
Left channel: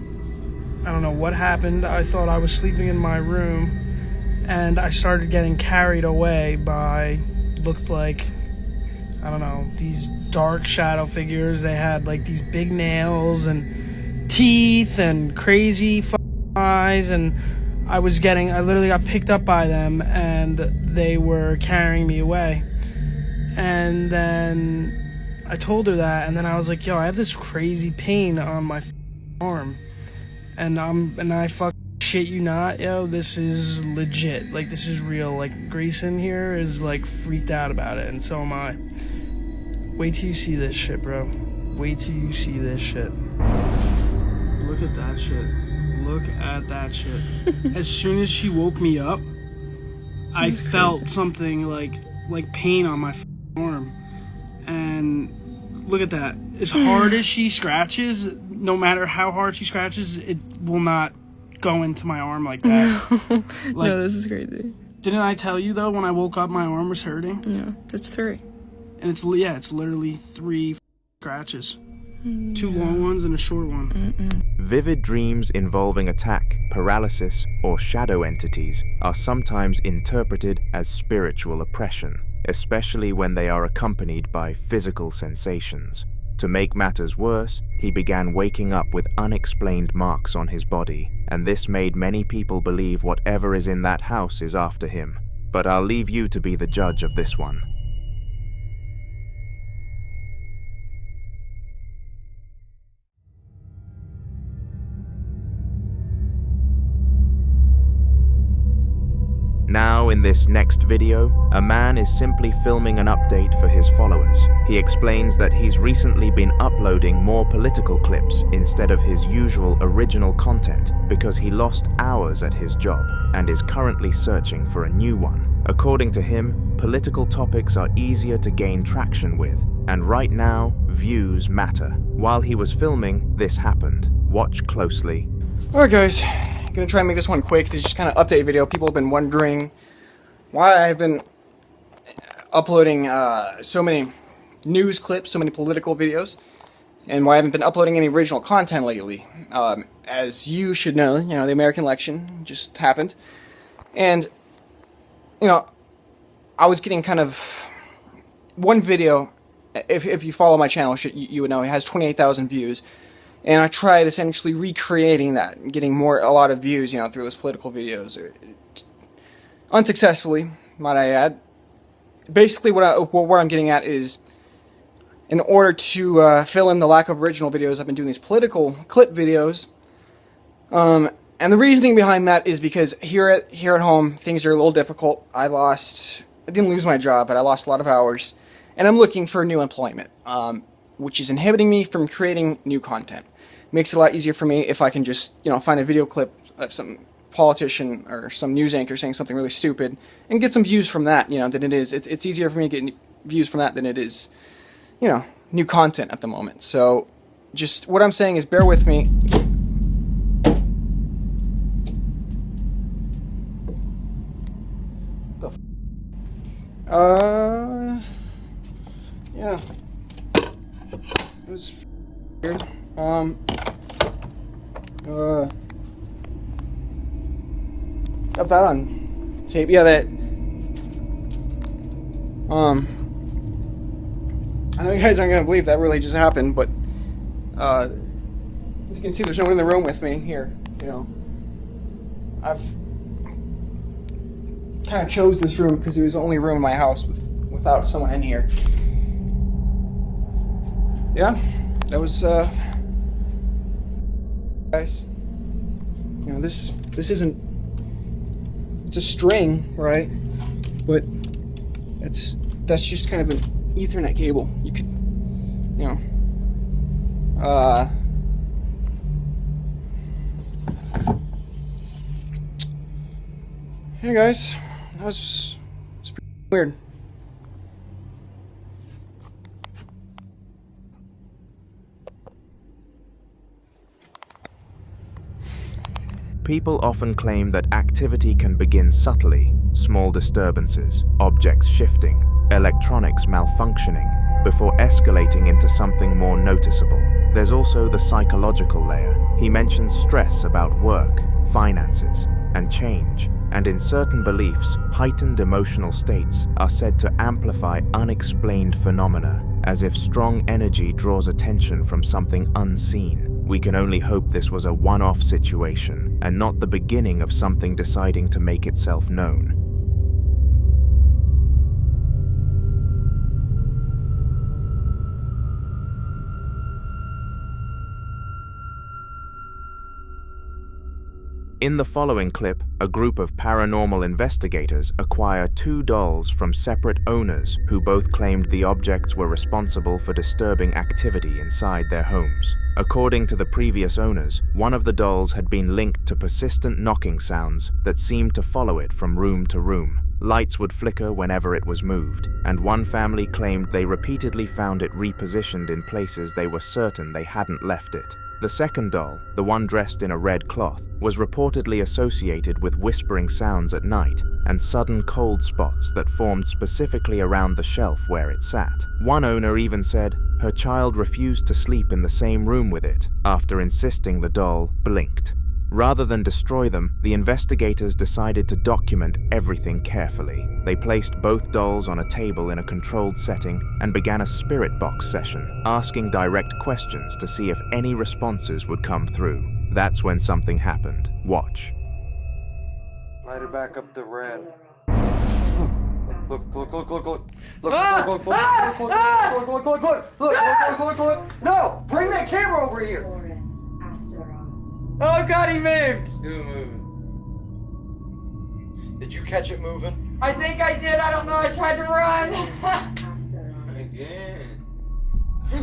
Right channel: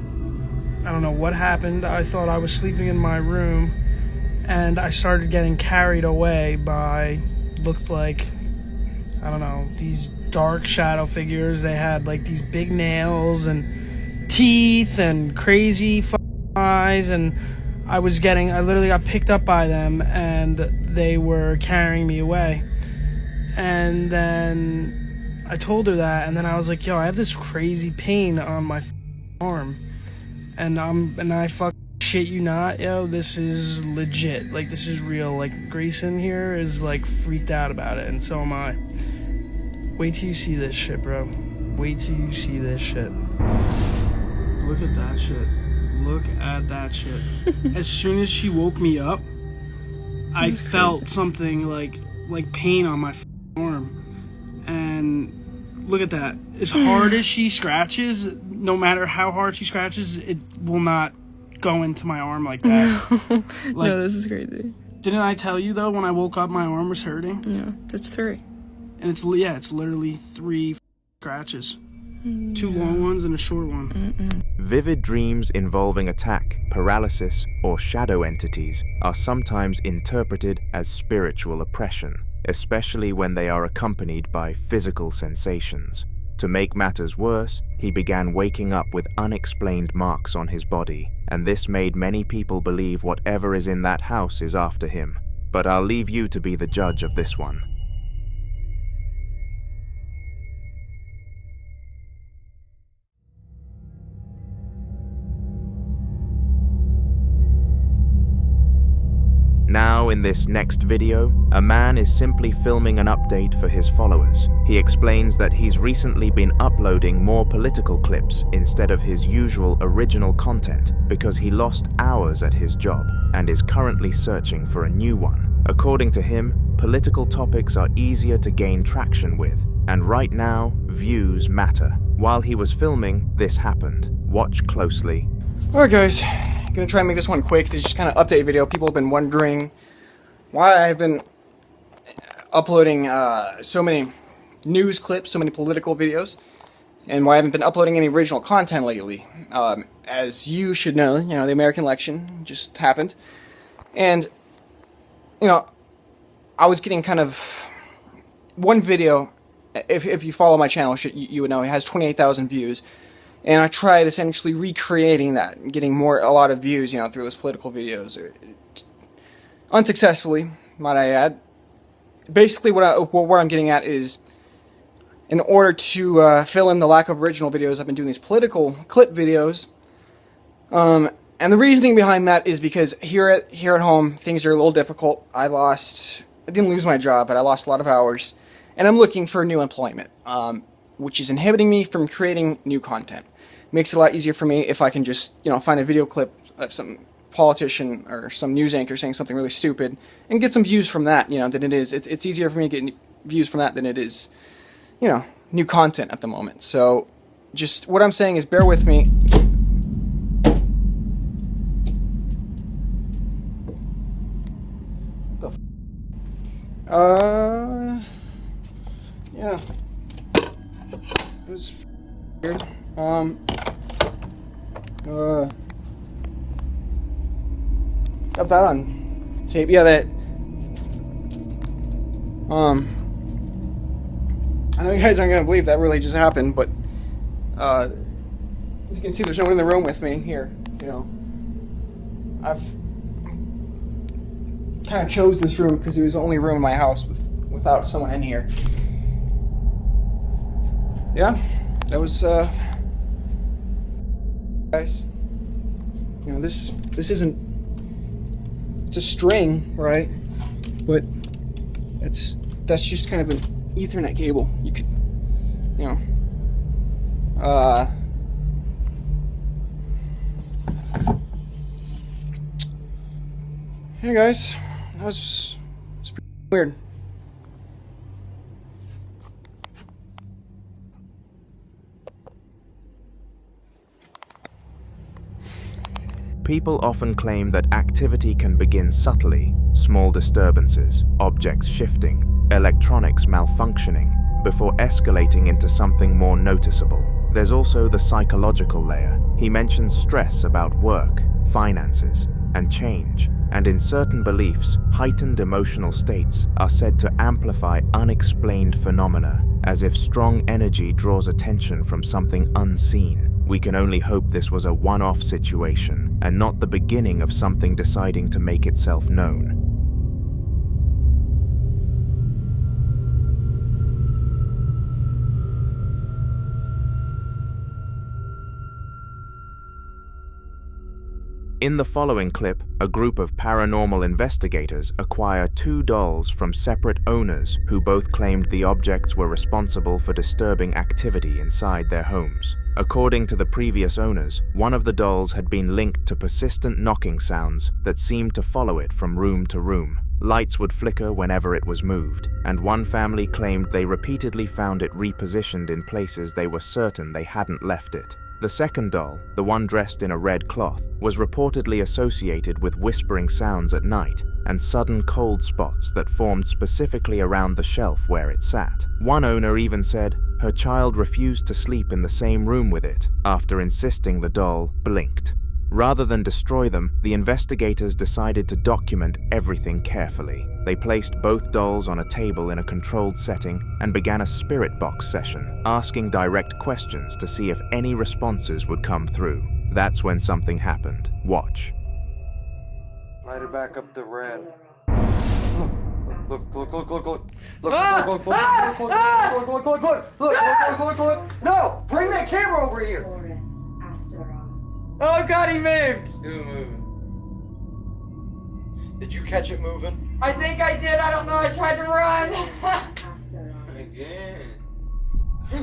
I don't know what happened. I thought I was sleeping in my room, and I started getting carried away by, looked like, I don't know, these dark shadow figures. They had like these big nails and teeth and crazy eyes, and I literally got picked up by them, and they were carrying me away. And then I told her that, and then I was like, yo, I have this crazy pain on my arm, and I fucking shit you not, yo, this is legit, like this is real. Like Grayson here is like freaked out about it, and so am I. Wait till you see this shit, bro. Wait till you see this shit. Look at that shit. Look at that shit. As soon as she woke me up, I felt something like pain on my arm. And look at that. As hard as she scratches, no matter how hard she scratches, it will not go into my arm like that. No, this is crazy. Didn't I tell you though, when I woke up my arm was hurting? Yeah, that's 3. And it's literally 3 scratches. 2 long ones and a short one. Vivid dreams involving attack, paralysis, or shadow entities are sometimes interpreted as spiritual oppression, especially when they are accompanied by physical sensations. To make matters worse, he began waking up with unexplained marks on his body, and this made many people believe whatever is in that house is after him. But I'll leave you to be the judge of this one. Now, in this next video, a man is simply filming an update for his followers. He explains that he's recently been uploading more political clips instead of his usual original content because he lost hours at his job and is currently searching for a new one. According to him, political topics are easier to gain traction with, and right now, views matter. While he was filming, this happened. Watch closely. Alright guys, gonna try and make this one quick. This is just kind of update video. People have been wondering why I've been uploading so many news clips, so many political videos, and why I haven't been uploading any original content lately. As you should know, the American election just happened, and I was getting kind of one video. If you follow my channel, you would know it has 28,000 views. And I tried essentially recreating that and getting a lot of views, through those political videos. Unsuccessfully, might I add. Basically, where I'm getting at is, in order to fill in the lack of original videos, I've been doing these political clip videos. And the reasoning behind that is because here at home, things are a little difficult. I didn't lose my job, but I lost a lot of hours. And I'm looking for new employment, which is inhibiting me from creating new content. Makes it a lot easier for me if I can just, find a video clip of some politician or some news anchor saying something really stupid and get some views from that, than it is. It's easier for me to get views from that than it is, new content at the moment. So, just what I'm saying is bear with me. Yeah. It was weird. Got that on tape. Yeah, that. I know you guys aren't gonna believe that really just happened, but as you can see, there's no one in the room with me here. I've kind of chose this room because it was the only room in my house without someone in here. Yeah, that was guys. This isn't. It's a string, right? But that's just kind of an Ethernet cable. You could you know, hey guys, that's pretty weird. People often claim that activity can begin subtly, small disturbances, objects shifting, electronics malfunctioning, before escalating into something more noticeable. There's also the psychological layer. He mentions stress about work, finances, and change, and in certain beliefs, heightened emotional states are said to amplify unexplained phenomena, as if strong energy draws attention from something unseen. We can only hope this was a one-off situation and not the beginning of something deciding to make itself known. In the following clip, a group of paranormal investigators acquire 2 dolls from separate owners who both claimed the objects were responsible for disturbing activity inside their homes. According to the previous owners, one of the dolls had been linked to persistent knocking sounds that seemed to follow it from room to room. Lights would flicker whenever it was moved, and one family claimed they repeatedly found it repositioned in places they were certain they hadn't left it. The second doll, the one dressed in a red cloth, was reportedly associated with whispering sounds at night and sudden cold spots that formed specifically around the shelf where it sat. One owner even said her child refused to sleep in the same room with it after insisting the doll blinked. Rather than destroy them, the investigators decided to document everything carefully. They placed both dolls on a table in a controlled setting and began a spirit box session, asking direct questions to see if any responses would come through. That's when something happened. Watch. Light it back up to red. Look. No! Bring that camera over here! Oh god, he moved! Still moving. Did you catch it moving? I think I did, I don't know, I tried to run! Again.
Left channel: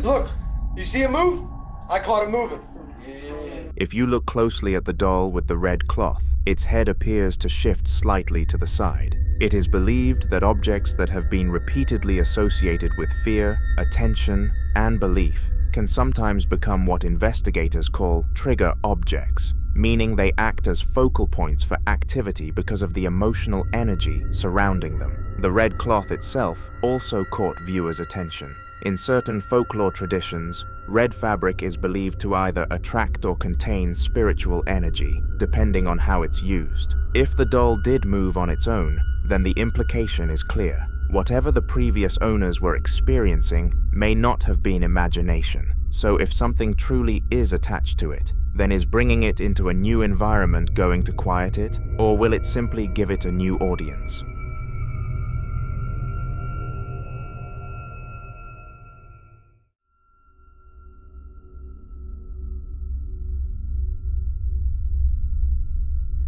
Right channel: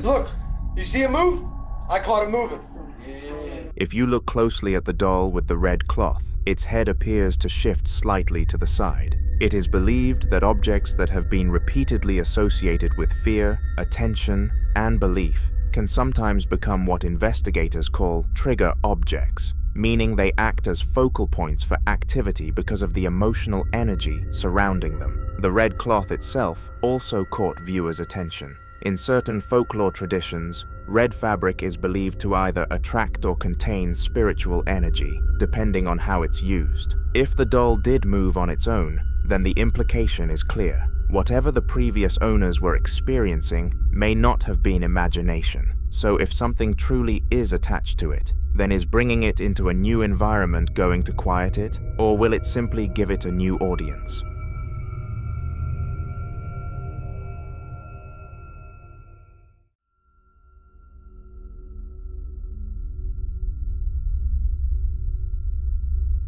Look! You see it move? I caught it moving. Yeah. If you look closely at the doll with the red cloth, its head appears to shift slightly to the side. It is believed that objects that have been repeatedly associated with fear, attention, and belief can sometimes become what investigators call trigger objects, meaning they act as focal points for activity because of the emotional energy surrounding them. The red cloth itself also caught viewers' attention. In certain folklore traditions, red fabric is believed to either attract or contain spiritual energy, depending on how it's used. If the doll did move on its own, then the implication is clear. Whatever the previous owners were experiencing may not have been imagination. So if something truly is attached to it, then is bringing it into a new environment going to quiet it, or will it simply give it a new audience?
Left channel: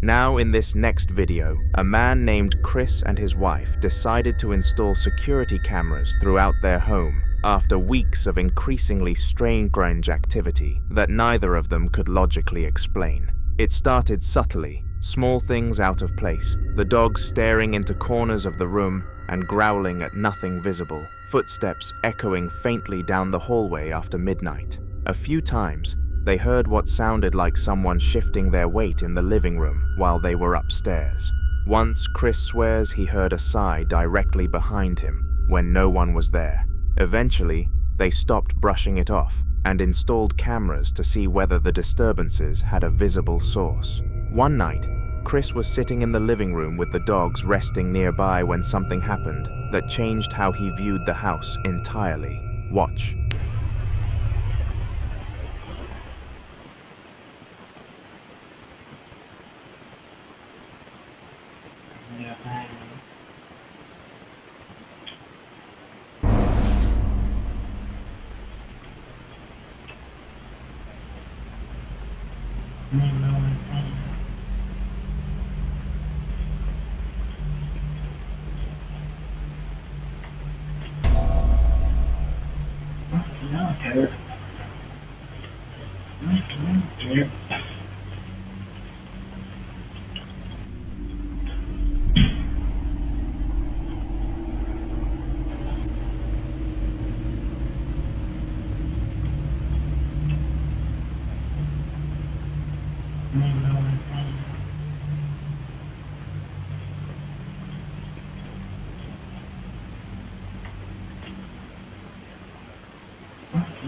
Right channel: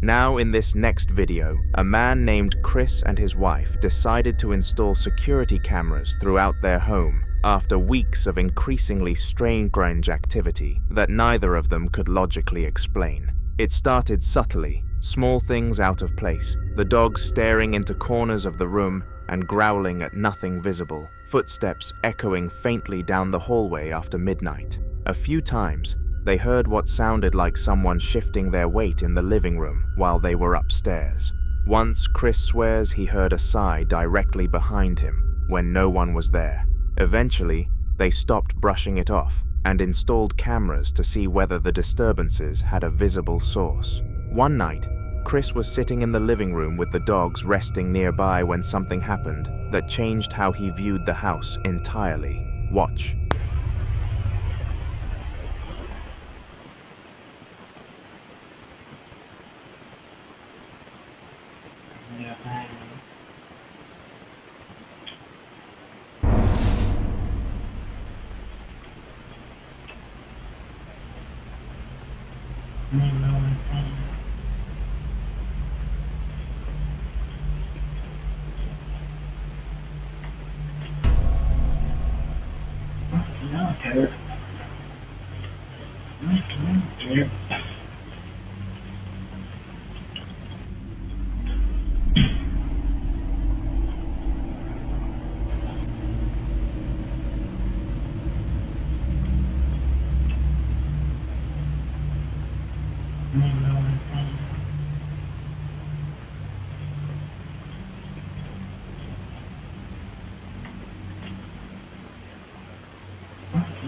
Now in this next video, a man named Chris and his wife decided to install security cameras throughout their home after weeks of increasingly strange activity that neither of them could logically explain. It started subtly, small things out of place, the dog staring into corners of the room and growling at nothing visible, footsteps echoing faintly down the hallway after midnight. A few times, they heard what sounded like someone shifting their weight in the living room while they were upstairs. Once, Chris swears he heard a sigh directly behind him when no one was there. Eventually, they stopped brushing it off and installed cameras to see whether the disturbances had a visible source. One night, Chris was sitting in the living room with the dogs resting nearby when something happened that changed how he viewed the house entirely. Watch.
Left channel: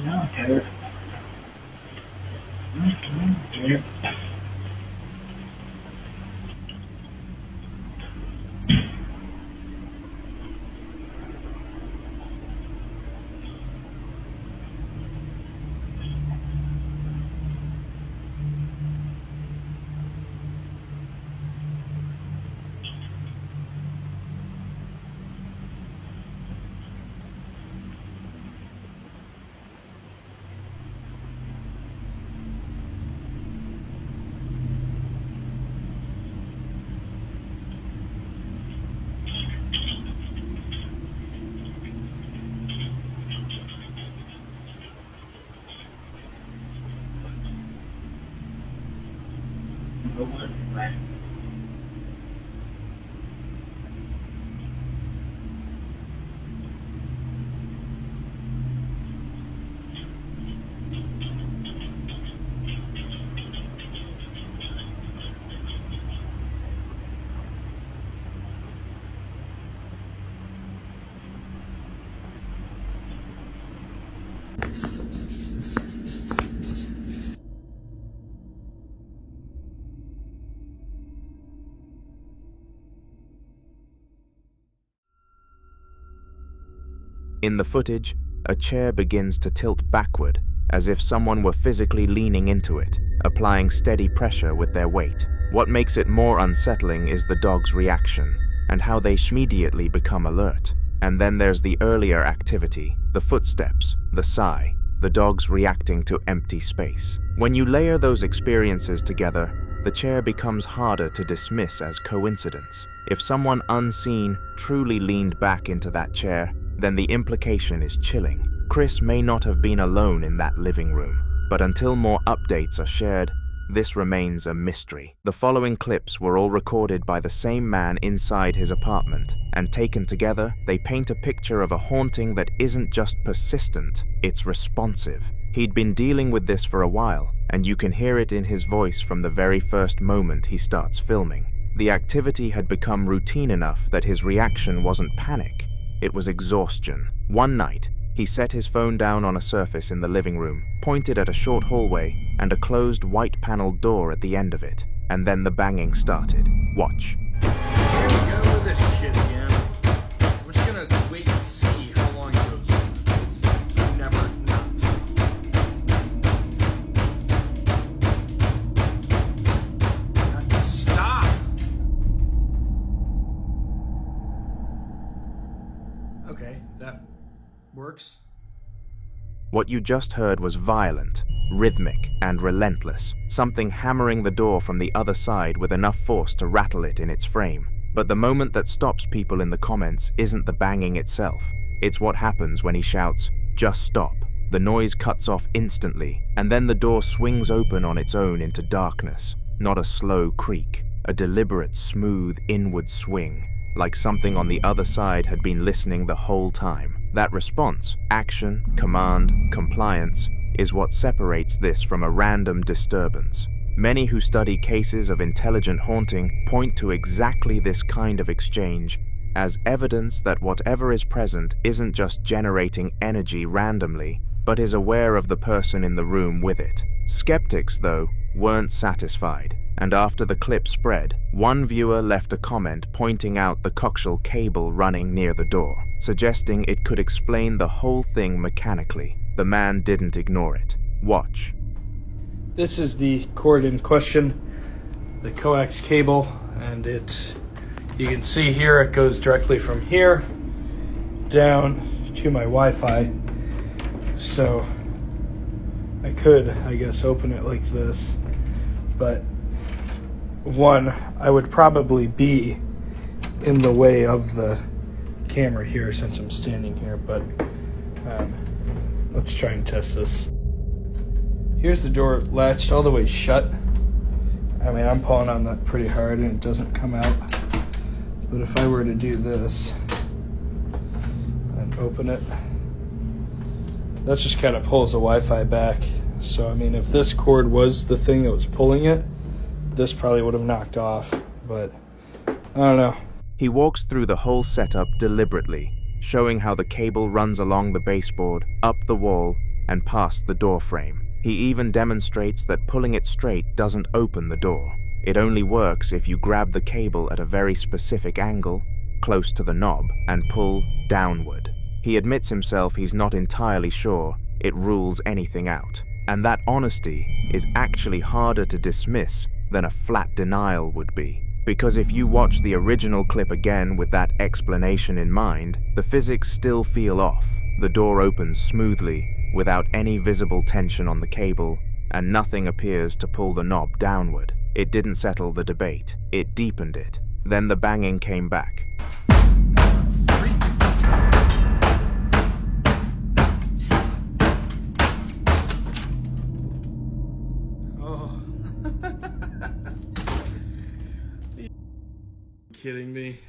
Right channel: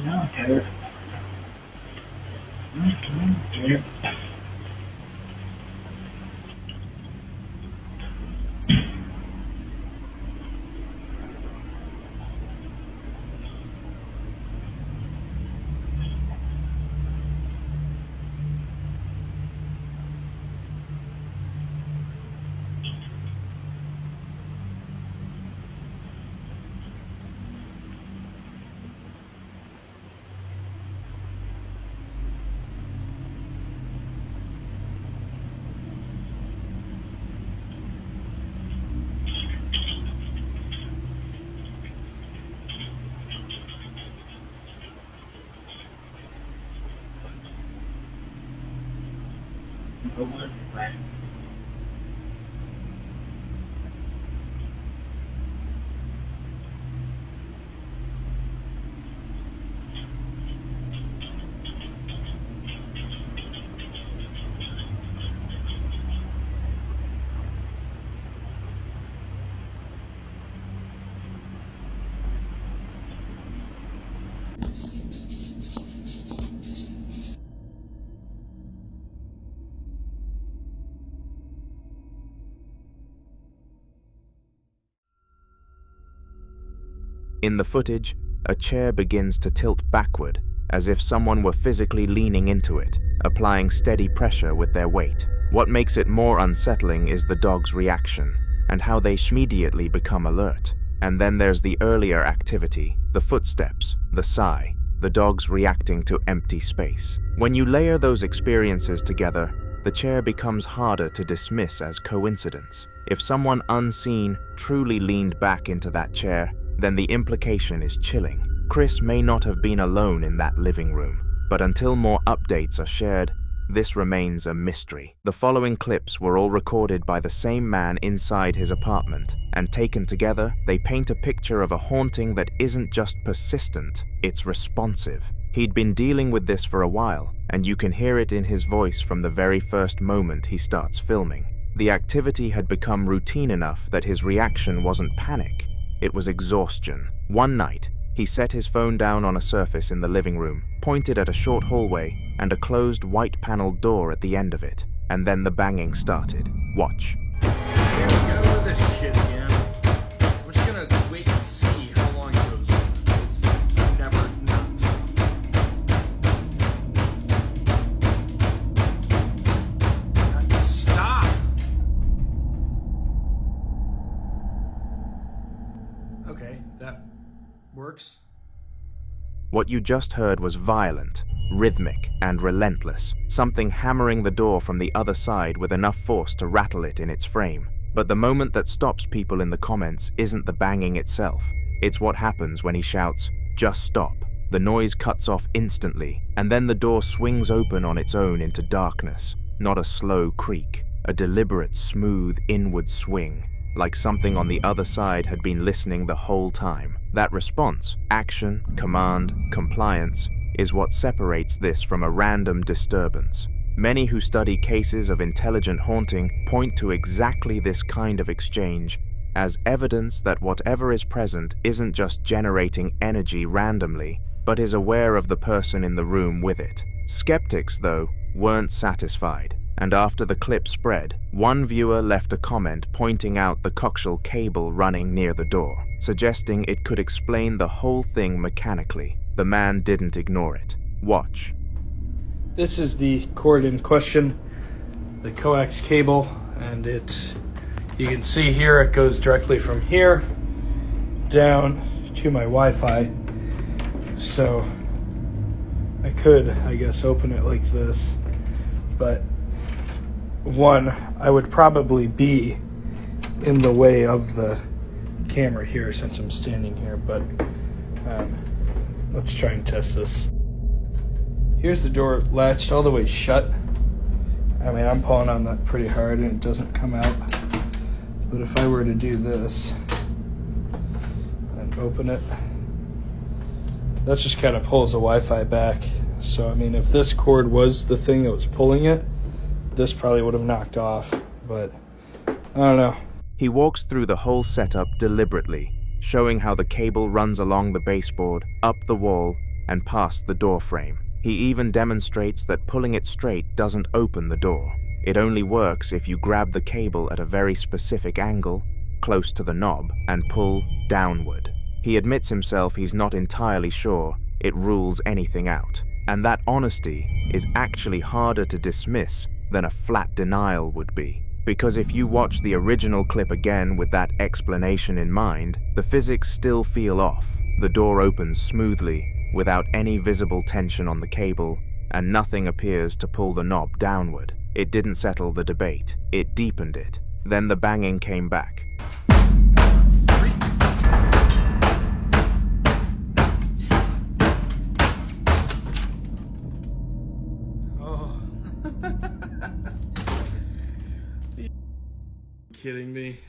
No, tethered. Tethered. In the footage, a chair begins to tilt backward, as if someone were physically leaning into it, applying steady pressure with their weight. What makes it more unsettling is the dog's reaction, and how they immediately become alert. And then there's the earlier activity, the footsteps, the sigh, the dogs reacting to empty space. When you layer those experiences together, the chair becomes harder to dismiss as coincidence. If someone unseen truly leaned back into that chair, then the implication is chilling. Chris may not have been alone in that living room, but until more updates are shared, this remains a mystery. The following clips were all recorded by the same man inside his apartment, and taken together, they paint a picture of a haunting that isn't just persistent, it's responsive. He'd been dealing with this for a while, and you can hear it in his voice from the very first moment he starts filming. The activity had become routine enough that his reaction wasn't panic, it was exhaustion. One night, he set his phone down on a surface in the living room, pointed at a short hallway and a closed white-paneled door at the end of it, and then the banging started. Watch. Here we go with this shit again. We're just gonna wait and see how long it goes. It's never nuts. Stop! Okay, that works. What you just heard was violent, rhythmic, and relentless, something hammering the door from the other side with enough force to rattle it in its frame. But the moment that stops people in the comments isn't the banging itself. It's what happens when he shouts, "Just stop." The noise cuts off instantly, and then the door swings open on its own into darkness. Not a slow creak, a deliberate, smooth, inward swing, like something on the other side had been listening the whole time. That response, action, command, compliance, is what separates this from a random disturbance. Many who study cases of intelligent haunting point to exactly this kind of exchange as evidence that whatever is present isn't just generating energy randomly, but is aware of the person in the room with it. Skeptics, though, weren't satisfied, and after the clip spread, one viewer left a comment pointing out the coaxial cable running near the door, suggesting it could explain the whole thing mechanically. The man didn't ignore it. Watch. This is the cord in question, the coax cable, and you can see here it goes directly from here down to my Wi-Fi. So I could, I guess, open it like this, but one, I would probably be in the way of the camera here since I'm standing here, but let's try and test this. Here's the door latched all the way shut. I mean, I'm pulling on that pretty hard and it doesn't come out. But if I were to do this and open it, that just kind of pulls the Wi-Fi back. So, I mean, if this cord was the thing that was pulling it, this probably would have knocked off, but I don't know. He walks through the whole setup deliberately, showing how the cable runs along the baseboard, up the wall, and past the door frame. He even demonstrates that pulling it straight doesn't open the door. It only works if you grab the cable at a very specific angle, close to the knob, and pull downward. He admits himself he's not entirely sure it rules anything out, and that honesty is actually harder to dismiss than a flat denial would be. Because if you watch the original clip again with that explanation in mind, the physics still feel off. The door opens smoothly, without any visible tension on the cable, and nothing appears to pull the knob downward. It didn't settle the debate, it deepened it. Then the banging came back. Oh. Kidding me?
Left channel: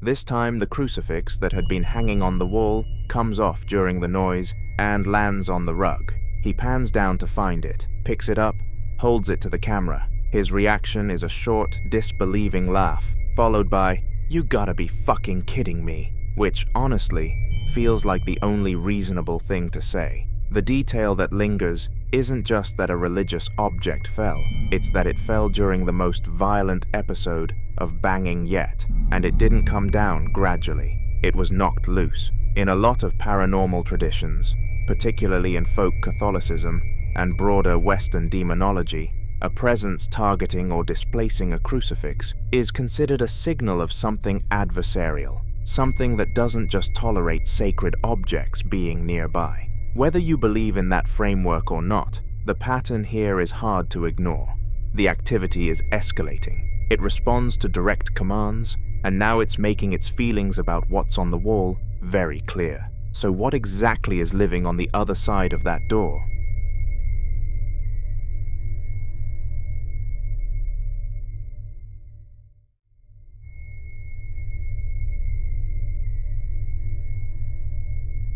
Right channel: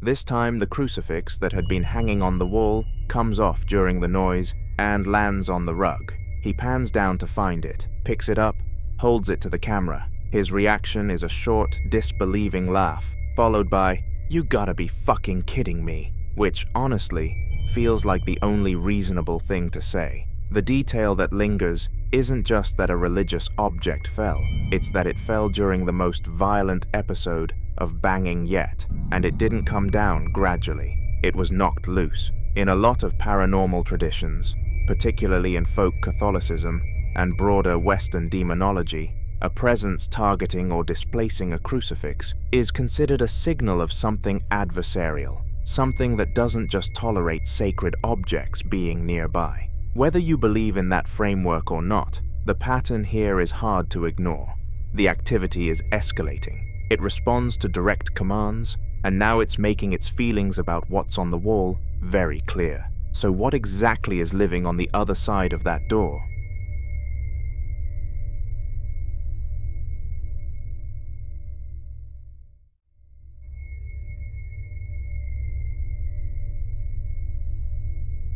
This time the crucifix that had been hanging on the wall comes off during the noise and lands on the rug. He pans down to find it, picks it up, holds it to the camera. His reaction is a short, disbelieving laugh, followed by, "You gotta be fucking kidding me," which, honestly, feels like the only reasonable thing to say. The detail that lingers isn't just that a religious object fell, it's that it fell during the most violent episode of banging yet, and it didn't come down gradually. It was knocked loose. In a lot of paranormal traditions, particularly in folk Catholicism and broader Western demonology, a presence targeting or displacing a crucifix is considered a signal of something adversarial, something that doesn't just tolerate sacred objects being nearby. Whether you believe in that framework or not, the pattern here is hard to ignore. The activity is escalating. It responds to direct commands, and now it's making its feelings about what's on the wall very clear. So what exactly is living on the other side of that door?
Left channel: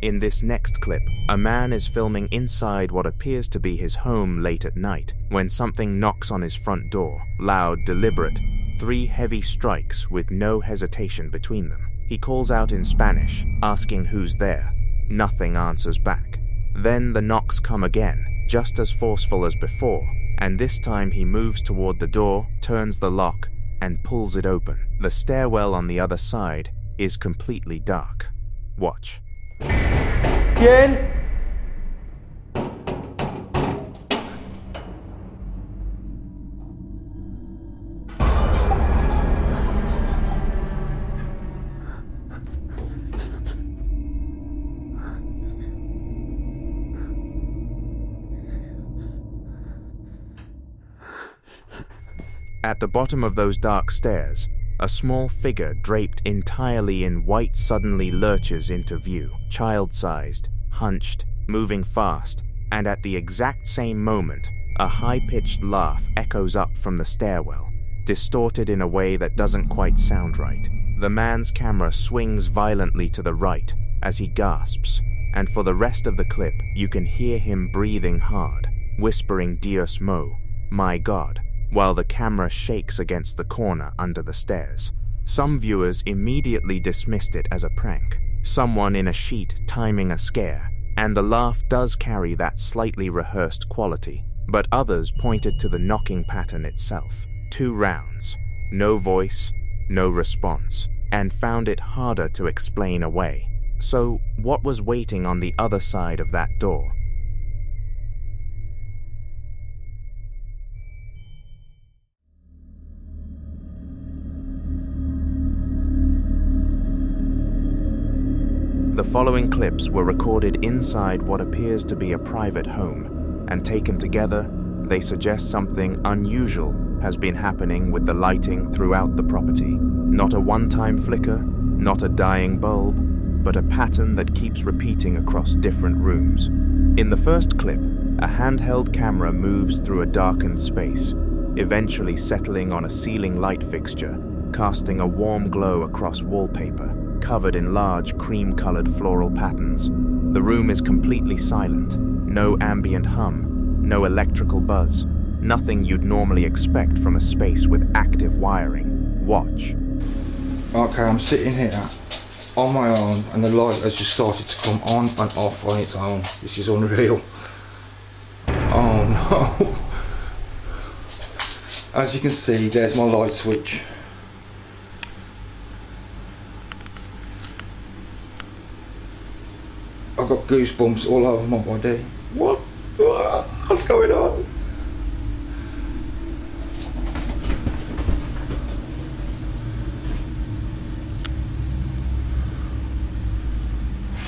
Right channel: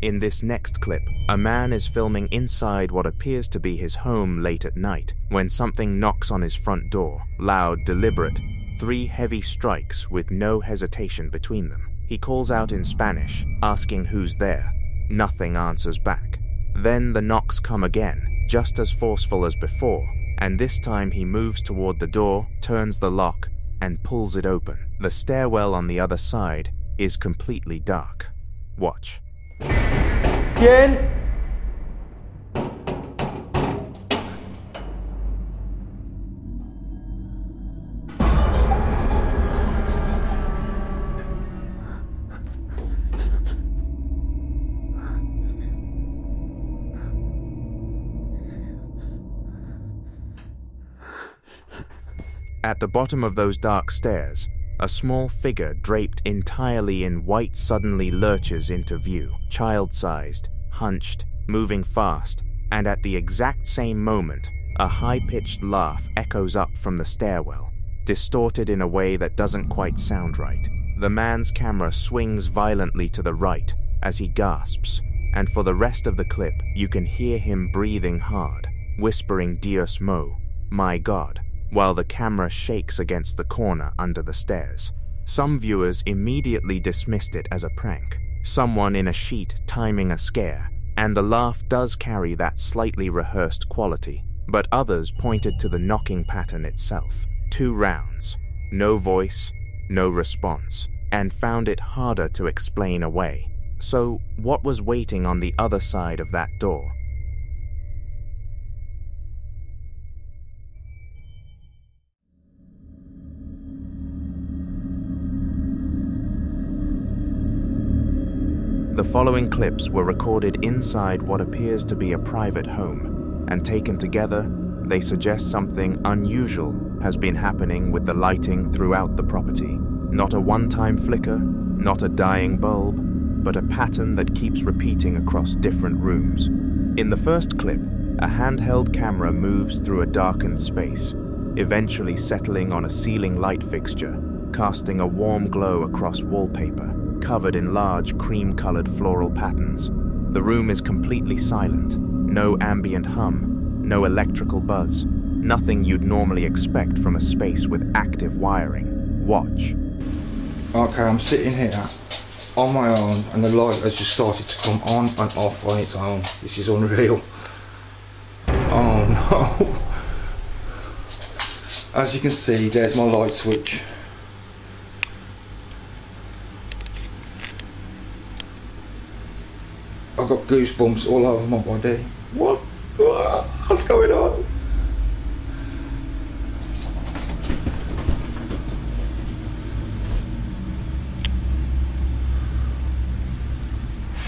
In this next clip, a man is filming inside what appears to be his home late at night when something knocks on his front door, loud, deliberate, 3 heavy strikes with no hesitation between them. He calls out in Spanish, asking who's there. Nothing answers back. Then the knocks come again, just as forceful as before, and this time he moves toward the door, turns the lock, and pulls it open. The stairwell on the other side is completely dark. Watch. ¿Quién? At the bottom of those dark stairs, a small figure draped entirely in white suddenly lurches into view, child-sized, hunched, moving fast, and at the exact same moment, a high-pitched laugh echoes up from the stairwell, distorted in a way that doesn't quite sound right. The man's camera swings violently to the right as he gasps, and for the rest of the clip, you can hear him breathing hard, whispering Dios mo, my God, while the camera shakes against the corner under the stairs. Some viewers immediately dismissed it as a prank, someone in a sheet timing a scare, and the laugh does carry that slightly rehearsed quality, but others pointed to the knocking pattern itself. 2 rounds, no voice, no response, and found it harder to explain away. So, what was waiting on the other side of that door? The following clips were recorded inside what appears to be a private home, and taken together, they suggest something unusual has been happening with the lighting throughout the property. Not a one-time flicker, not a dying bulb, but a pattern that keeps repeating across different rooms. In the first clip, a handheld camera moves through a darkened space, eventually settling on a ceiling light fixture, casting a warm glow across wallpaper, covered in large cream-colored floral patterns. The room is completely silent, no ambient hum, no electrical buzz, Nothing you'd normally expect from a space with active wiring. Watch. Okay, I'm sitting here on my own and the light has just started to come on and off on its own. This is unreal. Oh no. As you can see, there's my light switch. I've got goosebumps all over my body. What? What's going on?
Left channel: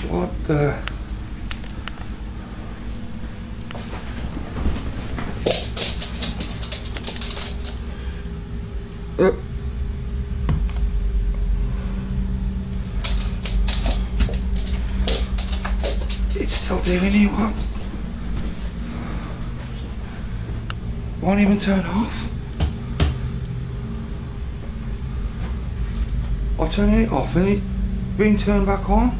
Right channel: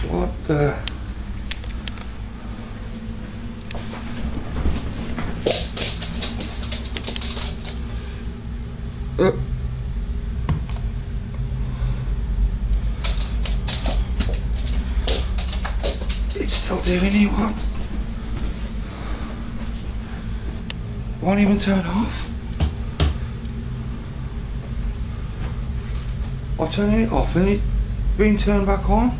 What the? It's still doing it, what? Won't even turn off. I'll turn it off and it's being turned back on.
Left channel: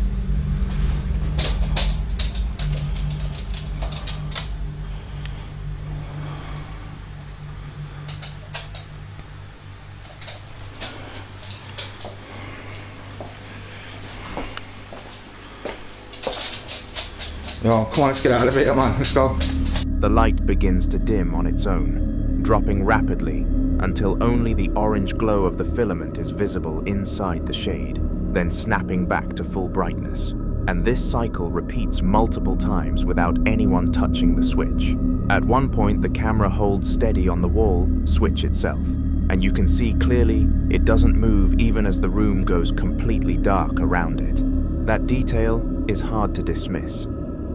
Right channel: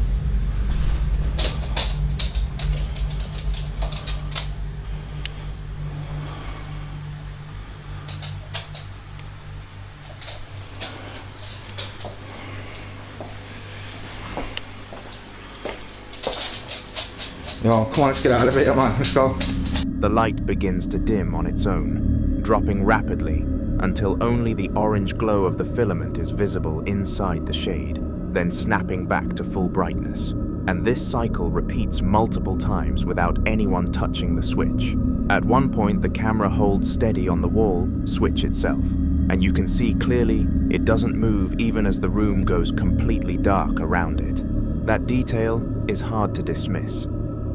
Oh, come on, let's get out of here, man. Let's go. The light begins to dim on its own, dropping rapidly until only the orange glow of the filament is visible inside the shade, then snapping back to full brightness. And this cycle repeats multiple times without anyone touching the switch. At one point, the camera holds steady on the wall, switch itself, and you can see clearly it doesn't move even as the room goes completely dark around it. That detail is hard to dismiss.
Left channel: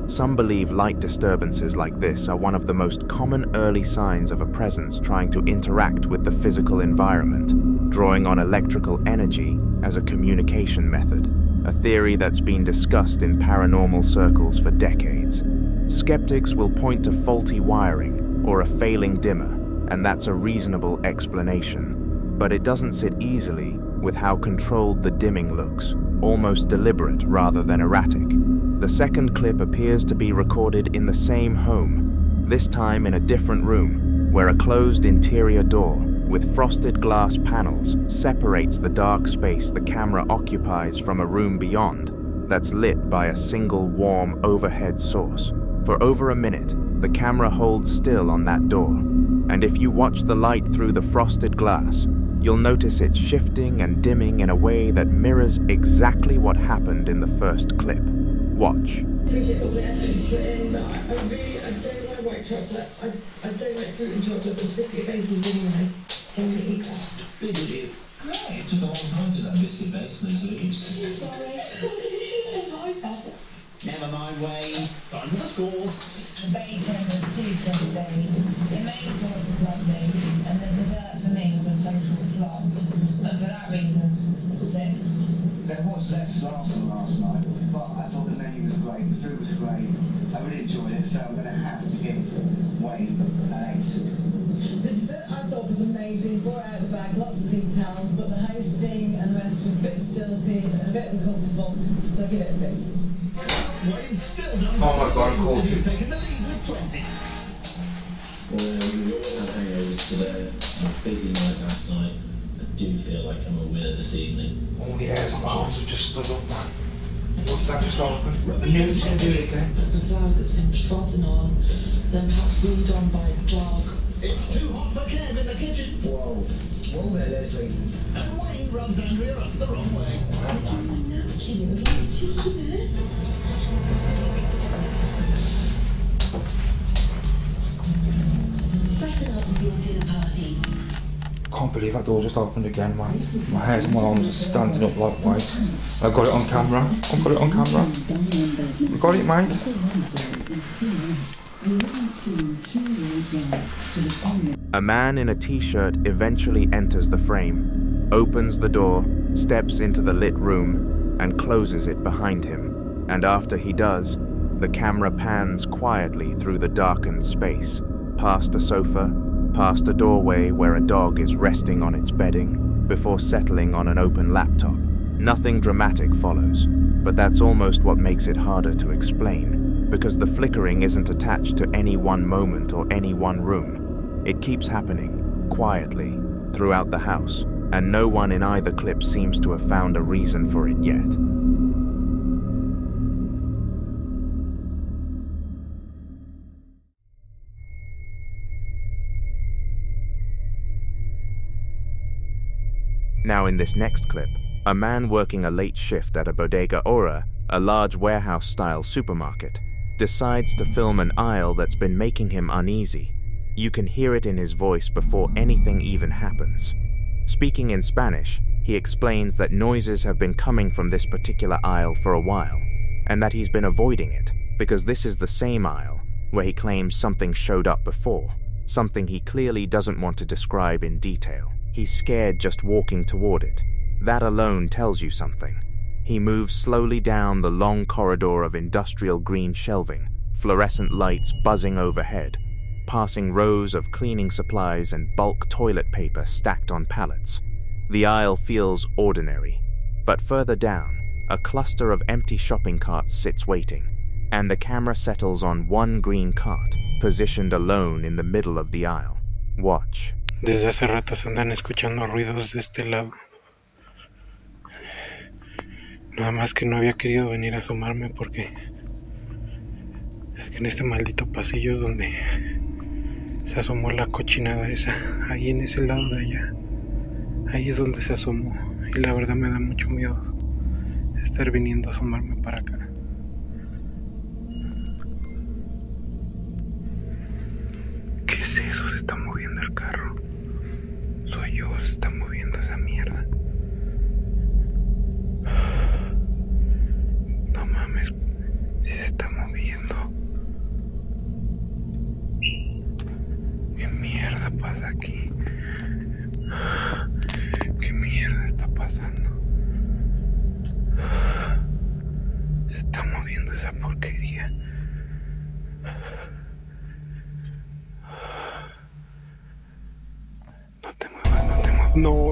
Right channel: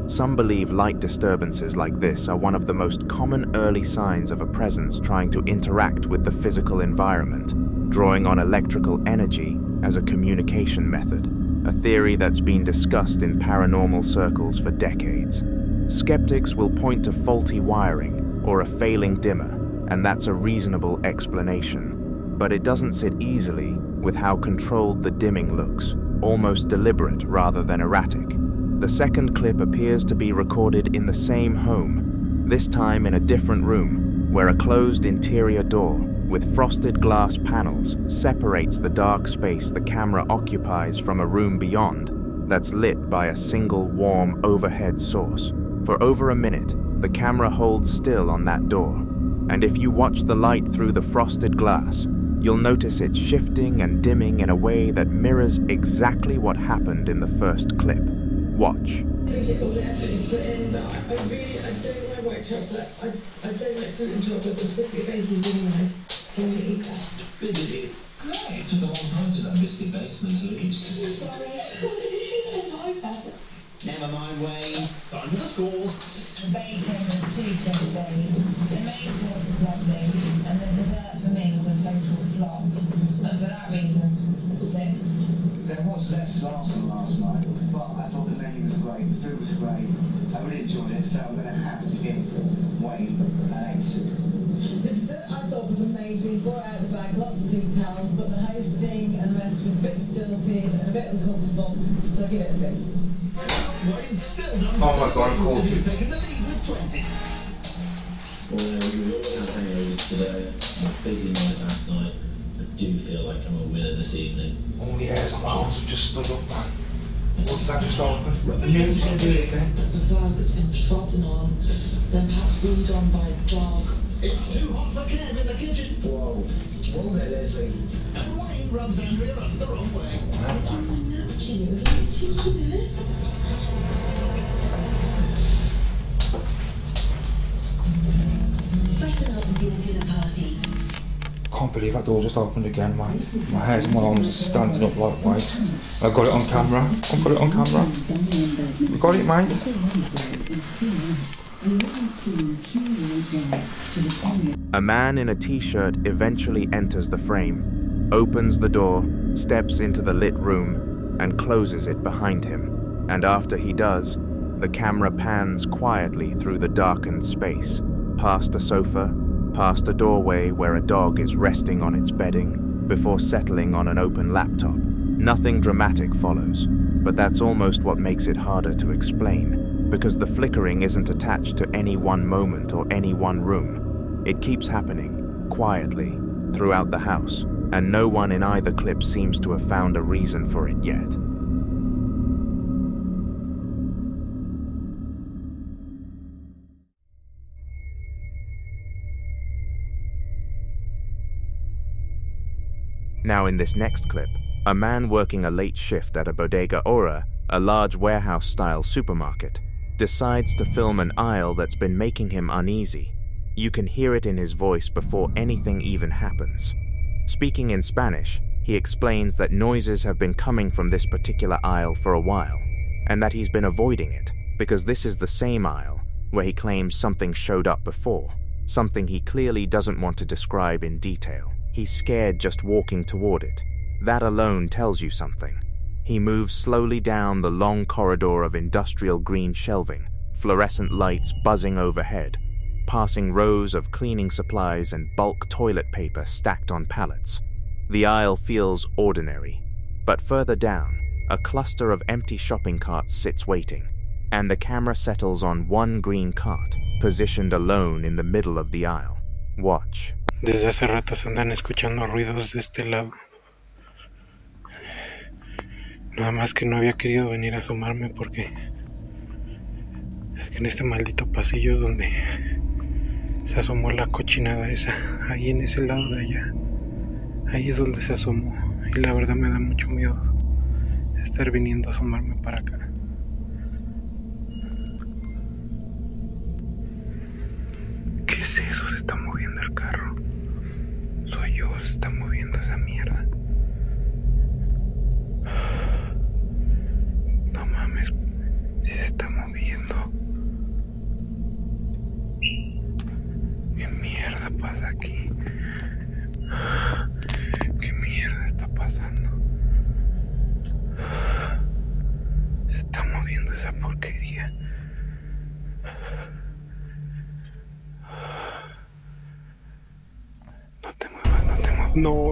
Some believe light disturbances like this are one of the most common early signs of a presence trying to interact with the physical environment, drawing on electrical energy as a communication method, a theory that's been discussed in paranormal circles for decades. Skeptics will point to faulty wiring or a failing dimmer, and that's a reasonable explanation. But it doesn't sit easily with how controlled the dimming looks, almost deliberate rather than erratic. The second clip appears to be recorded in the same home, this time in a different room, where a closed interior door with frosted glass panels separates the dark space the camera occupies from a room beyond that's lit by a single warm overhead source. For over a minute, the camera holds still on that door, and if you watch the light through the frosted glass, you'll notice it shifting and dimming in a way that mirrors exactly what happened in the first clip. Watch. Appreciate all the effort you put in, but I don't like white chocolate. I don't like fruit and chocolate, but biscuit base is really nice. Can you eat that? Busy. Great. It took a long time to that biscuit base, and so used to. Never mind, Wayne. Time for the scores. The bacon was too Wayne. The main course was lovely, and the dessert for me was a total flop. And for that reason, 6. There was less laughter last night, but I thought the menu was great, the food was great. I really enjoyed it, so I'm going to have to give Wayne an 8. The dessert I thought was amazing, brought out the bag, lots of detail, but the hosting and the rest was a bit stilted and a bit uncomfortable, so I give it a 6. Oh my god, I'm cool. You've taken the lead with 20. Well, we all had hangovers today. A busy night last night. I do feel like I'm a winner this evening. All the airs and arms have just stood up, man. What did that just open? I knew he was going to do it again. The flag that's been trodden on, then perhaps weed on by a dog. It's too hot for Kev in the kitchen. Whoa. Whoa there, Leslie. And Wayne runs Andrea up the wrong way. I got my napkin, it was like a cheeky bit. Freshen up with your dinner party. Can't believe that door just opened again, man. My hairs and my arms are standing up like white. I got it on camera. I got it on camera. You got it, mate? A man in a t-shirt eventually enters the frame, opens the door, steps into the lit room, and closes it behind him. And after he does, the camera pans quietly through the darkened space, past a sofa, past a doorway where a dog is resting on its bedding, before settling on an open laptop. Nothing dramatic follows, but that's almost what makes it harder to explain, because the flickering isn't attached to any one moment or any one room. It keeps happening, quietly, throughout the house, and no one in either clip seems to have found a reason for it yet. Now in this next clip, a man working a late shift at a bodega ora, a large warehouse-style supermarket, decides to film an aisle that's been making him uneasy. You can hear it in his voice before anything even happens. Speaking in Spanish, he explains that noises have been coming from this particular aisle for a while, and that he's been avoiding it because this is the same aisle where he claims something showed up before, something he clearly doesn't want to describe in detail. He's scared just walking toward it. That alone tells you something. He moves slowly down the long corridor of industrial green shelving, fluorescent lights buzzing overhead, passing rows of cleaning supplies and bulk toilet paper stacked on pallets. The aisle feels ordinary, but further down, a cluster of empty shopping carts sits waiting, and the camera settles on one green cart, positioned alone in the middle of the aisle. Watch. Desde hace rato se andan escuchando ruidos de este lado. Nada más que no había querido venir a asomarme porque es que en este maldito pasillo es donde se asomó la cochinada esa. Ahí en ese lado de allá. Ahí es donde se asomó. Y la verdad me da mucho miedo estar viniendo a asomarme para acá. ¿Qué es eso? Se está moviendo el carro. Soy yo, se está moviendo esa mierda. No mames, si se está moviendo. ¿Qué mierda pasa aquí? ¿Qué mierda está pasando? Se está moviendo esa porquería. No.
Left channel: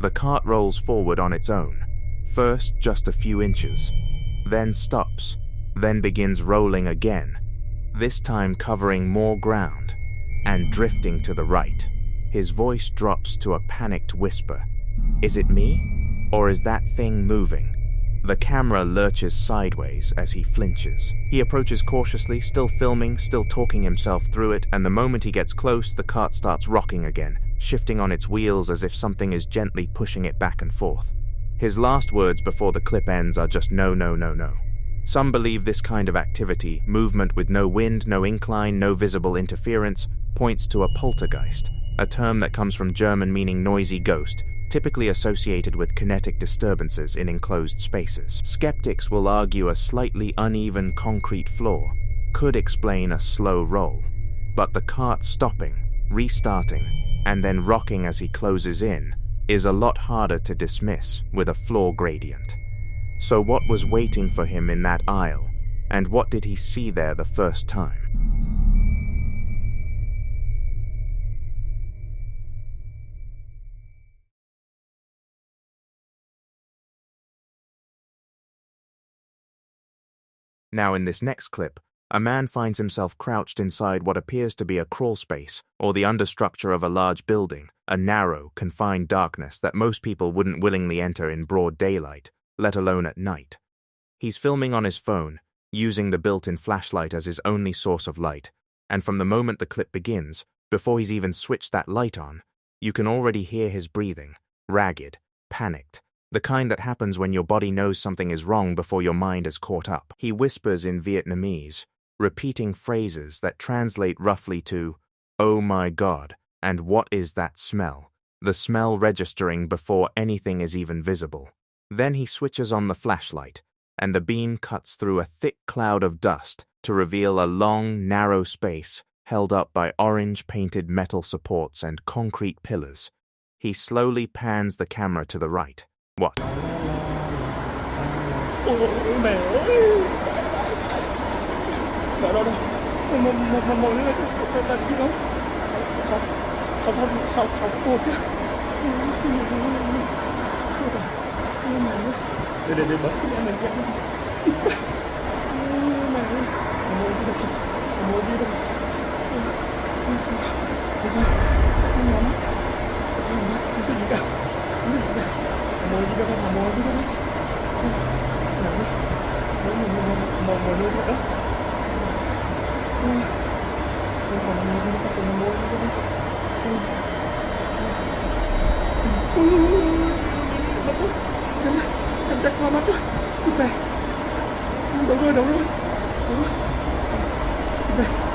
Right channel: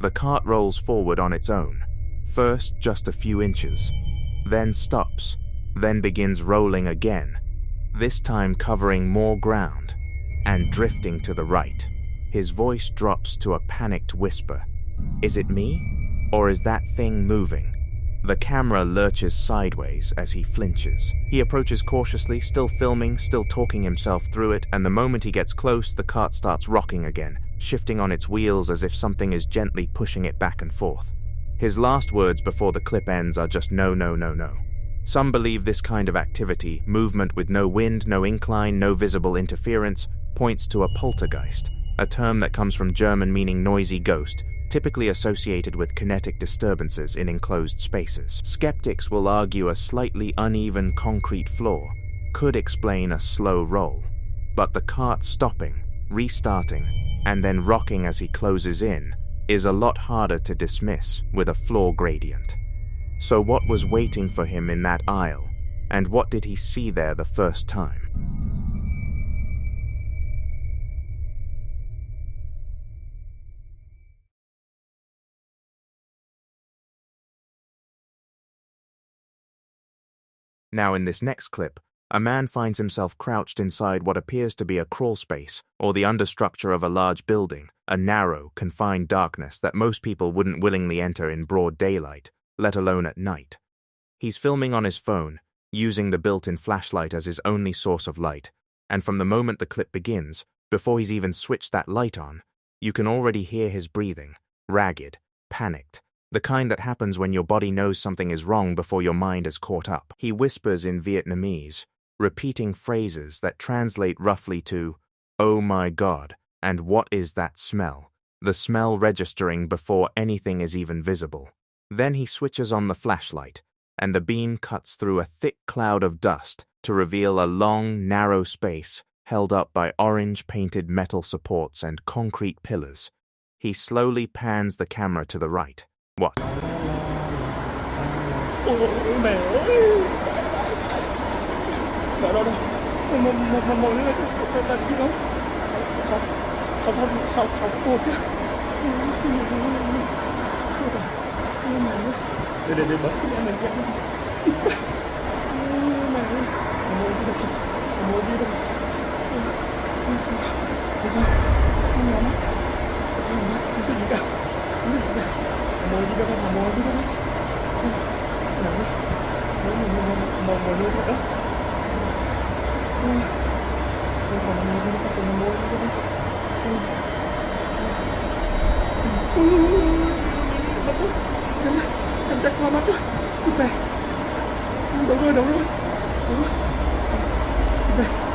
The cart rolls forward on its own, first just a few inches, then stops, then begins rolling again, this time covering more ground, and drifting to the right. His voice drops to a panicked whisper. Is it me? Or is that thing moving? The camera lurches sideways as he flinches. He approaches cautiously, still filming, still talking himself through it, and the moment he gets close, the cart starts rocking again, shifting on its wheels as if something is gently pushing it back and forth. His last words before the clip ends are just no. Some believe this kind of activity, movement with no wind, no incline, no visible interference, points to a poltergeist, a term that comes from German meaning noisy ghost, typically associated with kinetic disturbances in enclosed spaces. Skeptics will argue a slightly uneven concrete floor could explain a slow roll, but the cart stopping, restarting, and then rocking as he closes in is a lot harder to dismiss with a floor gradient. So what was waiting for him in that aisle, and what did he see there the first time? Now in this next clip, a man finds himself crouched inside what appears to be a crawl space or the understructure of a large building, a narrow, confined darkness that most people wouldn't willingly enter in broad daylight, let alone at night. He's filming on his phone, using the built-in flashlight as his only source of light, and from the moment the clip begins, before he's even switched that light on, you can already hear his breathing, ragged, panicked, the kind that happens when your body knows something is wrong before your mind has caught up. He whispers in Vietnamese, repeating phrases that translate roughly to, "Oh my God, and what is that smell?" The smell registering before anything is even visible. Then he switches on the flashlight, and the beam cuts through a thick cloud of dust to reveal a long, narrow space held up by orange-painted metal supports and concrete pillars. He slowly pans the camera to the right. What? Chậm chạp qua mắt đó. Này. Đúng rồi. Đúng rồi. Này.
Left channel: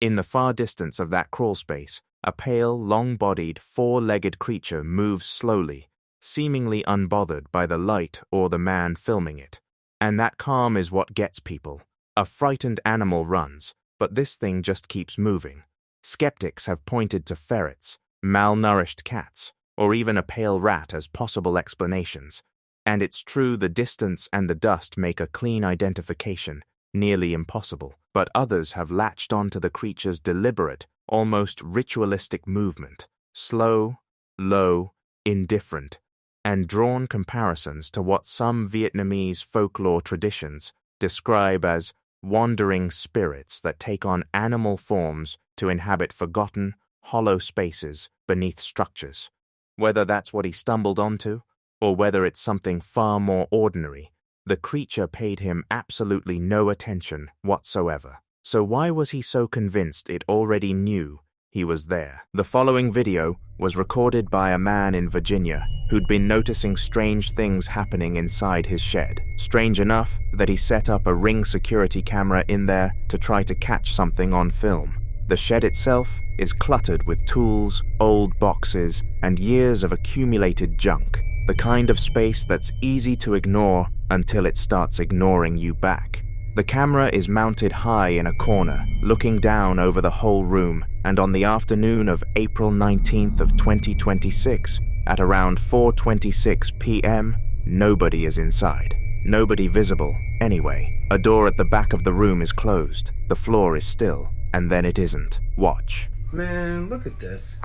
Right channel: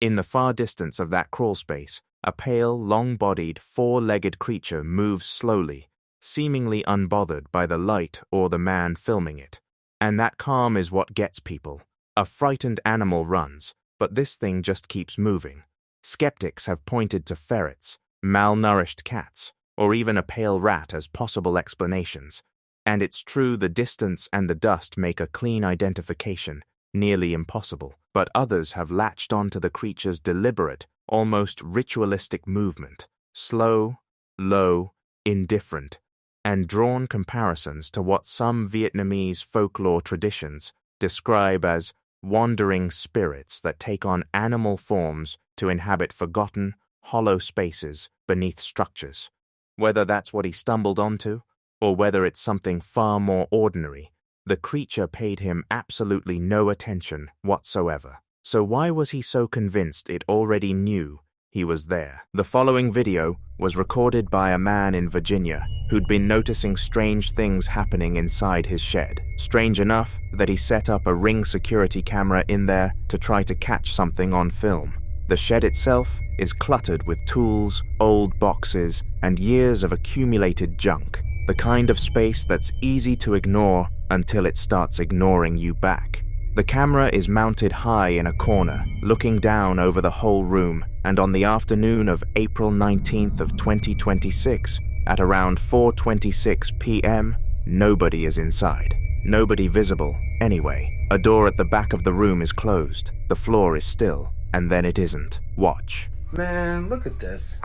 In the far distance of that crawl space, a pale, long-bodied, four-legged creature moves slowly, seemingly unbothered by the light or the man filming it. And that calm is what gets people. A frightened animal runs, but this thing just keeps moving. Skeptics have pointed to ferrets, malnourished cats, or even a pale rat as possible explanations. And it's true the distance and the dust make a clean identification nearly impossible, but others have latched onto the creature's deliberate, almost ritualistic movement, slow, low, indifferent, and drawn comparisons to what some Vietnamese folklore traditions describe as wandering spirits that take on animal forms to inhabit forgotten, hollow spaces beneath structures. Whether that's what he stumbled onto, or whether it's something far more ordinary, the creature paid him absolutely no attention whatsoever. So why was he so convinced it already knew he was there? The following video was recorded by a man in Virginia who'd been noticing strange things happening inside his shed. Strange enough that he set up a Ring security camera in there to try to catch something on film. The shed itself is cluttered with tools, old boxes, and years of accumulated junk. The kind of space that's easy to ignore until it starts ignoring you back. The camera is mounted high in a corner, looking down over the whole room, and on the afternoon of April 19th of 2026, at around 4:26 p.m., nobody is inside. Nobody visible, anyway. A door at the back of the room is closed, the floor is still, and then it isn't. Watch. Man, look at this.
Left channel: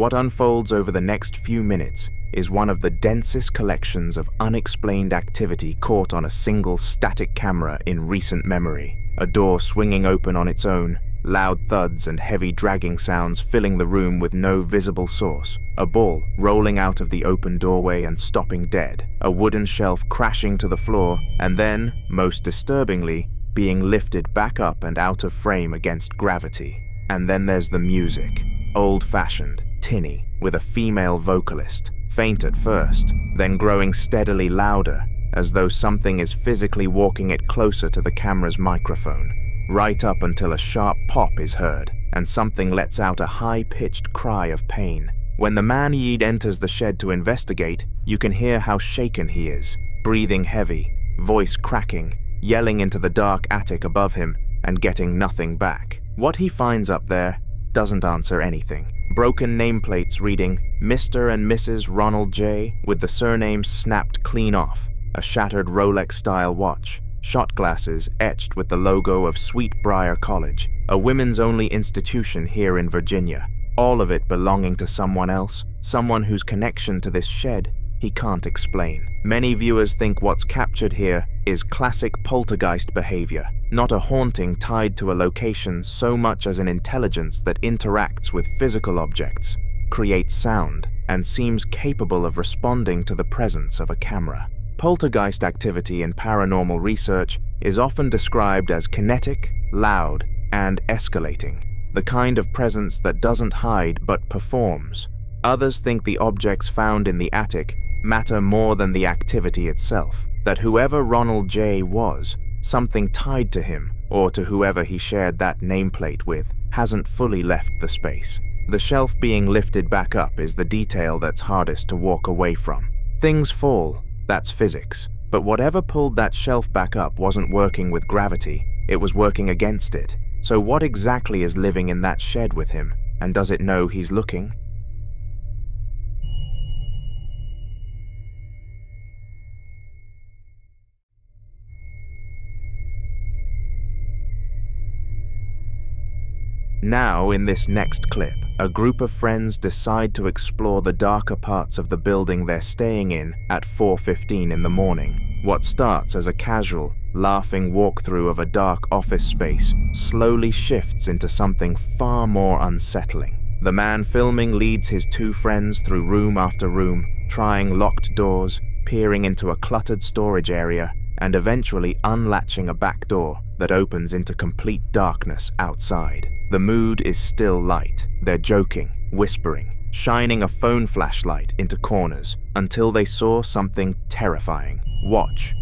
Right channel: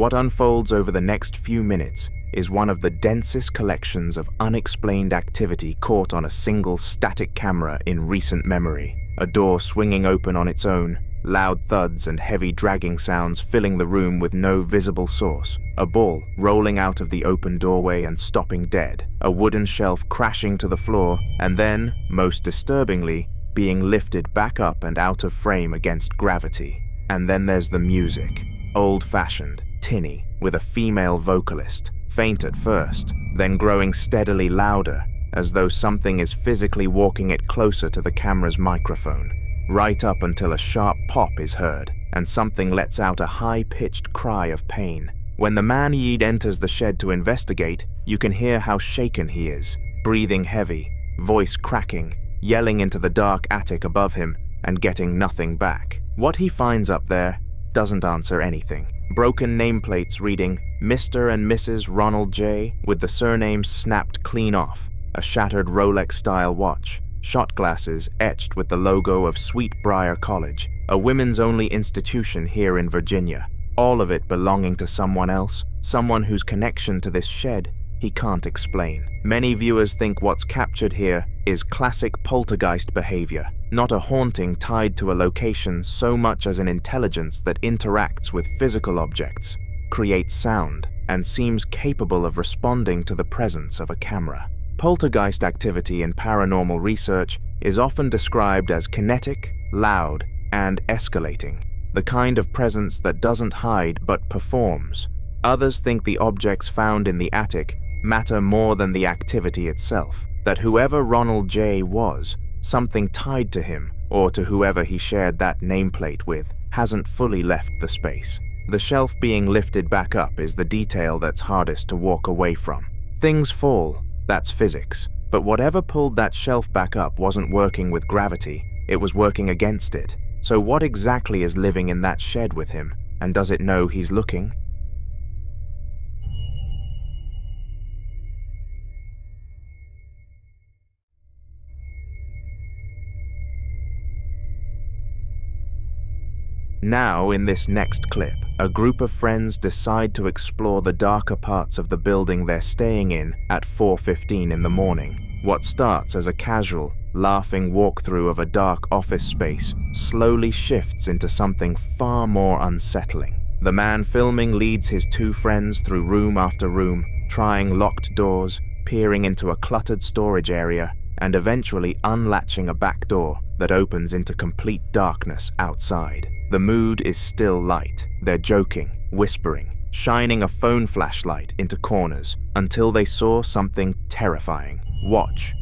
What unfolds over the next few minutes is one of the densest collections of unexplained activity caught on a single static camera in recent memory. A door swinging open on its own, loud thuds and heavy dragging sounds filling the room with no visible source, a ball rolling out of the open doorway and stopping dead, a wooden shelf crashing to the floor, and then, most disturbingly, being lifted back up and out of frame against gravity. And then there's the music, old-fashioned, tinny, with a female vocalist, faint at first, then growing steadily louder, as though something is physically walking it closer to the camera's microphone, right up until a sharp pop is heard, and something lets out a high-pitched cry of pain. When the man Yeed enters the shed to investigate, you can hear how shaken he is, breathing heavy, voice cracking, yelling into the dark attic above him, and getting nothing back. What he finds up there doesn't answer anything. Broken nameplates reading Mr. and Mrs. Ronald J. with the surnames snapped clean off, a shattered Rolex-style watch, shot glasses etched with the logo of Sweetbriar College, a women's-only institution here in Virginia, all of it belonging to someone else, someone whose connection to this shed he can't explain. Many viewers think what's captured here is classic poltergeist behavior, not a haunting tied to a location so much as an intelligence that interacts with physical objects, creates sound, and seems capable of responding to the presence of a camera. Poltergeist activity in paranormal research is often described as kinetic, loud, and escalating, the kind of presence that doesn't hide but performs. Others think the objects found in the attic matter more than the activity itself, that whoever Ronald J. was, something tied to him, or to whoever he shared that nameplate with, hasn't fully left the space. The shelf being lifted back up is the detail that's hardest to walk away from. Things fall, that's physics, but whatever pulled that shelf back up wasn't working with gravity, it was working against it. So what exactly is living in that shed with him, and does it know he's looking? Now, in this next clip, a group of friends decide to explore the darker parts of the building they're staying in at 4:15 in the morning. What starts as a casual, laughing walkthrough of a dark office space slowly shifts into something far more unsettling. The man filming leads his two friends through room after room, trying locked doors, peering into a cluttered storage area, and eventually unlatching a back door that opens into complete darkness outside. The mood is still light. They're joking, whispering, shining a phone flashlight into corners until they saw something terrifying. Watch.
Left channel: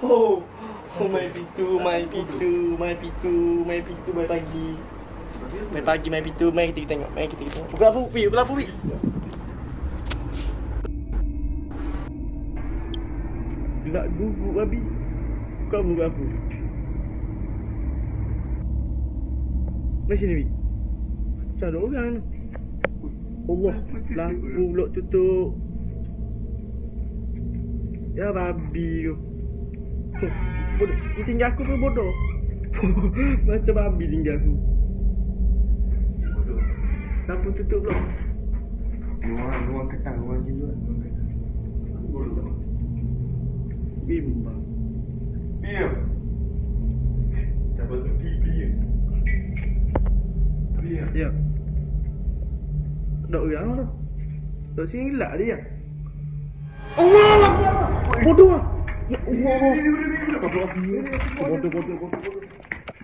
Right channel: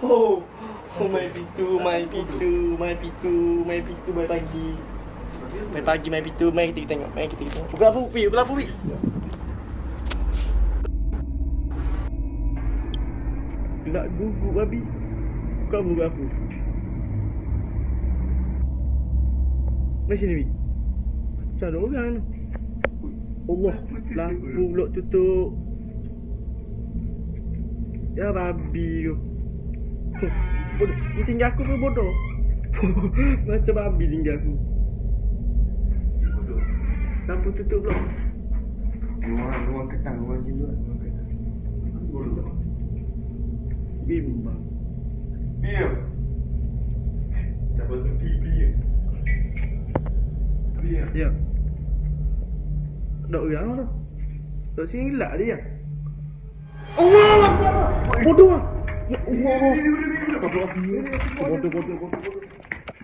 Oh, my pitu, my pitu, my pitu, my pitu, my pagi. My pagi, my pitu, mari kita tengok, mari kita tengok. Pukul apa, Pi? Pukul apa, Pi? Nak guguk, babi. Kau pukul apa? Macam ni, Pi. Macam ada orang tu. Allah, lampu pula tutup. Ya, babi tu. Bodoh. Ni tinggal aku pun bodoh. Macam babi tinggal aku. Lampu tutup pula. Ruang ketang, ruang jiluan. Bodoh. Bimbang. Diam. Tak pasal pipi je. Diam. Ya. Dok orang tu. Dok sini gelak dia. Allah Akbar. Bodoh. Ya Allah. Bodoh.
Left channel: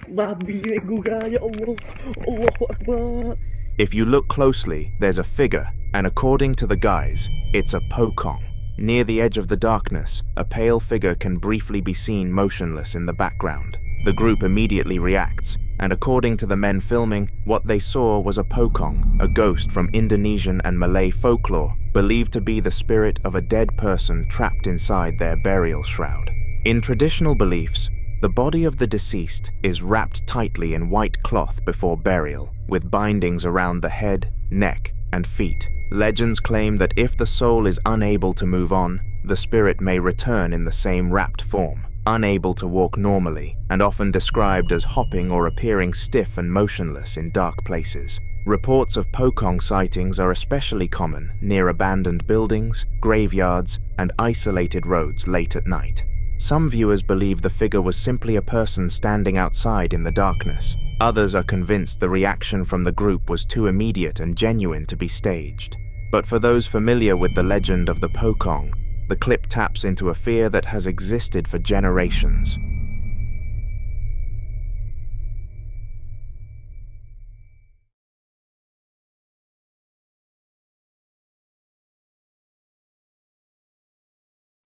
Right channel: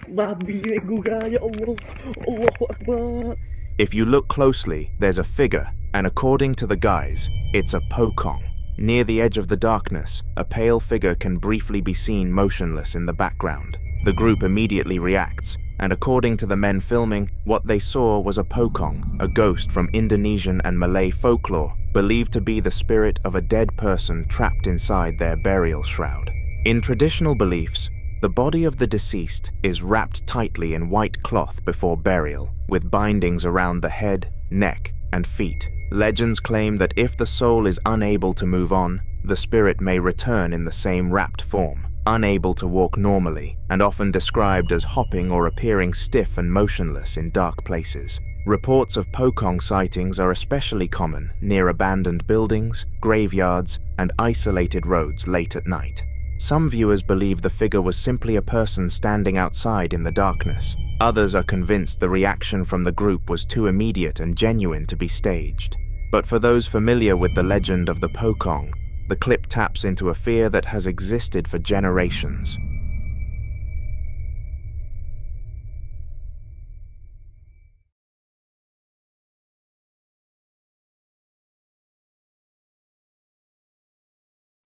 Babi gua ya Allah. Allahu Akbar. If you look closely, there's a figure, and according to the guys, it's a pocong. Near the edge of the darkness, a pale figure can briefly be seen motionless in the background. The group immediately reacts, and according to the men filming, what they saw was a pocong, a ghost from Indonesian and Malay folklore, believed to be the spirit of a dead person trapped inside their burial shroud. In traditional beliefs, the body of the deceased is wrapped tightly in white cloth before burial, with bindings around the head, neck, and feet. Legends claim that if the soul is unable to move on, the spirit may return in the same wrapped form, unable to walk normally, and often described as hopping or appearing stiff and motionless in dark places. Reports of pocong sightings are especially common near abandoned buildings, graveyards, and isolated roads late at night. Some viewers believe the figure was simply a person standing outside in the darkness. Others are convinced the reaction from the group was too immediate and genuine to be staged. But for those familiar with the legend of the pocong, the clip taps into a fear that has existed for generations.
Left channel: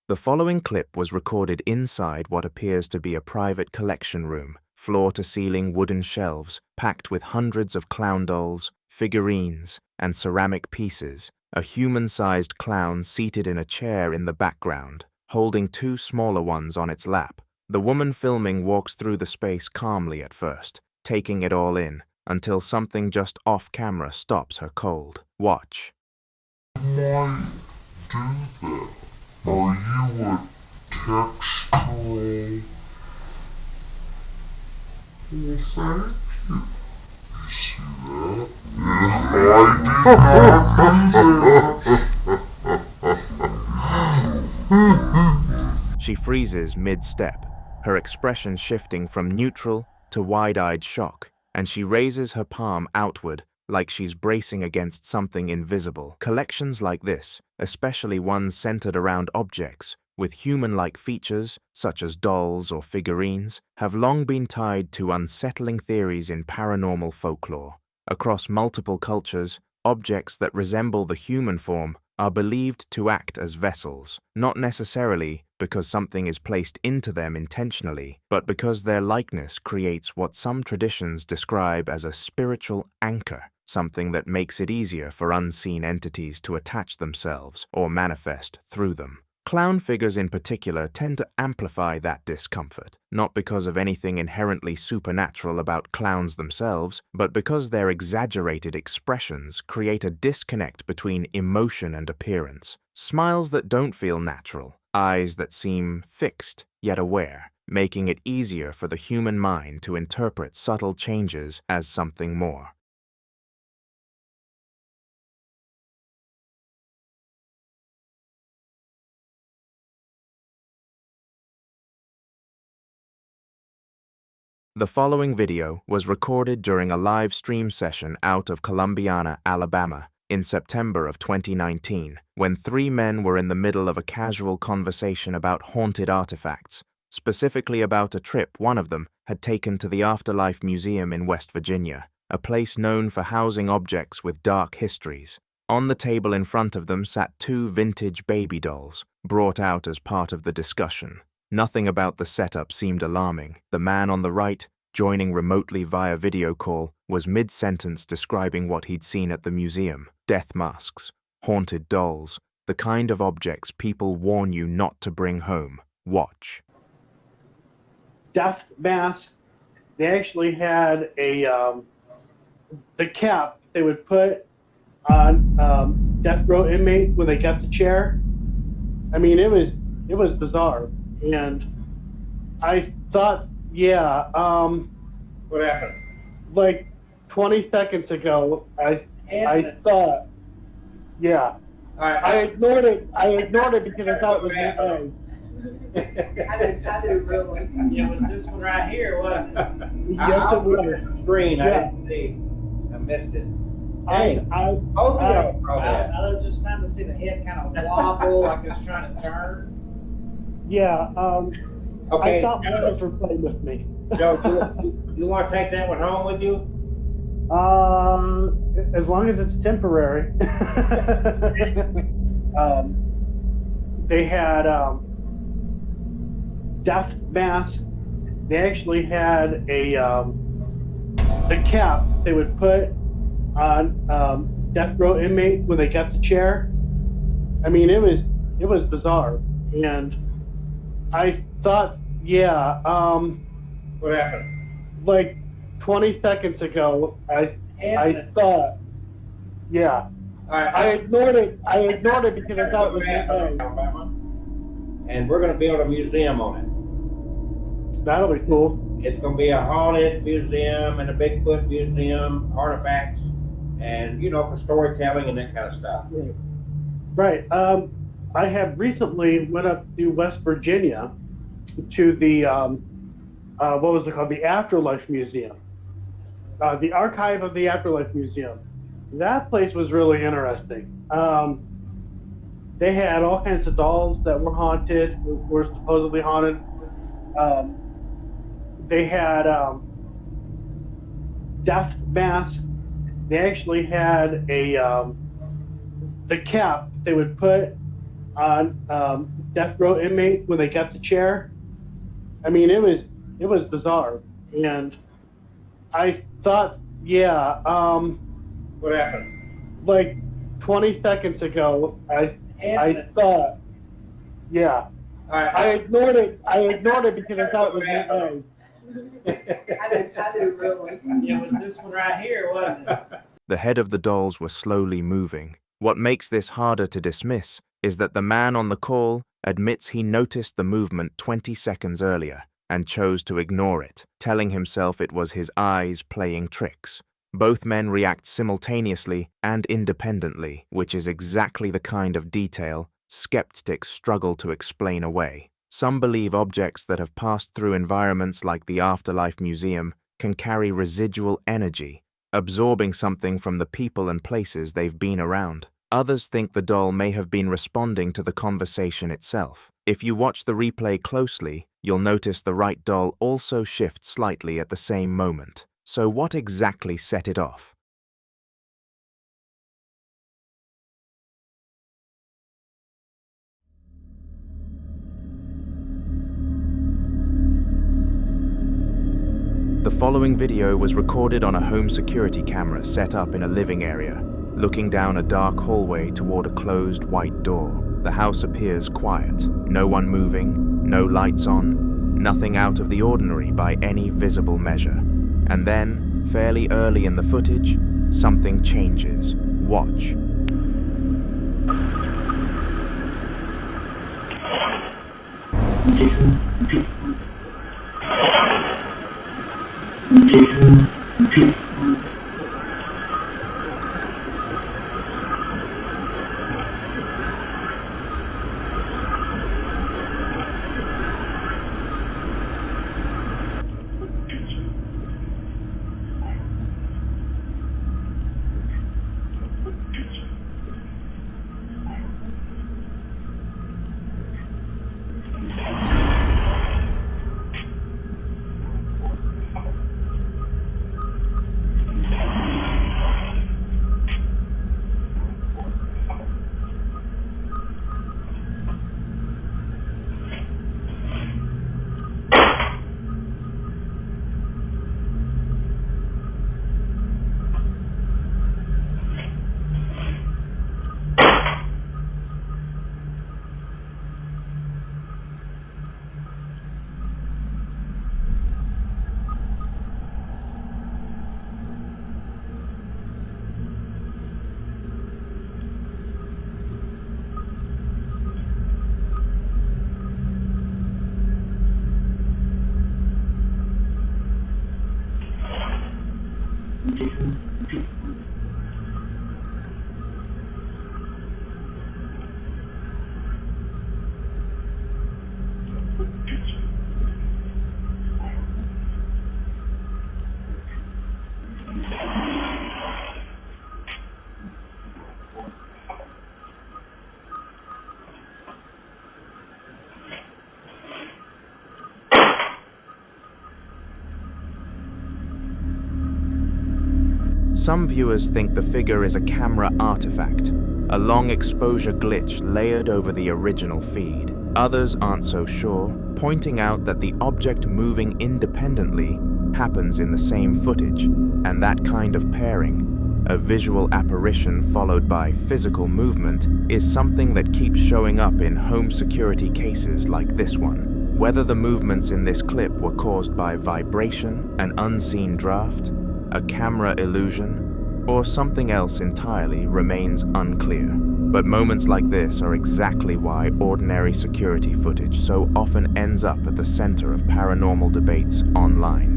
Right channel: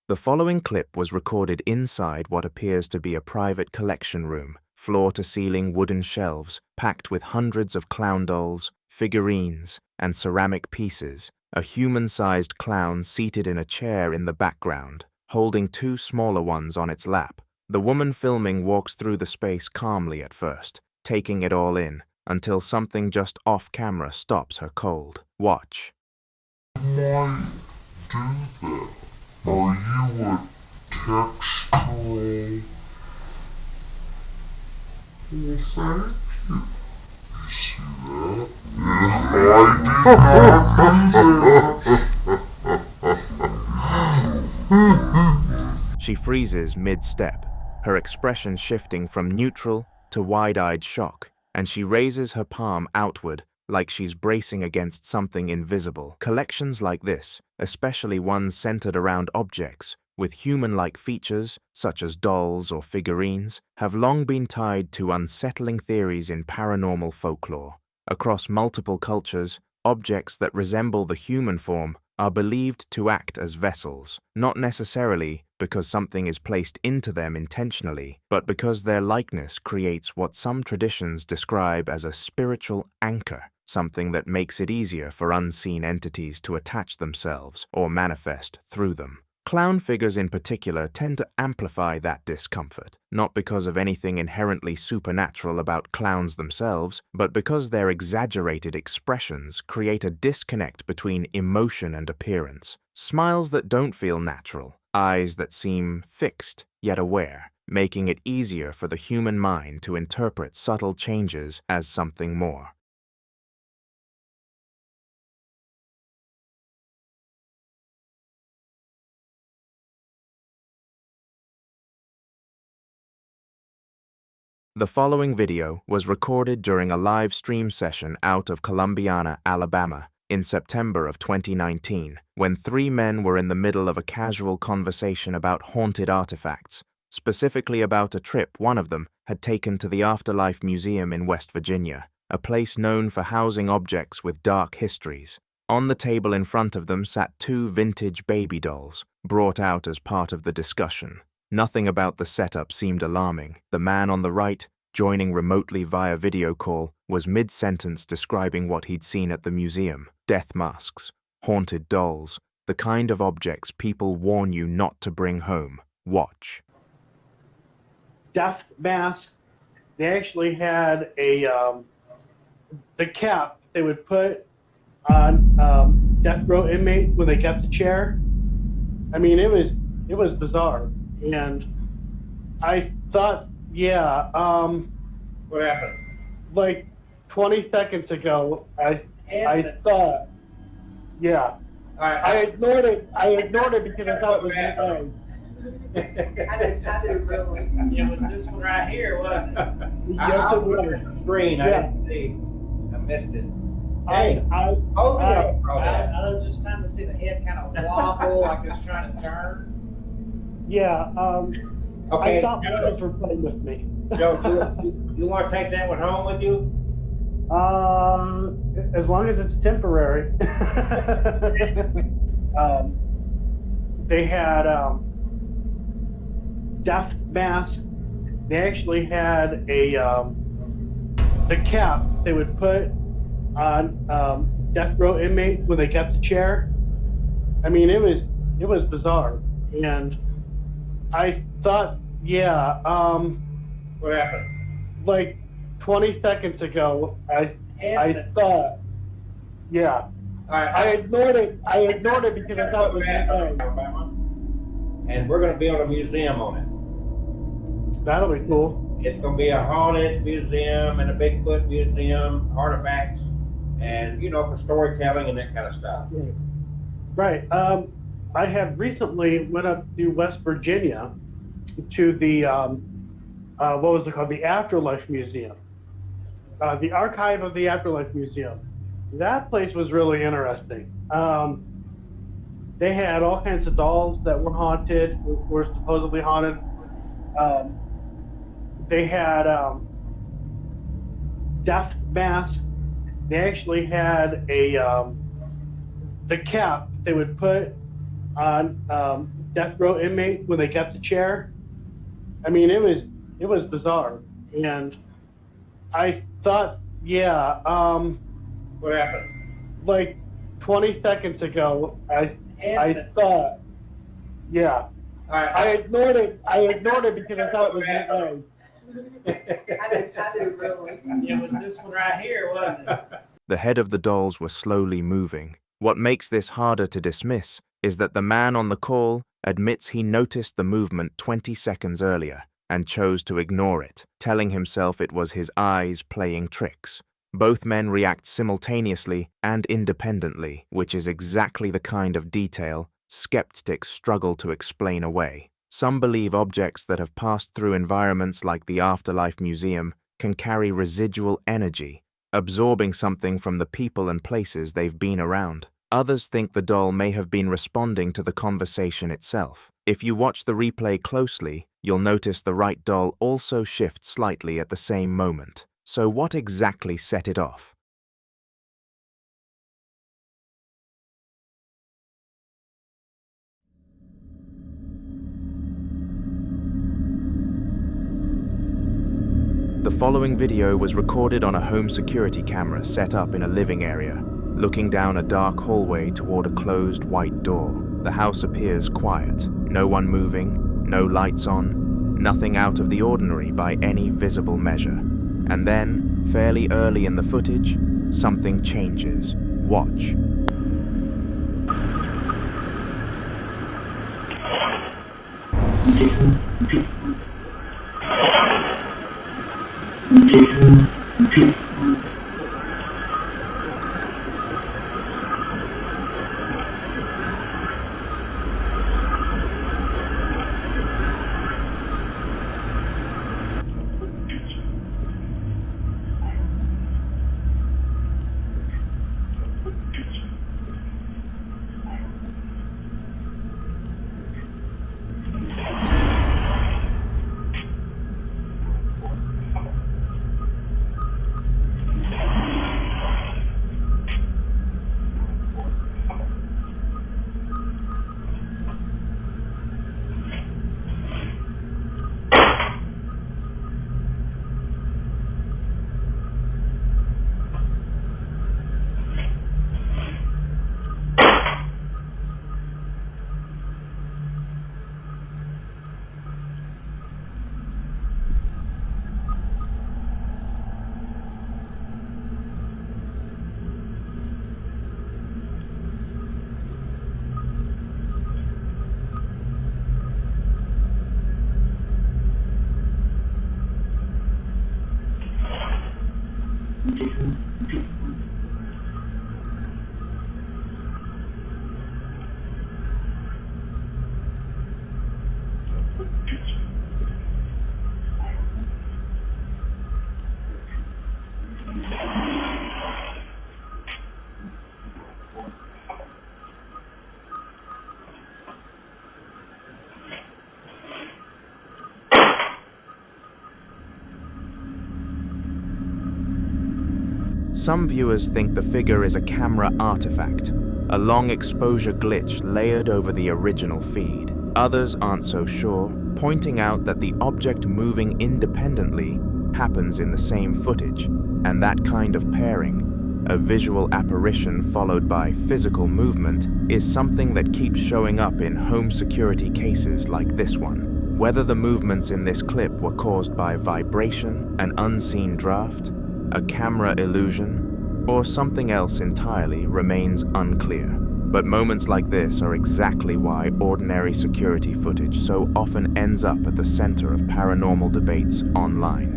The following clip was recorded inside what appears to be a private collection room, floor-to-ceiling wooden shelves packed with hundreds of clown dolls, figurines, and ceramic pieces. A human-sized clown seated in a chair in the background, holding two smaller ones on its lap. The woman filming walks through the space calmly at first, taking it all in, until something just off-camera stops her cold. Watch. Might do that. Are you a textural? Well, thank you. You see that? Yeah, She freezes mid-step, her expression shifting from neutral to wide-eyed shock, and she raises her palm outward like she's bracing against something invisible. Collections like this, especially ones centered around objects with human-like features, such as dolls or figurines, have long been tied to unsettling theories in paranormal folklore. Across multiple cultures, objects that resemble the human form are believed to act as vessels, not necessarily because something is placed into them intentionally, but because their likeness creates what some traditions describe as a spiritual anchor, something that makes it easier for unseen entities to attach themselves or manifest through them. Clown figures in particular tend to amplify that discomfort, not because of anything inherently supernatural about clowns themselves, but because their exaggerated expressions create a disconnect between emotion and appearance. Smiles that don't feel natural, eyes that seem fixed yet aware, making it easier for the human mind to interpret subtle changes as something more. The following video was recorded during a live stream session out of Columbiana, Alabama, in September of 2019, when three men were in the middle of a casual conversation about haunted artifacts, specifically about a trip one of them had taken to the Afterlife Museum in West Virginia, a place known for housing objects with dark histories. On the table in front of them sat two vintage baby dolls, brought out as part of the discussion. Nothing about the setup seemed alarming. The man on the right, joining remotely via video call, was mid-sentence describing what he'd seen at the museum. Death masks, haunted dolls, the kind of objects people warn you not to bring home. Watch. Death mask. They actually had the cap they would put on death row inmate when they got the chair. I mean, it was bizarre. And I thought, yeah, what happened? Like 20 seconds ago, I thought, yeah. I ignored it because I thought it was my eyes. I didn't really. It was this one right here, wasn't it? Yes, it was. Screen, I Yeah. didn't see. I missed it. I was just trying to see the head kind of wobble like it was trying to turn. Yeah, Okay, I thought my Joe. eyes were playing with me. Joe, you want to take that one home with you? As long as it's temporary. They had death mask. They actually had the cap they would put on death row inmate when they got the chair. I mean, it was bizarre, and I thought, yeah. What happened? Like 20 seconds ago, I thought, yeah. I ignored it because I thought it was my eyes. Alabama. And we're going to build a museum on it. That'll be cool. It's going to be a haunted museum and a Bigfoot museum, artifacts. and you know, for storytelling and that kind of stuff. Right. I had recently went up to West Virginia to the what was it called? The Afterlife Museum. The Archive of the Afterlife Museum. That place was really interesting. They had all kinds of dolls that were haunted, were supposedly haunted. They had death masks. They actually had the cap they would put on death row inmates when they got the chair. I mean, it was bizarre, and I thought, yeah. What happened? Like 20 seconds ago, I thought, yeah. I ignored it. Because I thought it was my eyes. I do really. It was this one right here, wasn't it? The head of the dolls were slowly moving. What makes this harder to dismiss is that the man on the call admits he noticed the movement 20 seconds earlier and chose to ignore it, telling himself it was his eyes playing tricks. Both men react simultaneously and independently, which is exactly the kind of detail skeptics struggle to explain away. Some believe objects that have passed through environments like the Afterlife Museum can carry residual energy, absorbing something from the people and places they've been around. Others think the doll may have been responding to the conversation itself. If you watch the replay closely, you'll notice the right doll also shifts slightly at the same moment. So what exactly set it off? The following video was recorded on a home security camera set up in a living area, looking down a dark hallway toward a closed white door. The house appears quiet, no one moving, no lights on, nothing out of the ordinary by any visible measure. And then, fairly early in the footage, something changes. Watch. Some viewers think the figure is a camera artifact, a long exposure glitch layered over the original feed. Others aren't so sure, pointing out that the object moving independently happens in the same footage, and that kind of pairing, a visual apparition followed by physical movement, is something that keeps showing up in home security cases like this one. Whether the movements in this clip were caused by vibration, an unseen draft, a camera illusion, or something else entirely remains unclear. But moments like this are exactly why ordinary security footage so often ends up at the center of paranormal debates online.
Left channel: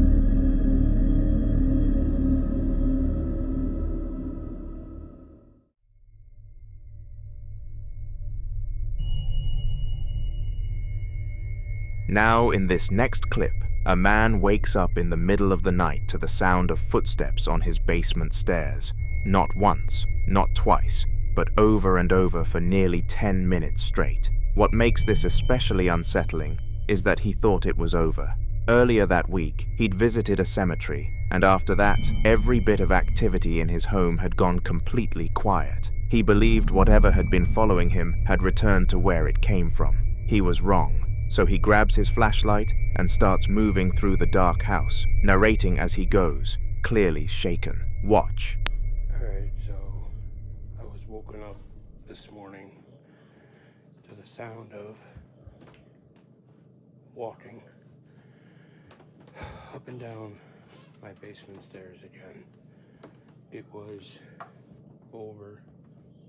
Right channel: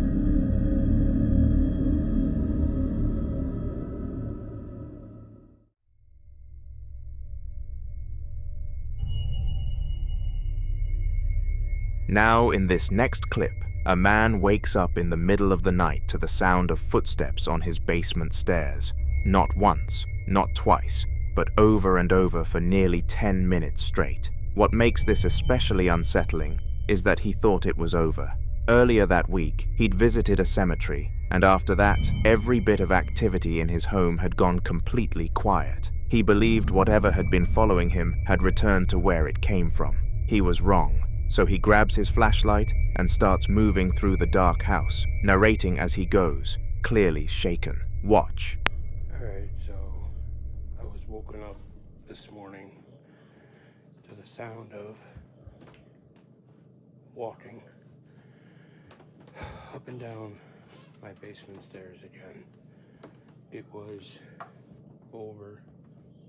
Now, in this next clip, a man wakes up in the middle of the night to the sound of footsteps on his basement stairs. Not once, not twice, but over and over for nearly 10 minutes straight. What makes this especially unsettling is that he thought it was over. Earlier that week, he'd visited a cemetery, and after that, every bit of activity in his home had gone completely quiet. He believed whatever had been following him had returned to where it came from. He was wrong, so he grabs his flashlight and starts moving through the dark house, narrating as he goes, clearly shaken. Watch. Alright, so I was woken up this morning to the sound of walking up and down my basement stairs again. It was over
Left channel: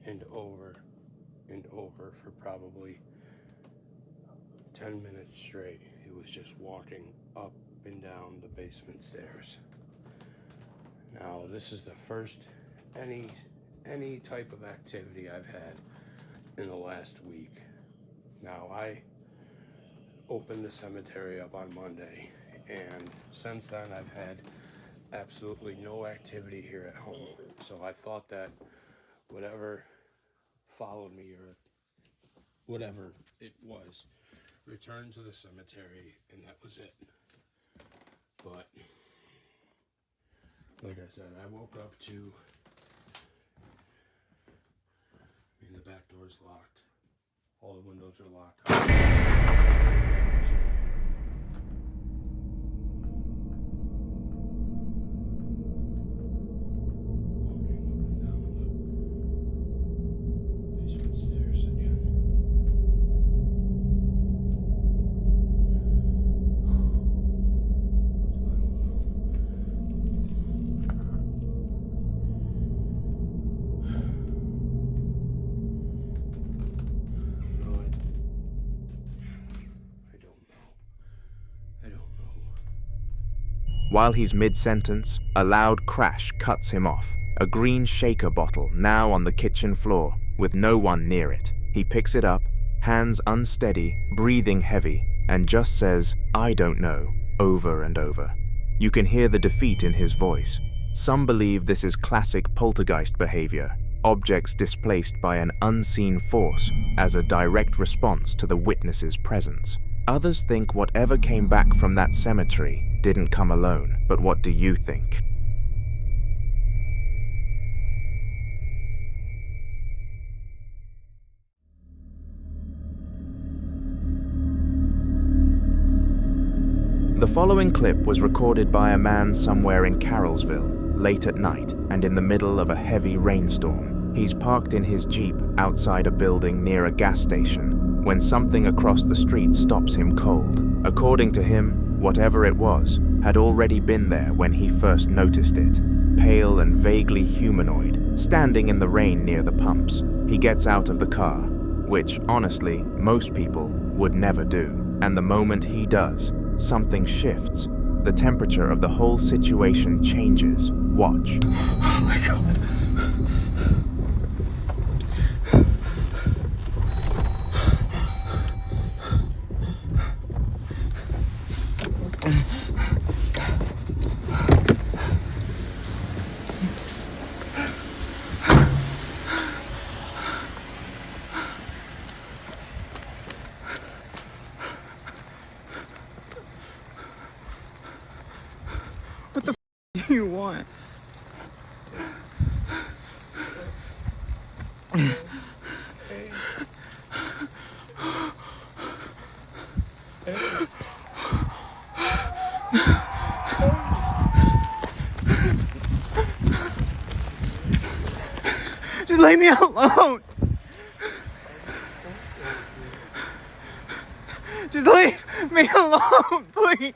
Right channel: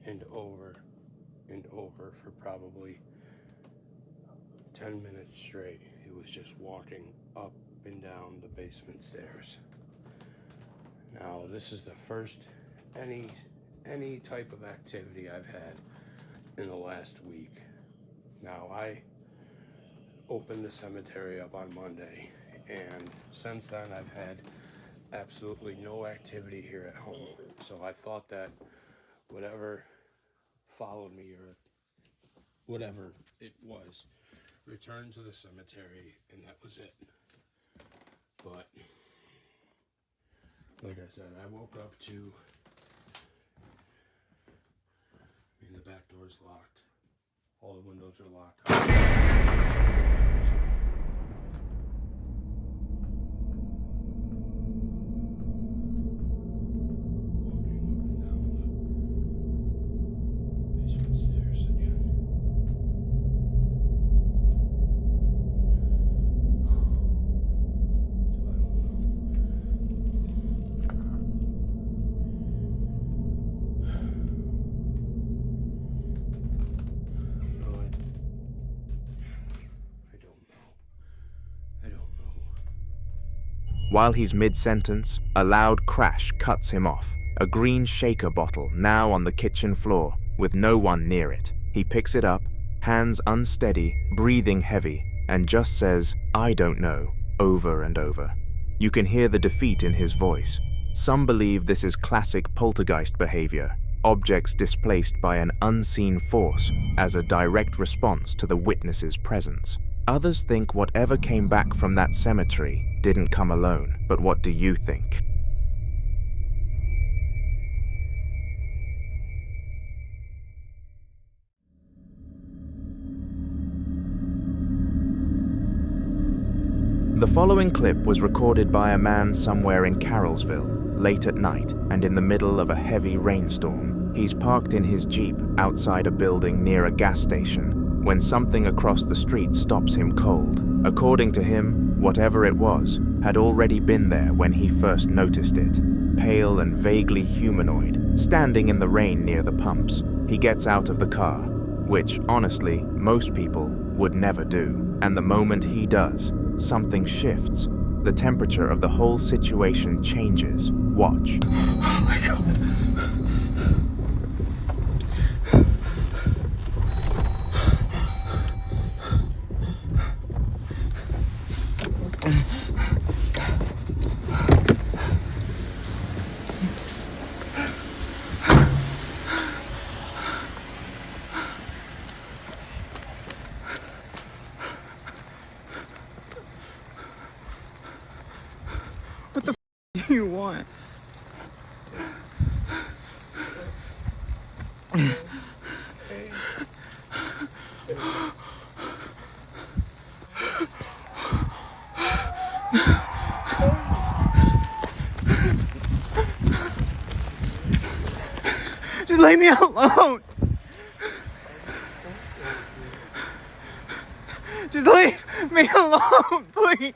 and over and over for probably 10 minutes straight. It was just walking up and down the basement stairs. Now, this is the first any type of activity I've had in the last week. Now, I opened the cemetery up on Monday, and since then I've had absolutely no activity here at home. So I thought that whatever followed me, or whatever it was, returned to the cemetery, and that was it. But like I said, I woke up to, the back door's locked, all the windows are locked. Stairs again. So I don't know. No, I don't know. I don't know. While he's mid-sentence, a loud crash cuts him off. A green shaker bottle now on the kitchen floor, with no one near it. He picks it up, hands unsteady, breathing heavy, and just says, "I don't know," over and over. You can hear the defeat in his voice. Some believe this is classic poltergeist behavior, objects displaced by an unseen force as a direct response to the witness's presence. Others think whatever came back from that cemetery didn't come alone. But what do you think? The following clip was recorded by a man somewhere in Carrollsville, late at night and in the middle of a heavy rainstorm. He's parked in his Jeep outside a building near a gas station when something across the street stops him cold. According to him, whatever it was had already been there when he first noticed it. Pale and vaguely humanoid, standing in the rain near the pumps. He gets out of the car, which, honestly, most people would never do. And the moment he does, something shifts. The temperature of the whole situation changes. Watch. Oh my God. What the f do you want? Just leave me alone. Just leave me alone, please.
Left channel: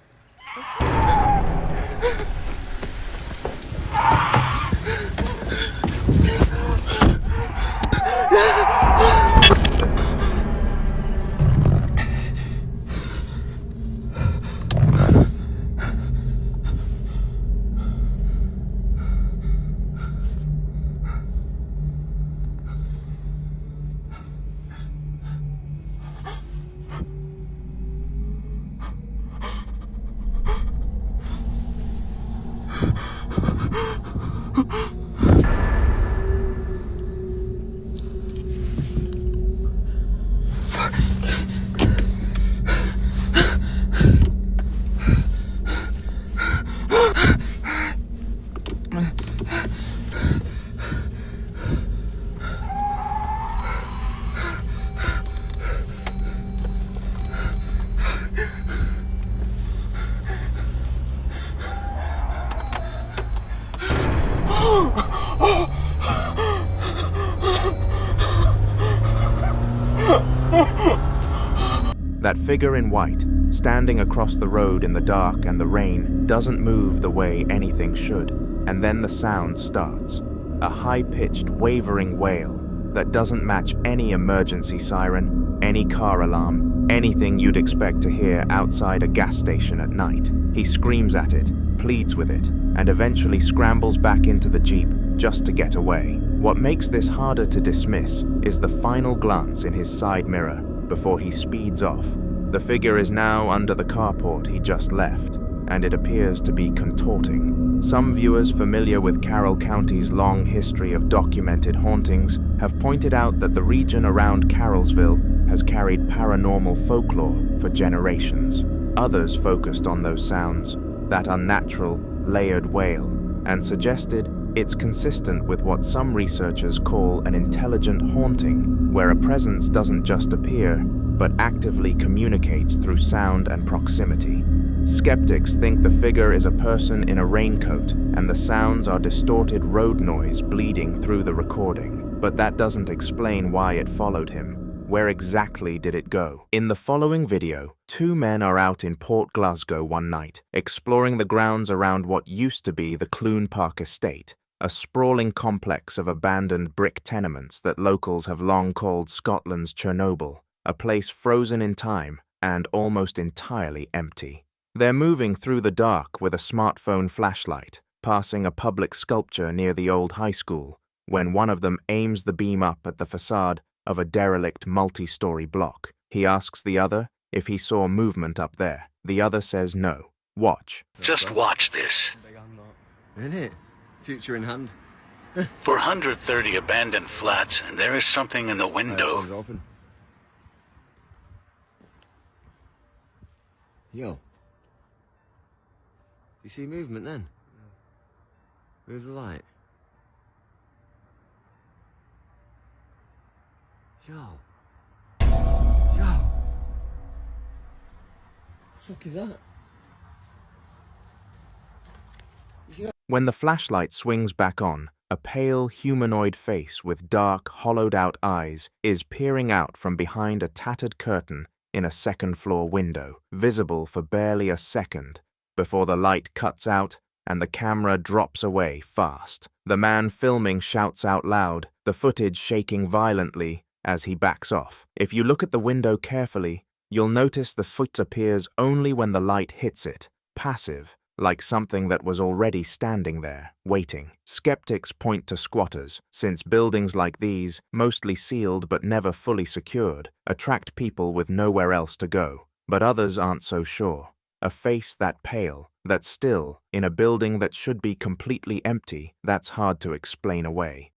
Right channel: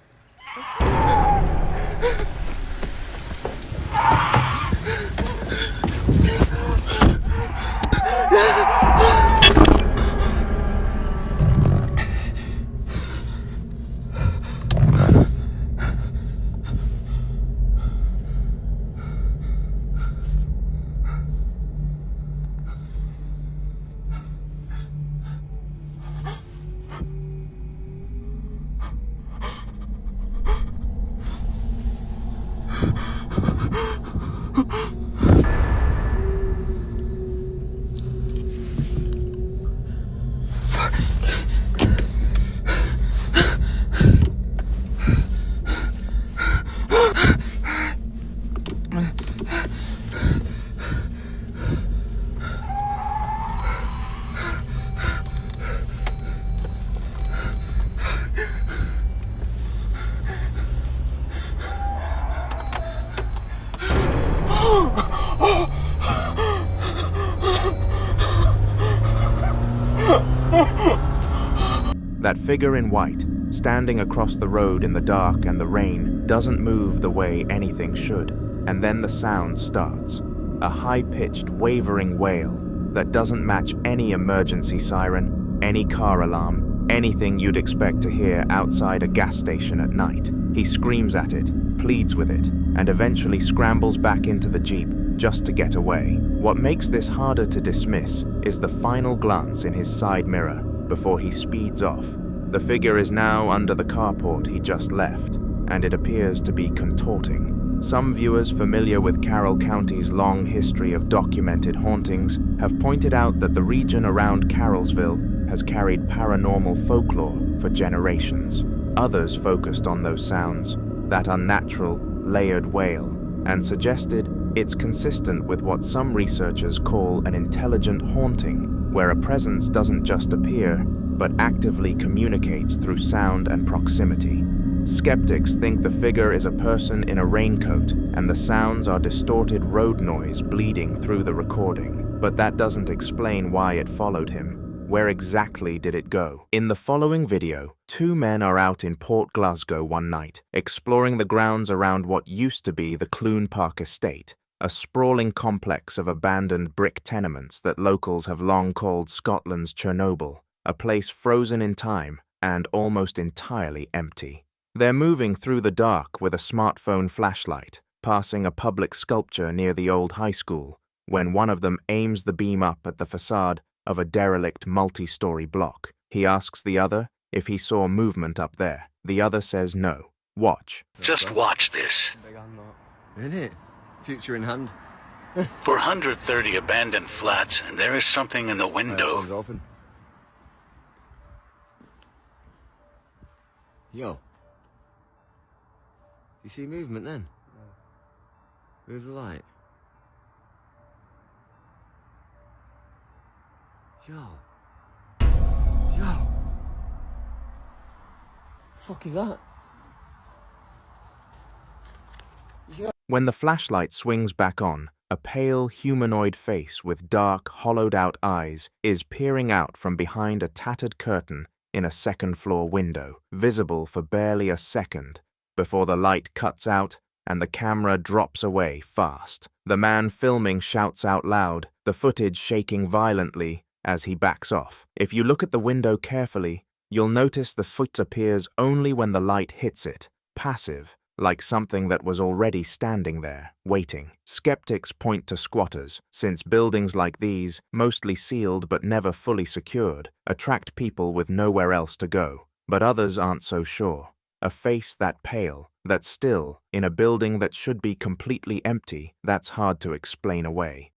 That figure in white, standing across the road in the dark and the rain, doesn't move the way anything should. And then the sound starts. A high-pitched, wavering wail that doesn't match any emergency siren, any car alarm, anything you'd expect to hear outside a gas station at night. He screams at it, pleads with it, and eventually scrambles back into the Jeep just to get away. What makes this harder to dismiss is the final glance in his side mirror before he speeds off. The figure is now under the carport he just left, and it appears to be contorting. Some viewers familiar with Carroll County's long history of documented hauntings have pointed out that the region around Carrollsville has carried paranormal folklore for generations. Others focused on those sounds, that unnatural, layered wail, and suggested it's consistent with what some researchers call an intelligent haunting, where a presence doesn't just appear, but actively communicates through sound and proximity. Skeptics think the figure is a person in a raincoat, and the sounds are distorted road noise bleeding through the recording. But that doesn't explain why it followed him. Where exactly did it go? In the following video, two men are out in Port Glasgow one night, exploring the grounds around what used to be the Clune Park estate, a sprawling complex of abandoned brick tenements that locals have long called Scotland's Chernobyl, a place frozen in time and almost entirely empty. They're moving through the dark with a smartphone flashlight, passing a public sculpture near the old high school, when one of them aims the beam up at the facade of a derelict multi-story block. He asks the other if he saw movement up there. The other says no. Watch. Just watch this. Isn't it? Future in hand. 430 abandoned flats, and there is something in the window. Open. Yo. You see movement then? Move the light. Yo. Yo. The fuck is that? When the flashlight swings back on, a pale humanoid face with dark, hollowed-out eyes is peering out from behind a tattered curtain in a second-floor window, visible for barely a second, before the light cuts out and the camera drops away fast. The man filming shouts out loud, the footage shaking violently as he backs off. If you look at the window carefully, you'll notice the foot appears only when the light hits it, passive, like something that was already standing there, waiting. Skeptics point to squatters, since buildings like these, mostly sealed but never fully secured, attract people with nowhere else to go. But others aren't so sure. A face that pale, that still, in a building that should be completely empty, that's hard to explain away.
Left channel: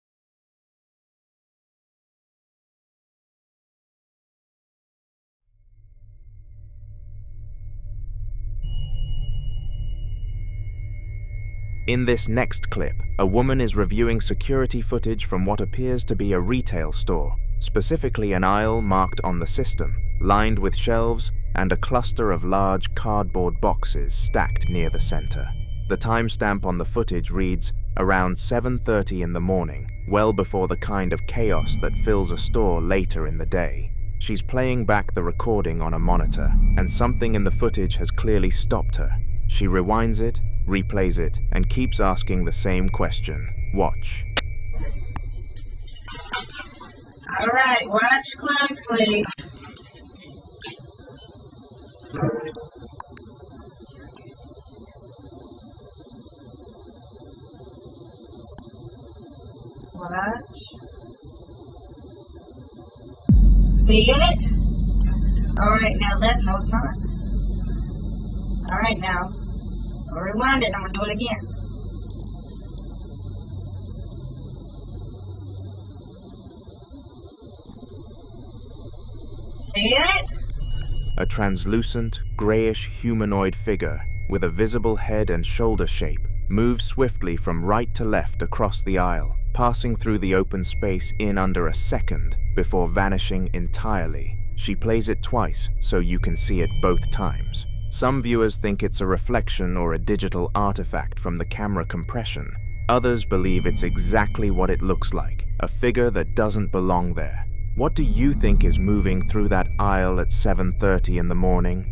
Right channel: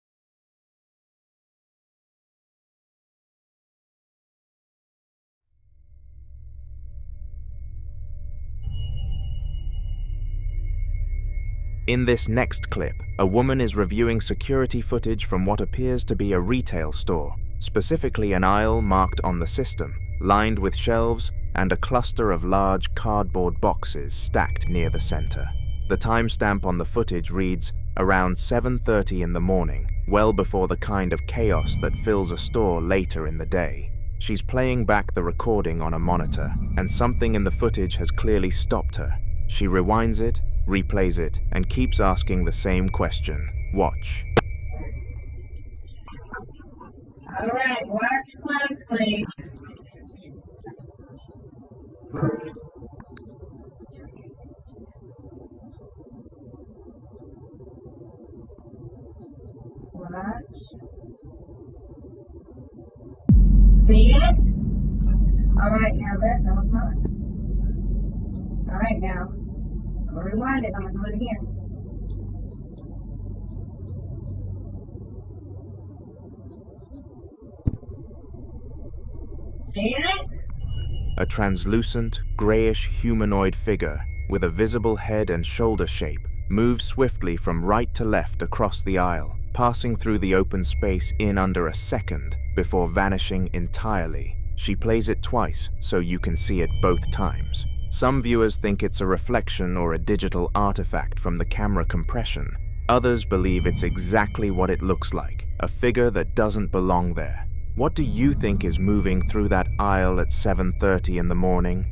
In this next clip, a woman is reviewing security footage from what appears to be a retail store, specifically an aisle marked on the system, lined with shelves and a cluster of large cardboard boxes stacked near the center. The timestamp on the footage reads around 7:30 in the morning, well before the kind of chaos that fills a store later in the day. She's playing back the recording on a monitor, and something in the footage has clearly stopped her. She rewinds it, replays it, and keeps asking the same question. Watch. All right, watch closely. Watch. See it? All right, now let no time. All right, now. I'll rewind it. I'm gonna do it again. See it? A translucent, grayish humanoid figure with a visible head and shoulder shape moves swiftly from right to left across the aisle, passing through the open space in under a second before vanishing entirely. She plays it twice so you can see it both times. Some viewers think it's a reflection or a digital artifact from the camera compression. Others believe it's exactly what it looks like, a figure that doesn't belong there. What do you think is moving through that aisle at 7:30 in the morning?